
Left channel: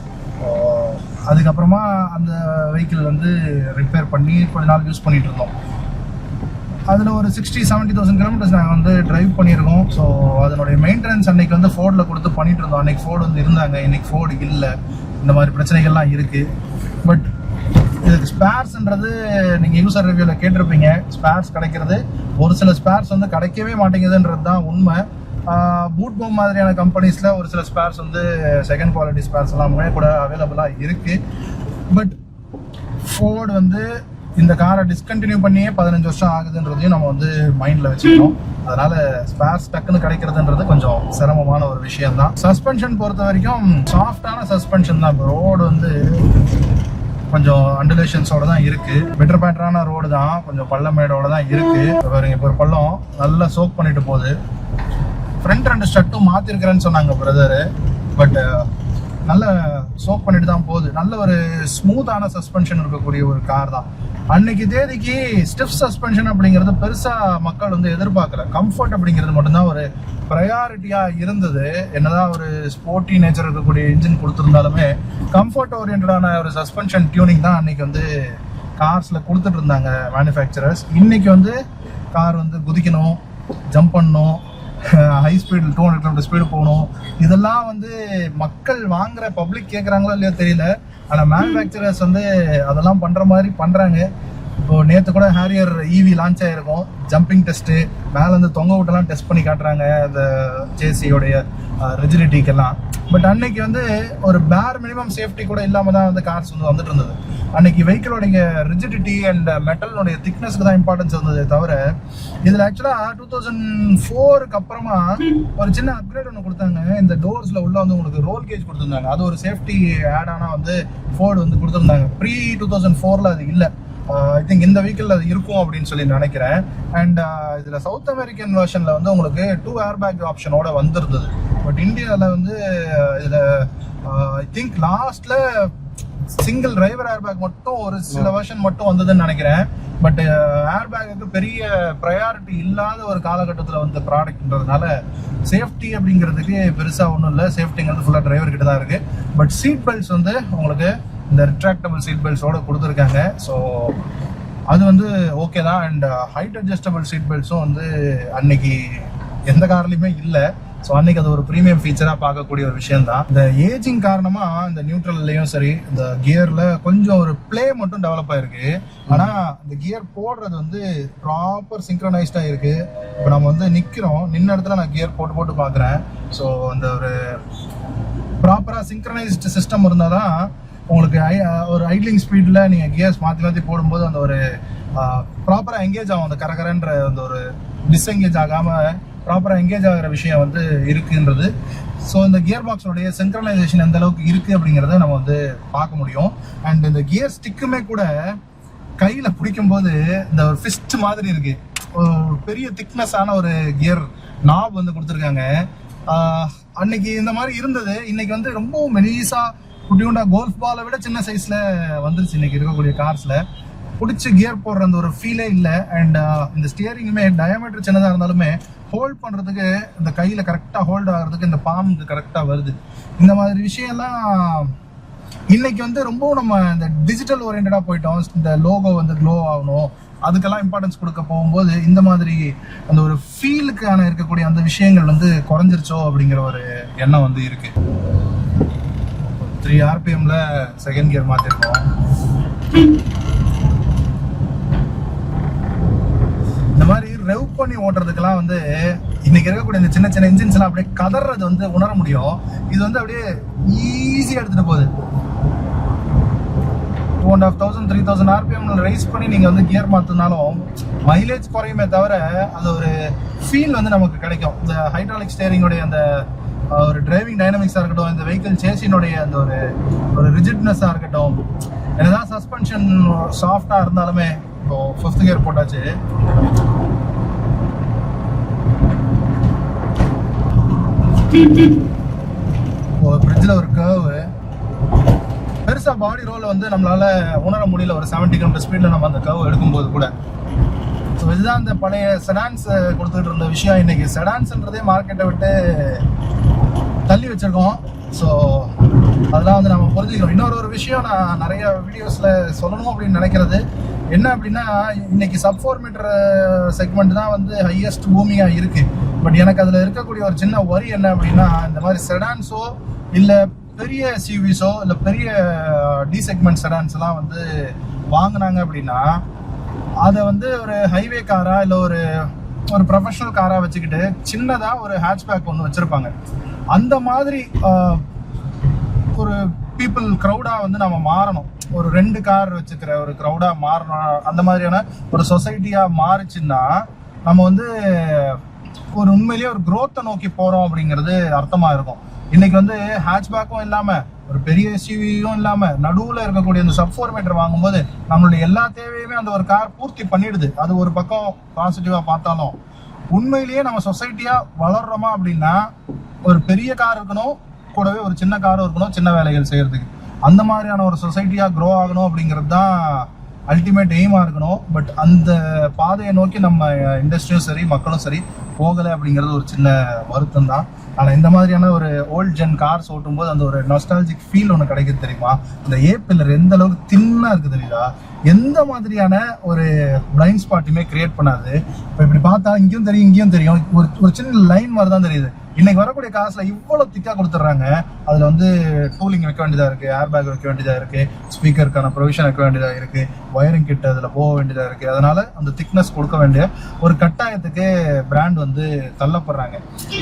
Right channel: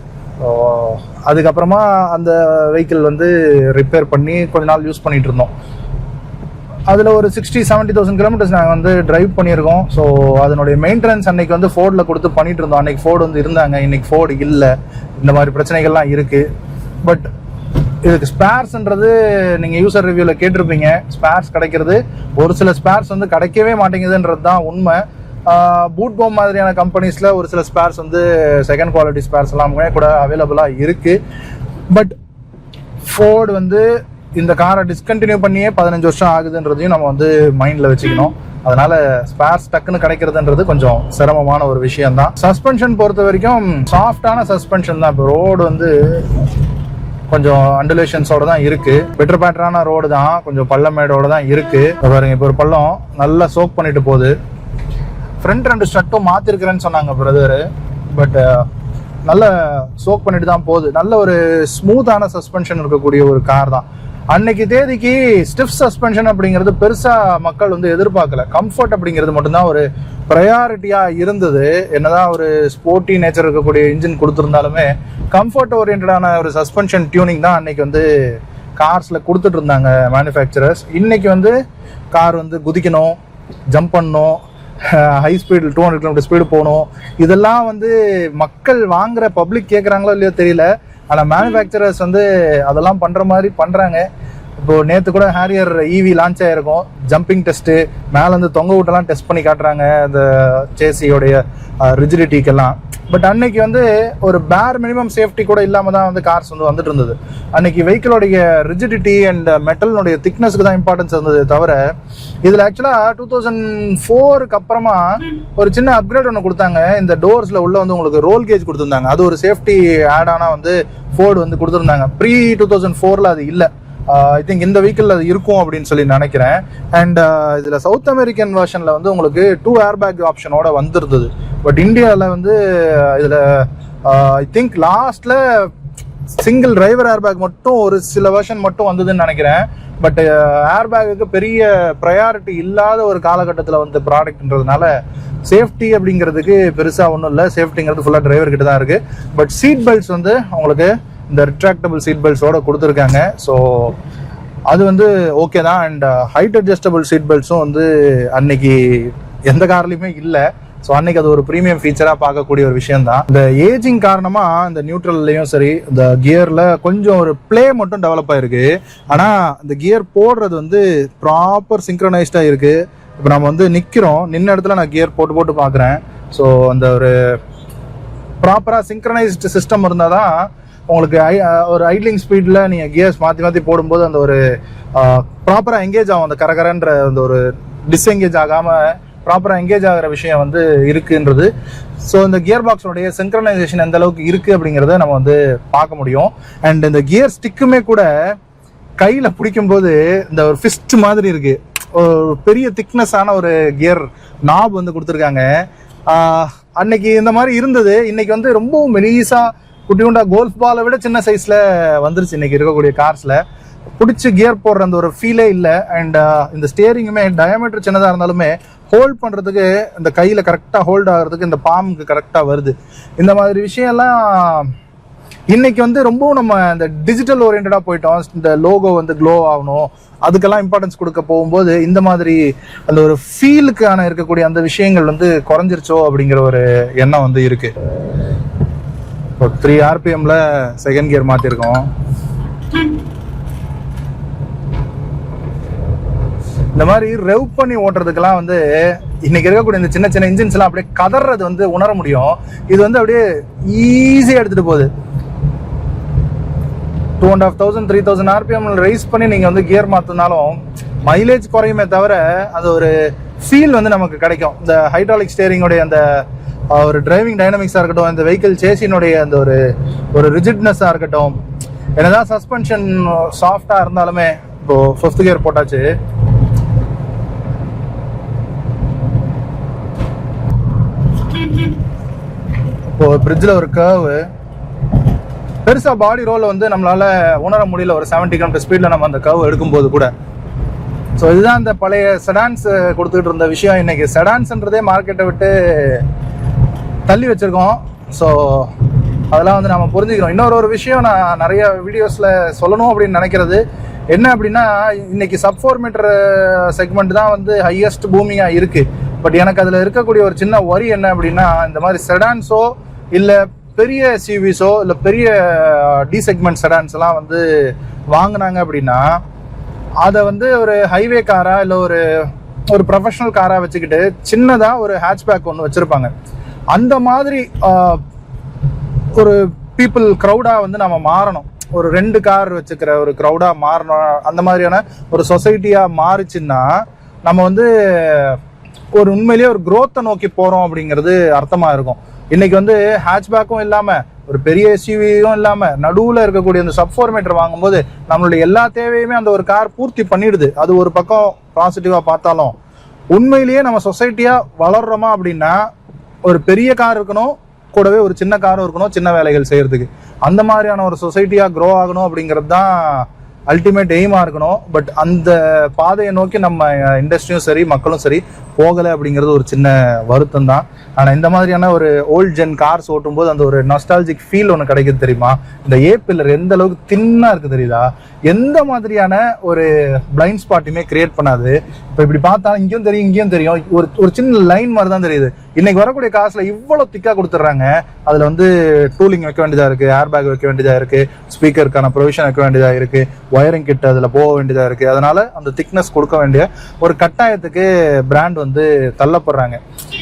அதுக்கப்புறமா அந்த வெஹிக்கிள் வந்து ரிப்பேர் பண்ணி கொஞ்ச நாள் யூஸ் பண்ணிட்டு இருந்தோம். அதில் ஒரு 60-70,000 கிலோமீட்டர்ஸ் நாங்கள் வந்து டிரைவ் பண்ணியிருக்கோம். ஸோ அதனுடைய மெயின்டெனன்ஸ் அன்னைக்கு வந்து ஃபோர்டில் கொடுத்து பண்ணிட்டு இருந்தோம். அன்னைக்கு ஃபோர்டு வந்து இருந்தாங்க, இன்னைக்கு ஃபோர்டு இல்லை. இந்த மாதிரி பிரச்சனைகள்லாம் இருக்கு. பட் இதுக்கு ஸ்பேர்ஸ்ன்றது நீங்கள் யூசர் ரிவ்யூவில் கேட்டிருப்பீங்க. ஸ்பேர்ஸ் கிடைக்கிறது ஒரு சில ஸ்பேர்ஸ் வந்து கிடைக்கவே மாட்டேங்குதுன்றது தான் உண்மை. பூட்போம் மாதிரியான கம்பெனிஸில் ஒரு சில ஸ்பேர்ஸ் வந்து செகண்ட் குவாலிட்டி ஸ்பேர்ஸ் எல்லாம் கூட அவைலபிளாக இருக்குது. பட் ஃபோர்டு வந்து இந்த காரை டிஸ்கண்டினியூ பண்ணியே 15 வருஷம் ஆகுதுன்றதையும் நம்ம வந்து மைண்டில் வச்சுக்கணும். அதனால ஸ்பேர்ஸ் டக்குன்னு கிடைக்கிறதுன்றது கொஞ்சம் சிரமமான ஒரு விஷயம் தான். சஸ்பென்ஷன் பொறுத்த வரைக்கும் சாஃப்டான சஸ்பென்ஷன் தான். இப்போ ரோடு வந்து கொஞ்சம் அண்டுலேஷன்ஸோட தான் இருக்கு. பெட்டர் பேட்டரான ரோடு தான், கொஞ்சம் பள்ளமேடோட தான் இருக்கு. பாருங்க, இப்போ ஒரு பள்ளம் நல்லா சோக் பண்ணிட்டு போகுது. ஃப்ரண்ட் 2 ஸ்ட்ரட்டும் மாத்திருக்கிறேன்னு சொன்னாங்க பிரதரு. பட் நல்ல சோக் பண்ணிட்டு தான் போகுது. நல்ல ஒரு ஸ்மூத்தான சஸ்பென்ஷன் இருக்கக்கூடிய ஒரு கார் தான். அன்னைக்கு தேதிக்கு ஸ்டிஃப் சஸ்பென்ஷன் அப்படிங்கிறது பெருசா மக்கள் வந்து எதிர்பார்க்கல. கம்ஃபர்ட் அப்படிங்கிறது மட்டும்தான் ஒரு ப்ரையாரிட்டியா இருந்தது. என்னதான் ஒரு ஸ்போர்ட்டி நேச்சர் இருக்கக்கூடிய இன்ஜின் கொடுத்துருந்தாலுமே கம்ஃபர்ட் ஓரியன்டான ஒரு சஸ்பென்ஷன் டியூனிங் தான் அன்னைக்கு வந்து கார்ஸ்ல கொடுத்துட்டு இருந்தாங்க மேனுஃபேக்சரர்ஸ். இன்னைக்கு வந்து கார் வந்து குதிக்கணும், ஜம்ப் பண்ணணும், ஹை ஸ்பீடு 200 km ஸ்பீடு போகணும். இதெல்லாம் வந்து மக்கள் வாங்குற பப்ளிக் கேட்குறாங்களோ இல்லையோ தெரியல. ஆனால் மேனுஃபேக்சரர்ஸ் வந்து அதெல்லாம் பண்ணுற மாதிரி பண்ணுறாங்க. இப்போ நேற்று கூட ஹேரியர் EV லான்ச் ஆகிருக்கும். ஜம்பிங் டெஸ்ட்டு, மேலே வந்து தொங்க விட்டெல்லாம் டெஸ்ட் பண்ணி காட்டுறாங்க அந்த சேசியோடைய ரிஜிடிட்டிக்கெல்லாம். பட் அன்னைக்கு வந்து ஒரு பேர் மினிமம் சேஃப்டி கூட இல்லாமல் தான் வந்து கார்ஸ் வந்து வந்துட்டு இருந்தது. அன்னைக்கு வெஹிக்கிளோடைய ரிஜிடிட்டி அண்ட் மெட்டலினுடைய திக்னஸ்க்கு தான் இம்பார்ட்டன்ஸ் இருந்தது தவிர இதில் ஆக்சுவலாக 2004க்கு அப்புறமா ஒரு சின்ன அப்கிரேட் ஒன்று கொடுத்தாங்க. இந்த டோர்ஸில் உள்ள வந்து உங்களுக்கு ரோல் கேஜ் கொடுத்துருந்தாங்க. அது ஒரு சேஃப்டி ஆடானா வந்து ஃபோர்டு வந்து கொடுத்துருந்தாங்க. ப்ரீ 2004ல் அது இல்லை. ஐ திங்க் இந்த வெஹிக்கிள் அது இருக்கும் அப்படின்னு சொல்லி நினைக்கிறேன். அண்ட் இதில் சவுத் அமெரிக்கன் வெர்ஷனில் வந்து உங்களுக்கு 2 ஏர்பேக் ஆப்ஷனோட வந்துருந்தது. பட் இந்தியாவில் வந்து இதில் ஐ திங்க் லாஸ்ட்ல சிங்கிள் டிரைவர் ஏர்பேக் மட்டும் ஒரு சில வெர்ஷன் மட்டும் வந்ததுன்னு நினைக்கிறேன். பட் ஏர்பேக்கு பெரிய ப்ரையாரிட்டி இல்லாத ஒரு காலகட்டத்தில் வந்து ப்ராடக்ட்ன்றதுனால சேஃப்டி அப்படிங்கிறதுக்கு பெருசாக ஒன்றும் இல்லை. சேஃப்டிங்கிறது ஃபுல்லாக டிரைவர் கிட்ட தான் இருக்குது. பட் சீட் பெல்ட்ஸ் வந்து உங்களுக்கு இந்த ரிட்ராக்டபிள் சீட் பெல்ட்ஸோட கொடுத்துருக்காங்க. ஸோ அது வந்து ஓகே தான். அண்ட் ஹைட் அட்ஜஸ்டபிள் சீட் பெல்ட்ஸும் வந்து அன்னைக்கு எந்த கார்லையுமே இல்லை. ஸோ அன்னைக்கு அது ஒரு ப்ரீமியம் ஃபீச்சராக பார்க்கக்கூடிய ஒரு விஷயம் தான். இந்த ஏஜிங் காரணமாக இந்த நியூட்ரல்லையும் சரி இந்த கியரில் கொஞ்சம் ஒரு பிளே மட்டும் டெவலப் ஆயிருக்கு. ஆனால் இந்த கியர் போடுறது வந்து ப்ராப்பர் சிங்க்ரனைஸ்டாக இருக்கு. இப்போ நம்ம வந்து நிற்கிறோம், நின்ன இடத்துல நான் கியர் போட்டு பார்க்குறேன். ஸோ அந்த ஒரு ப்ராப்பராக சிங்க்ரனைஸ்டு சிஸ்டம் இருந்தால் தான் உங்களுக்கு ஒரு ஐட்லிங் ஸ்பீடில் நீங்கள் கியர்ஸ் மாற்றி போடும்போது அந்த ஒரு ப்ராப்பராக எங்கேஜ் ஆகும். அந்த கரகரன்ற அந்த ஒரு டிஸ்எங்கேஜ் ஆகாமல் ப்ராப்பராக எங்கேஜ் ஆகிற விஷயம் வந்து இருக்குன்றது. ஸோ இந்த கியர் பாக்ஸோடைய சிங்க்ரனைசேஷன் எந்த அளவுக்கு இருக்குது அப்படிங்கிறத நம்ம வந்து பார்க்க முடியும். அண்ட் இந்த கியர் ஸ்டிக்குமே கூட கையில் பிடிக்கும்போது இந்த ஒரு ஃபிஸ்ட் மாதிரி இருக்கு. ஒரு பெரிய திக்னஸான ஒரு கியர் நாப் வந்து கொடுத்துருக்காங்க. அன்னைக்கு இந்த மாதிரி இருந்தது. இன்னைக்கு வந்து ரொம்ப மெலிசா குட்டியுண்டா கோல்ஃப் பாலை விட சின்ன சைஸ்ல வந்துருச்சு இன்னைக்கு இருக்கக்கூடிய கார்ஸ்ல. பிடிச்சி கியர் போடுற அந்த ஒரு ஃபீலே இல்லை. அண்ட் இந்த ஸ்டியரிங்குமே டயாமீட்டர் சின்னதாக இருந்தாலுமே ஹோல்ட் பண்ணுறதுக்கு இந்த கையில் கரெக்டாக ஹோல்ட் ஆகிறதுக்கு இந்த பாம்புக்கு கரெக்டாக வருது. இந்த மாதிரி விஷயம்லாம் இன்னைக்கு வந்து ரொம்ப நம்ம இந்த டிஜிட்டல் ஓரியன்டாக போயிட்டோம். இந்த லோகோ வந்து க்ளோ ஆகணும், அதுக்கெல்லாம் இம்பார்ட்டன்ஸ் கொடுக்க போகும்போது இந்த மாதிரி அந்த ஒரு ஃபீலுக்கான இருக்கக்கூடிய அந்த விஷயங்கள் வந்து குறைஞ்சிருச்சோ அப்படிங்கிற ஒரு எண்ணம் வந்து இருக்கு. இப்போ 3 RPMல செகண்ட் கியர் மாற்றிருக்கோம். இந்த மாதிரி ரெவ் பண்ணி ஓட்டுறதுக்கெல்லாம் வந்து இன்னைக்கு இருக்கக்கூடிய இந்த சின்ன சின்ன இன்ஜின்ஸ் எல்லாம் அப்படியே கதறது வந்து உணர முடியும். இது வந்து அப்படியே ஈஸியா எடுத்துட்டு போகுது. 2,500 3,000 RPM ரைஸ் பண்ணி நீங்க வந்து கியர் மாத்தினாலும் மைலேஜ் குறையுமே தவிர அது ஒரு ஃபீல் வந்து நமக்கு கிடைக்கும். இந்த ஹைட்ராலிக் ஸ்டேரிங்கோடைய அந்த ஒரு டிரைவிங் டைனமிக்ஸா இருக்கட்டும், இந்த வெஹிக்கிள் சேசினுடைய அந்த ஒரு ரிஜிட்னஸா இருக்கட்டும், என்னதான் சஸ்பென்ஷன் சாஃப்டா இருந்தாலுமே. இப்போ 5th கியர் போட்டாச்சு. இப்போ பிரிட்ஜில் ஒரு கர்வு பெருசா பாடி ரோல வந்து நம்மளால உணர முடியல. ஒரு 70 km ஸ்பீட்ல நம்ம அந்த கர்வ் எடுக்கும்போது கூட. ஸோ இதுதான் அந்த பழைய செடான்ஸ் கொடுத்துட்டு இருந்த விஷயம். இன்னைக்கு செடான்ஸ்ன்றதே மார்க்கெட்டை விட்டு தள்ளி வச்சிருக்கோம். ஸோ அதெல்லாம் வந்து நம்ம புரிஞ்சுக்கிறோம். இன்னொரு விஷயம் நான் நிறைய வீடியோஸ்ல சொல்லணும் அப்படின்னு நினைக்கிறது என்ன அப்படின்னா, இன்னைக்கு சப் 4 மீட்டர் செக்மெண்ட் தான் வந்து ஹையஸ்ட் பூமியா இருக்கு. பட் எனக்கு அதுல இருக்கக்கூடிய ஒரு சின்ன வரி என்ன அப்படின்னா, இந்த மாதிரி செடான்ஸோ இல்ல பெரிய சிவிஸோ இல்ல பெரிய டி செக்மெண்ட் செடான்ஸ் எல்லாம் வந்து வாங்கினாங்க அப்படின்னா அதை வந்து ஒரு ஹைவே காரா இல்ல ஒரு ப்ரொஃபஷனல் காரா வச்சுக்கிட்டு சின்னதா ஒரு ஹேட்ச்பேக் ஒன்று வச்சிருப்பாங்க. அந்த மாதிரி ஒரு பீப்புள் க்ரௌடா வந்து நம்ம மாறணும். ஒரு 2 கார் வச்சுக்கிற ஒரு க்ரௌடா மாறணும். அந்த மாதிரியான ஒரு சொசைட்டியா மாறிச்சுன்னா நம்ம வந்து ஒரு உண்மையிலேயே ஒரு growth-ஐ நோக்கி போறோம் அப்படிங்கிறது அர்த்தமா இருக்கும். இன்னைக்கு வந்து ஹேட்ச்பேக்கும் இல்லாம ஒரு பெரிய எஸ்யூவியும் இல்லாம நடுவுல இருக்கக்கூடிய அந்த சப் 4 மீட்டர் வாங்கும்போது நம்மளுடைய எல்லா தேவையுமே அந்த ஒரு கார் பூர்த்தி பண்ணிடுது. அது ஒரு பக்கம் பாசிட்டிவா பார்த்தாலும் உண்மையிலேயே நம்ம சொசைட்டியா வளர்றோமா அப்படின்னா ஒரு பெரிய கார் இருக்கணும், கூடவே ஒரு சின்ன காரும் இருக்கணும் சின்ன வேலைகள் செய்யறதுக்கு. அந்த மாதிரியான ஒரு சொசைட்டியா க்ரோ ஆகணும் அப்படிங்கிறது தான் அல்டிமேட் எய்மா இருக்கணும். பட் அந்த பாதையை நோக்கி நம்ம இண்டஸ்ட்ரியும் சரி மக்களும் சரி போகலை அப்படிங்கிறது ஒரு சின்ன வருத்தம் தான். ஆனா இந்த மாதிரியான ஒரு ஓல்ட் ஜென் கார்ஸ் ஓட்டும் போது அந்த ஒரு நாஸ்டாலஜிக் ஃபீல் ஒன்று கிடைக்குது தெரியுமா? இந்த ஏ-பில்லர் எந்த அளவுக்கு தின்னா இருக்கு தெரியுதா? எந்த மாதிரியான ஒரு பிளைண்ட் ஸ்பாட்டுமே கிரியேட் பண்ணாது. இப்போ இப்படி பார்த்தா இங்கேயும் தெரியும் இங்கேயும் தெரியும், ஒரு சின்ன லைன் மாதிரி தான் தெரியுது. இன்னைக்கு வரக்கூடிய காசுல இவ்வளவு திக்கா கொடுத்துட்றாங்க. அதுல வந்து டூலிங் வைக்க வேண்டியதா இருக்கு, ஏர் பேக் வைக்க வேண்டியதா இருக்கு, ஸ்பீக்கருக்கான ப்ரொவிஷன் வைக்க வேண்டியதா இருக்கு, ஒயரிங் கிட்ட அதுல போக வேண்டியதா இருக்கு. அதனால அந்த திக்னஸ் கொடுக்க வேண்டிய ஒரு கட்டாயத்துக்கு பிராண்ட் வந்து தள்ளப்படுறாங்க.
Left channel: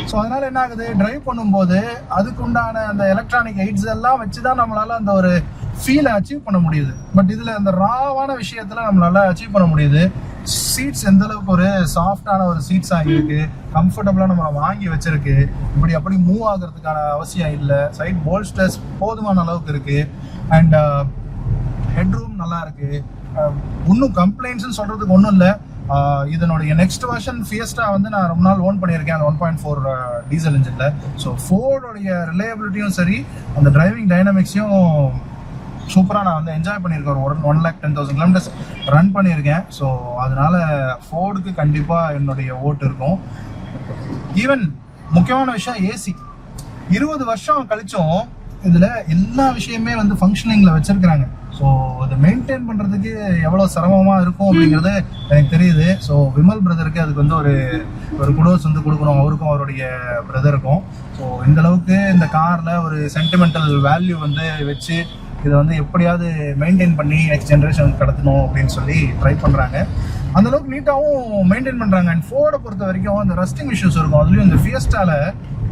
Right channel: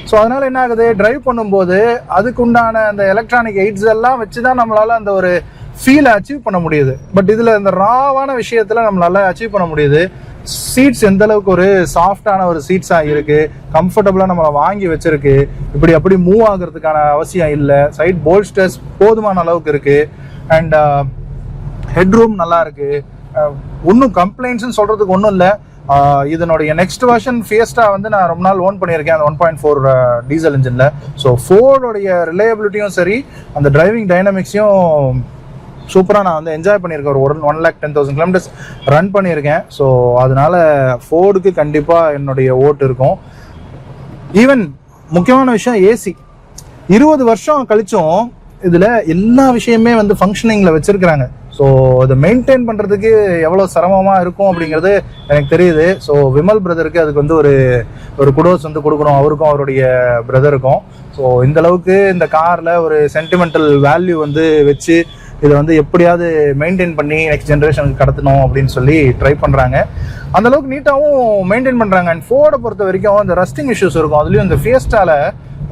ஸோ அதனால என்ன ஆகுது, டிரைவ் பண்ணும்போது அதுக்கு உண்டான அந்த எலக்ட்ரானிக் எய்ட்ஸ் எல்லாம் வச்சுதான் நம்மளால அந்த ஒரு ஃபீலை அச்சீவ் பண்ண முடியுது. பட் இதுல இந்த ராவான விஷயத்துல நம்மளால அச்சீவ் பண்ண முடியுது. சீட்ஸ் எந்த அளவுக்கு ஒரு சாஃப்டான ஒரு சீட்ஸா இருக்கு, கம்ஃபர்டபுளா நம்மளை வாங்கி வச்சிருக்கு, இப்படி அப்படி மூவ் ஆகுறதுக்கான அவசியம் இல்லை. சைட் போல்ஸ்டர்ஸ் போதுமான அளவுக்கு இருக்கு, அண்ட் ஹெட்ரூம் நல்லா இருக்கு. ஒன்றும் கம்ப்ளைண்ட்ஸ்ன்னு சொல்றதுக்கு ஒன்றும் இல்லை. இதனுடைய நெக்ஸ்ட் வெர்ஷன் ஃபியஸ்டா வந்து நான் ரொம்ப நாள் ஓன் பண்ணியிருக்கேன் அந்த 1.4 டீசல் இன்ஜின்ல. ஸோ ஃபோர்டோடைய ரிலையபிலிட்டியும் சரி அந்த டிரைவிங் டைனமிக்ஸையும் சூப்பராக நான் வந்து என்ஜாய் பண்ணியிருக்கேன். ஒரு 1,10,000 கிலோமீட்டர்ஸ் ரன் பண்ணியிருக்கேன். ஸோ அதனால ஃபோர்டுக்கு கண்டிப்பாக என்னுடைய ஓட்டு இருக்கும். ஈவன் முக்கியமான விஷயம் ஏசி 20 வருஷம் கழிச்சும் இதுல எல்லா விஷயமே வந்து ஃபங்க்ஷனிங்ல வச்சிருக்கிறாங்க. ஸோ இதை மெயின்டைன் பண்றதுக்கு எவ்வளவு சிரமமா இருக்கும் அப்படிங்கிறது எனக்கு தெரியுது. ஸோ விமல் பிரதருக்கு அதுக்கு வந்து ஒரு குடோஸ் வந்து கொடுக்கணும், அவருக்கும் அவருடைய பிரதருக்கும். ஸோ இந்த அளவுக்கு இந்த கார்ல ஒரு சென்டிமெண்டல் வேல்யூ வந்து வச்சு இதை வந்து எப்படியாவது மெயின்டைன் பண்ணி நெக்ஸ்ட் ஜென்ரேஷனுக்கு கடத்தணும் அப்படின்னு சொல்லி ட்ரை பண்றாங்க. அந்த அளவுக்கு நீட்டாகவும் மெயின்டைன் பண்றாங்க. அண்ட் ஃபோர்டை பொறுத்த வரைக்கும் இந்த ரஸ்டிங் இஷ்யூஸ் இருக்கும். அதுலயும் இந்த ஃபியஸ்டால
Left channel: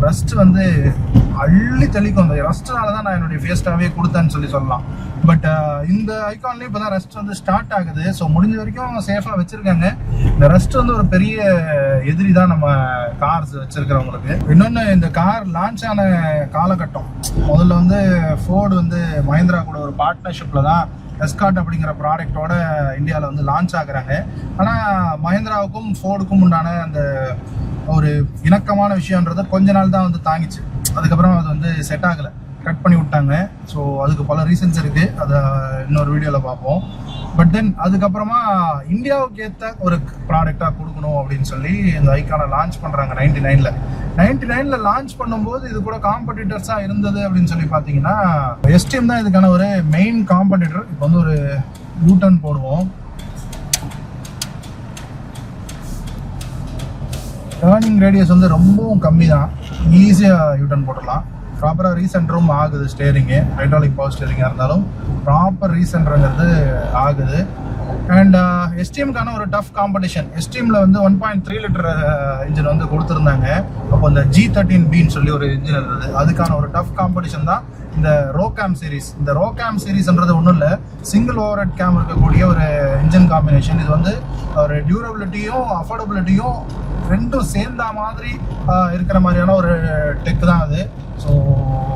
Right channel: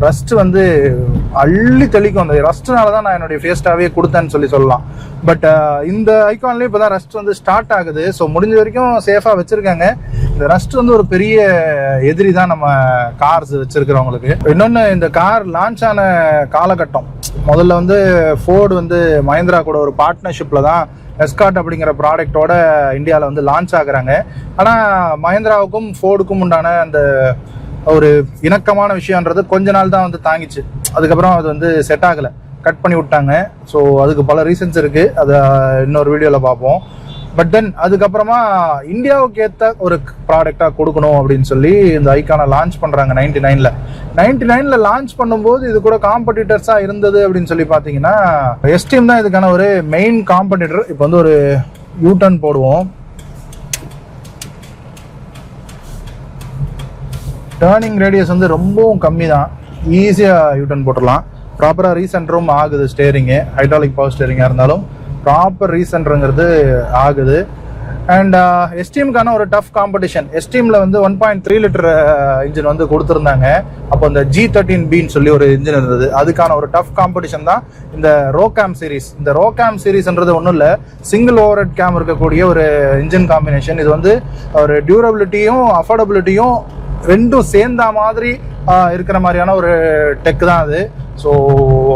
ரஸ்ட் வந்து அள்ளி தெளிக்கும். அந்த ரஸ்ட்னால தான் நான் என்னுடைய ஃபியஸ்டாவே கொடுத்தேன்னு சொல்லலாம். பட் இந்த ஐகான்லயும் இப்போதான் ரஸ்ட் வந்து ஸ்டார்ட் ஆகுது. ஸோ முடிஞ்ச வரைக்கும் சேஃபா வச்சிருக்காங்க. இந்த ரஸ்ட் வந்து ஒரு பெரிய எதிரி தான் நம்ம கார்ஸ் வச்சிருக்கிறவங்களுக்கு. இன்னொன்னு, இந்த கார் லான்ச் ஆன காலகட்டம் முதல்ல வந்து ஃபோர்டு வந்து மஹிந்திரா கூட ஒரு பார்ட்னர்ஷிப்ல தான் எஸ்கார்ட் அப்படிங்கிற ப்ராடக்டோட இந்தியாவில் வந்து லான்ச் ஆகுறாங்க. ஆனால் மஹிந்திராவுக்கும் ஃபோர்டுக்கும் உண்டான அந்த ஒரு இணக்கமான விஷயம்ன்றது கொஞ்ச நாள் தான் வந்து தாங்கிச்சு. அதுக்கப்புறம் அது வந்து செட் ஆகலை, கட் பண்ணி விட்டாங்க. ஸோ அதுக்கு பல ரீசன்ஸ் இருக்கு, அதை இன்னொரு வீடியோவில் பார்ப்போம். பட் தென் அதுக்கப்புறமா இந்தியாவுக்கு ஏற்ற ஒரு ப்ராடக்டா கொடுக்கணும் அப்படின்னு சொல்லி இந்த ஐகானை லான்ச் பண்றாங்க 99ல லான்ச் பண்ணும்போது இது கூட காம்படிட்டர்ஸா இருந்தது அப்படின்னு சொல்லி பாத்தீங்கன்னா எஸ்டீம் தான் இதுக்கான ஒரு மெயின் காம்படிட்டர். இப்போ வந்து ஒரு யூடர்ன் போடுவோம். டேர்னிங் ரேடியஸ் வந்து ரொம்பவும் கம்மி தான், ஈஸியா யூடர்ன் போட்டுடலாம். ப்ராப்பரா ரீசென்டரும் ஆகுது. ஸ்டேரிங்கு ஹைட்ராலிக் பவர் ஸ்டேரிங்கா இருந்தாலும் ப்ராப்பர் ரீசென்டருங்கிறது ஆகுது. அண்ட் எஸ்டிஎம்கான ஒரு டஃப் காம்படிஷன். எஸ்டிஎம்ல வந்து 1.3 லிட்டர் இன்ஜின் வந்து கொடுத்துருந்தாங்க. அப்போ இந்த G13Bன்னு சொல்லி ஒரு இன்ஜின் இருந்தது. அதுக்கான ஒரு டஃப் காம்படிஷன் தான் இந்த ரோகேம் சீரிஸ். இந்த ரோகேம் சீரிஸ்ன்றது ஒன்றும் இல்லை, சிங்கிள் ஓவர் ஹெட் கேம் இருக்கக்கூடிய ஒரு இன்ஜின் காம்பினேஷன். இது வந்து ஒரு டியூரபிலிட்டியும் அஃபோர்டபிலிட்டியும் ரெண்டும் சேர்ந்த மாதிரி இருக்கிற மாதிரியான ஒரு டெக் தான் அது. ஸோ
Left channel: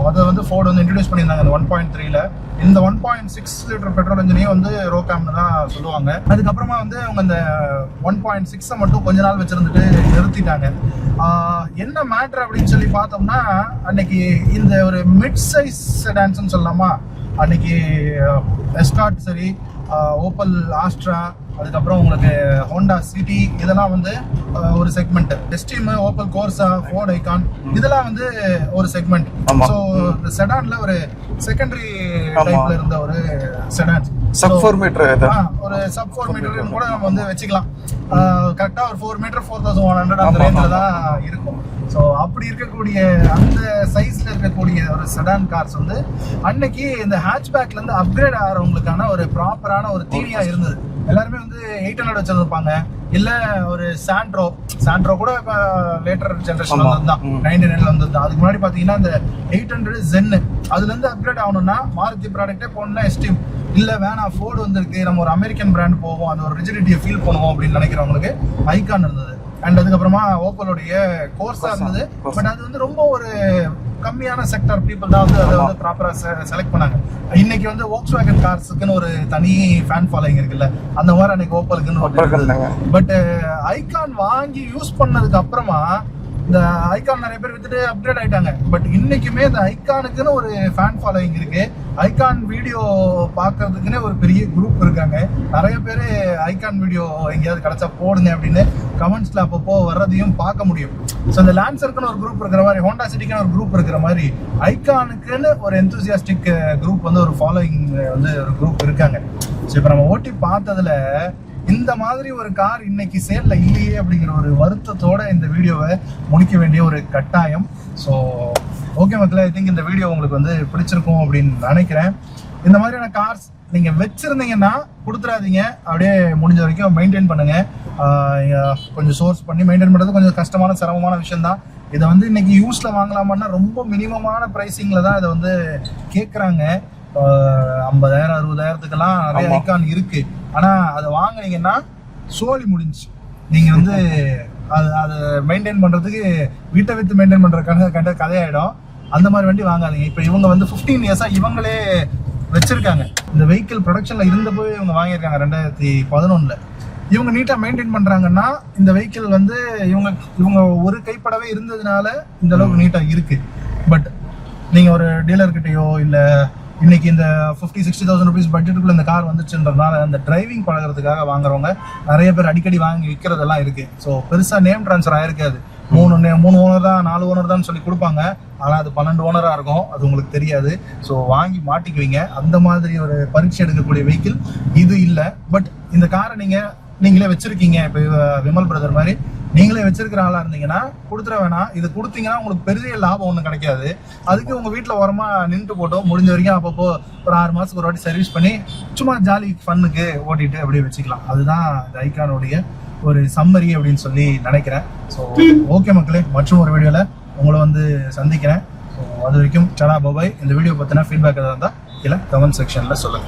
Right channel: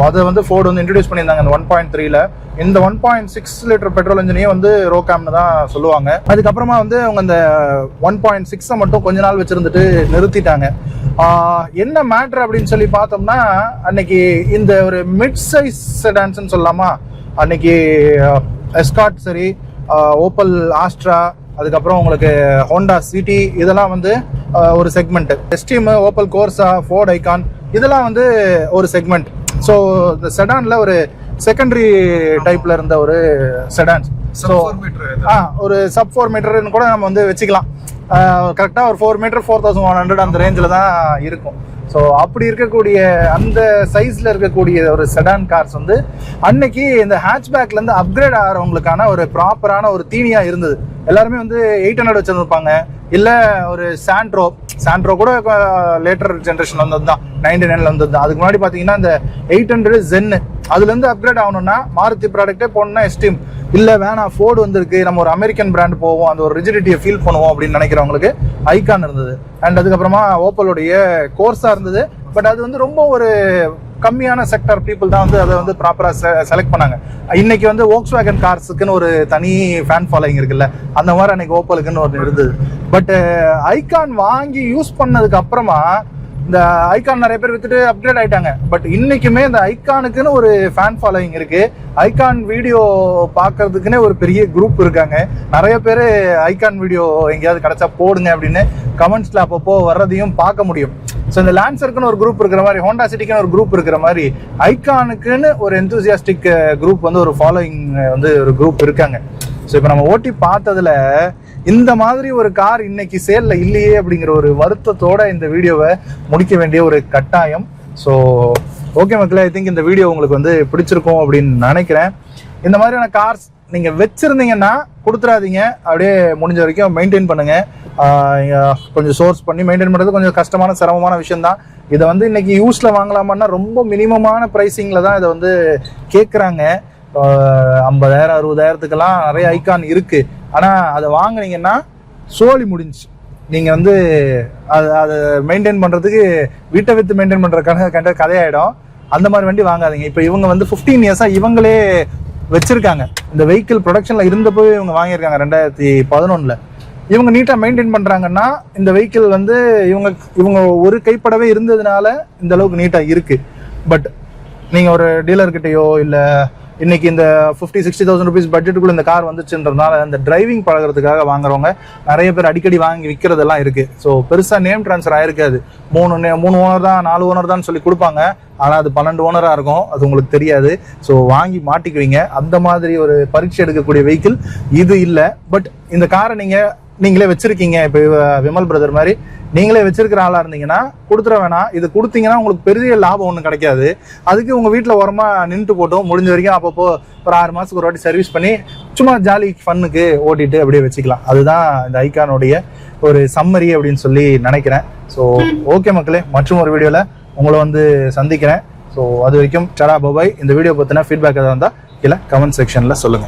அதை வந்து ஃபோர்டு வந்து இன்ட்ரடியூஸ் பண்ணியிருந்தாங்க இந்த 1.3ல. இந்த 1.6 லிட்டர் பெட்ரோல் இன்ஜினையும் வந்து ரோகேம்னு தான் சொல்லுவாங்க. அதுக்கப்புறமா வந்து அவங்க இந்த 1.6 மட்டும் கொஞ்ச நாள் வச்சிருந்துட்டு நிறுத்திட்டாங்க. என்ன மேட்ரு அப்படின்னு சொல்லி பார்த்தோம்னா, அன்னைக்கு இந்த ஒரு மிட் சைஸ் செடான்ஸ்ன்னு சொல்லலாமா, அன்னைக்கு எஸ்கார்ட் சரி, ஓப்பல் ஆஸ்ட்ரா, அதுக்கப்புறம் உங்களுக்கு ஹோண்டா சிட்டி, இதெல்லாம் வந்து ஒரு segment. Esteem, Opel Corsa, Ford Ikon, இதெல்லாம் வந்து ஒரு செக்மெண்ட். ஸோ இந்த செடான்ல ஒரு செகண்டரி டைப்ல இருந்த ஒரு செடான், ஒரு சப் 4 மீட்டர்னு கூட நம்ம வந்து வச்சுக்கலாம். கரெக்டா ஒரு 4 மீட்டர் 4100 அந்த ரேஞ்சில் தான் இருக்கும். ஸோ அப்படி இருக்கக்கூடிய அந்த சைஸ்ல இருக்கக்கூடிய ஒரு செடான் கார்ஸ் வந்து அன்னைக்கு இந்த ஹேட்ச்பேக்ல இருந்து அப்கிரேட் ஆகிறவங்களுக்கான ஒரு ப்ராப்பரான ஒரு தீனியா இருந்தது. எல்லாருமே வந்து 800 வச்சிருப்பாங்க, இல்ல ஒரு சாண்ட்ரோ கூட லேட்டர் ஜெனரேஷன் வந்தது தான், 99ல வந்தது தான். அதுக்கு முன்னாடி பாத்தீங்கன்னா இந்த 800 ஜென், அதுல இருந்து அப்கிரேட் ஆகணும்னா மாருதி ப்ராடக்டே போனா எஸ்டீம், இல்ல வேணாம் ஃபோர்டு வந்திருக்கு, நம்ம ஒரு அமெரிக்கன் பிராண்ட் போவோம், அந்த ஒரு ரிஜிடிட்டியை ஃபீல் பண்ணுவோம் அப்படின்னு நினைக்கிறவங்களுக்கு ஐகான் இருந்தது. அண்ட் அதுக்கப்புறமா ஓப்பலோடைய கோர்ஸா இருந்தது. பட் அது வந்து ரொம்ப ஒரு கம்மியான செக்டர் பீப்புள் தான் வந்து அதை வந்து ப்ராப்பரா செலக்ட் பண்ணாங்க. இன்னைக்கு வந்து வோக்ஸ்வேகன் கார்ஸுக்குன்னு ஒரு தனி ஃபேன் ஃபாலோயிங் இருக்குல்ல, அந்த மாதிரி அன்னைக்கு ஓப்பலுக்குன்னு ஒரு இருந்தது. பட் ஐகான் வாங்கி யூஸ் பண்ணதுக்கு அப்புறமா இந்த ஐகான் நிறைய பேர் வித்துட்டு அப்கிரேட் ஆயிட்டாங்க. பட் இன்னைக்குமே இந்த ஐகானுக்குன்னு ஒரு ஃபேன் ஃபாலோயிங் இருக்கு. ஐகான் வீடியோ பார்க்கறதுக்குன்னே ஒரு பெரிய குரூப் இருக்காங்க. நிறைய பேர் ஐகான் வீடியோ எங்கேயாவது கிடைச்சா போடுங்க அப்படின்னு கமெண்ட்ஸ்ல அப்பப்போ வர்றதையும் பார்க்க முடியும். ஸோ இந்த லான்சருக்குன்னு ஒரு குரூப் இருக்கிற மாதிரி, ஹோண்டா சிட்டிக்குன்னு ஒரு குரூப் இருக்கிற மாதிரி, ஐகானுக்குன்னு ஒரு எந்தூசியாஸ்டிக் குரூப் வந்து ஒரு ஃபாலோயிங் வந்து ஒரு குரூப் இருக்காங்க. ஸோ இப்போ நம்ம ஓட்டி பார்த்ததுல இந்த மாதிரி ஒரு கார் இன்னைக்கு சேல்ல இல்லையே அப்படிங்கிற ஒரு வருத்தத்தோட இந்த வீடியோவை முடிக்க வேண்டிய ஒரு கட்டாயம். ஸோ ஓகே மக்களே, ஐ திங்க் இந்த வீடியோ உங்களுக்கு வந்து பிடிச்சிருக்கும் அப்படின்னு நினைக்கிறேன். இந்த மாதிரியான கார்ஸ் நீங்க வச்சிருந்தீங்கன்னா கொடுத்துடாதீங்க, அப்படியே முடிஞ்ச வரைக்கும் மெயின்டைன் பண்ணுங்க. கொஞ்சம் சோர்ஸ் பண்ணி மெயின்டைன் பண்றது கொஞ்சம் கஷ்டமான சிரமமான விஷயம் தான். இதை வந்து இன்னைக்கு யூஸ்ல வாங்கலாமான்னா ரொம்ப மினிமமான பிரைசிங்ல தான் இதை வந்து கேட்குறாங்க. 50,000 60,000த்துக்கெல்லாம் நிறைய ஐகான் இருக்கு. ஆனா அதை வாங்குனீங்கன்னா சோழி முடிஞ்சு. நீங்க வந்து அதை மெயின்டைன் பண்றதுக்கு வீட்டை வித்து மெயின்டைன் பண்ற கதையாயிடும். அந்த மாதிரி வண்டி வாங்காதீங்க. இப்போ இவங்க வந்து 15 இயர்ஸா இவங்களே வச்சிருக்காங்க. இந்த வெஹிக்கிள் ப்ரொடக்ஷன்ல இருந்தப்போ இவங்க வாங்கியிருக்காங்க 2011ல. இவங்க நீட்டா மெயின்டைன் பண்றாங்கன்னா இந்த வெஹிக்கிள் வந்து இவங்க ஒரு கைப்படவே இருந்ததுனால இந்த அளவுக்கு நீட்டா இருக்கு. பட் நீங்க ஒரு டீலர்கிட்டயோ இல்ல இன்னைக்கு இந்த 50,000-60,000 ருபீஸ் பட்ஜெட்டுக்குள்ள இந்த கார் வந்துச்சுன்றதுனால இந்த டிரைவிங் பழகிறதுக்காக வாங்குறவங்க நிறைய பேர் அடிக்கடி வாங்கி விற்கிறதெல்லாம் இருக்கு. ஸோ பெருசா நேம் டிரான்ஸ்ஃபர் ஆயிருக்காது. 3 ஓனர் தான் 4 ஓனர் தான் சொல்லி கொடுப்பாங்க. ஆனா அது 12 ஓனரா இருக்கும், அது உங்களுக்கு தெரியாது. ஸோ வாங்கி மாட்டிக்குவீங்க. அந்த மாதிரி ஒரு பரீட்சை எடுக்கக்கூடிய வெஹிக்கிள் இது இல்லை. பட் இந்த காரை நீங்களே வச்சிருக்கீங்க, இப்போ விமல் பிரதர் மாதிரி நீங்களே வச்சிருக்கிற ஆளா இருந்தீங்கன்னா கொடுத்துட வேணாம். இது கொடுத்தீங்கன்னா உங்களுக்கு பெரிய லாபம் ஒன்றும் கிடைக்காது. அதுக்கு உங்க வீட்டில் ஓரமா நின்று போட்டோம், முடிஞ்ச வரைக்கும் அப்பப்போ ஒரு 6 மாசத்துக்கு ஒரு வாட்டி சர்வீஸ் பண்ணி சும்மா ஜாலி ஃபன்னுக்கு ஓட்டிட்டு அப்படியே வச்சுக்கலாம். அதுதான் இந்த ஐகானுடைய ஒரு சம்மரி அப்படின்னு சொல்லி நினைக்கிறேன். ஸோ ஓகே மக்களே, மற்றும் ஒரு வீடியோல உங்களை வந்து சந்திக்கிறேன். ஸோ அது வரைக்கும் டடா பாய். இந்த வீடியோ பத்தின ஃபீட்பேக் எதாவது இருந்தால் கீழே கமெண்ட் செக்ஷன்ல சொல்லுங்க.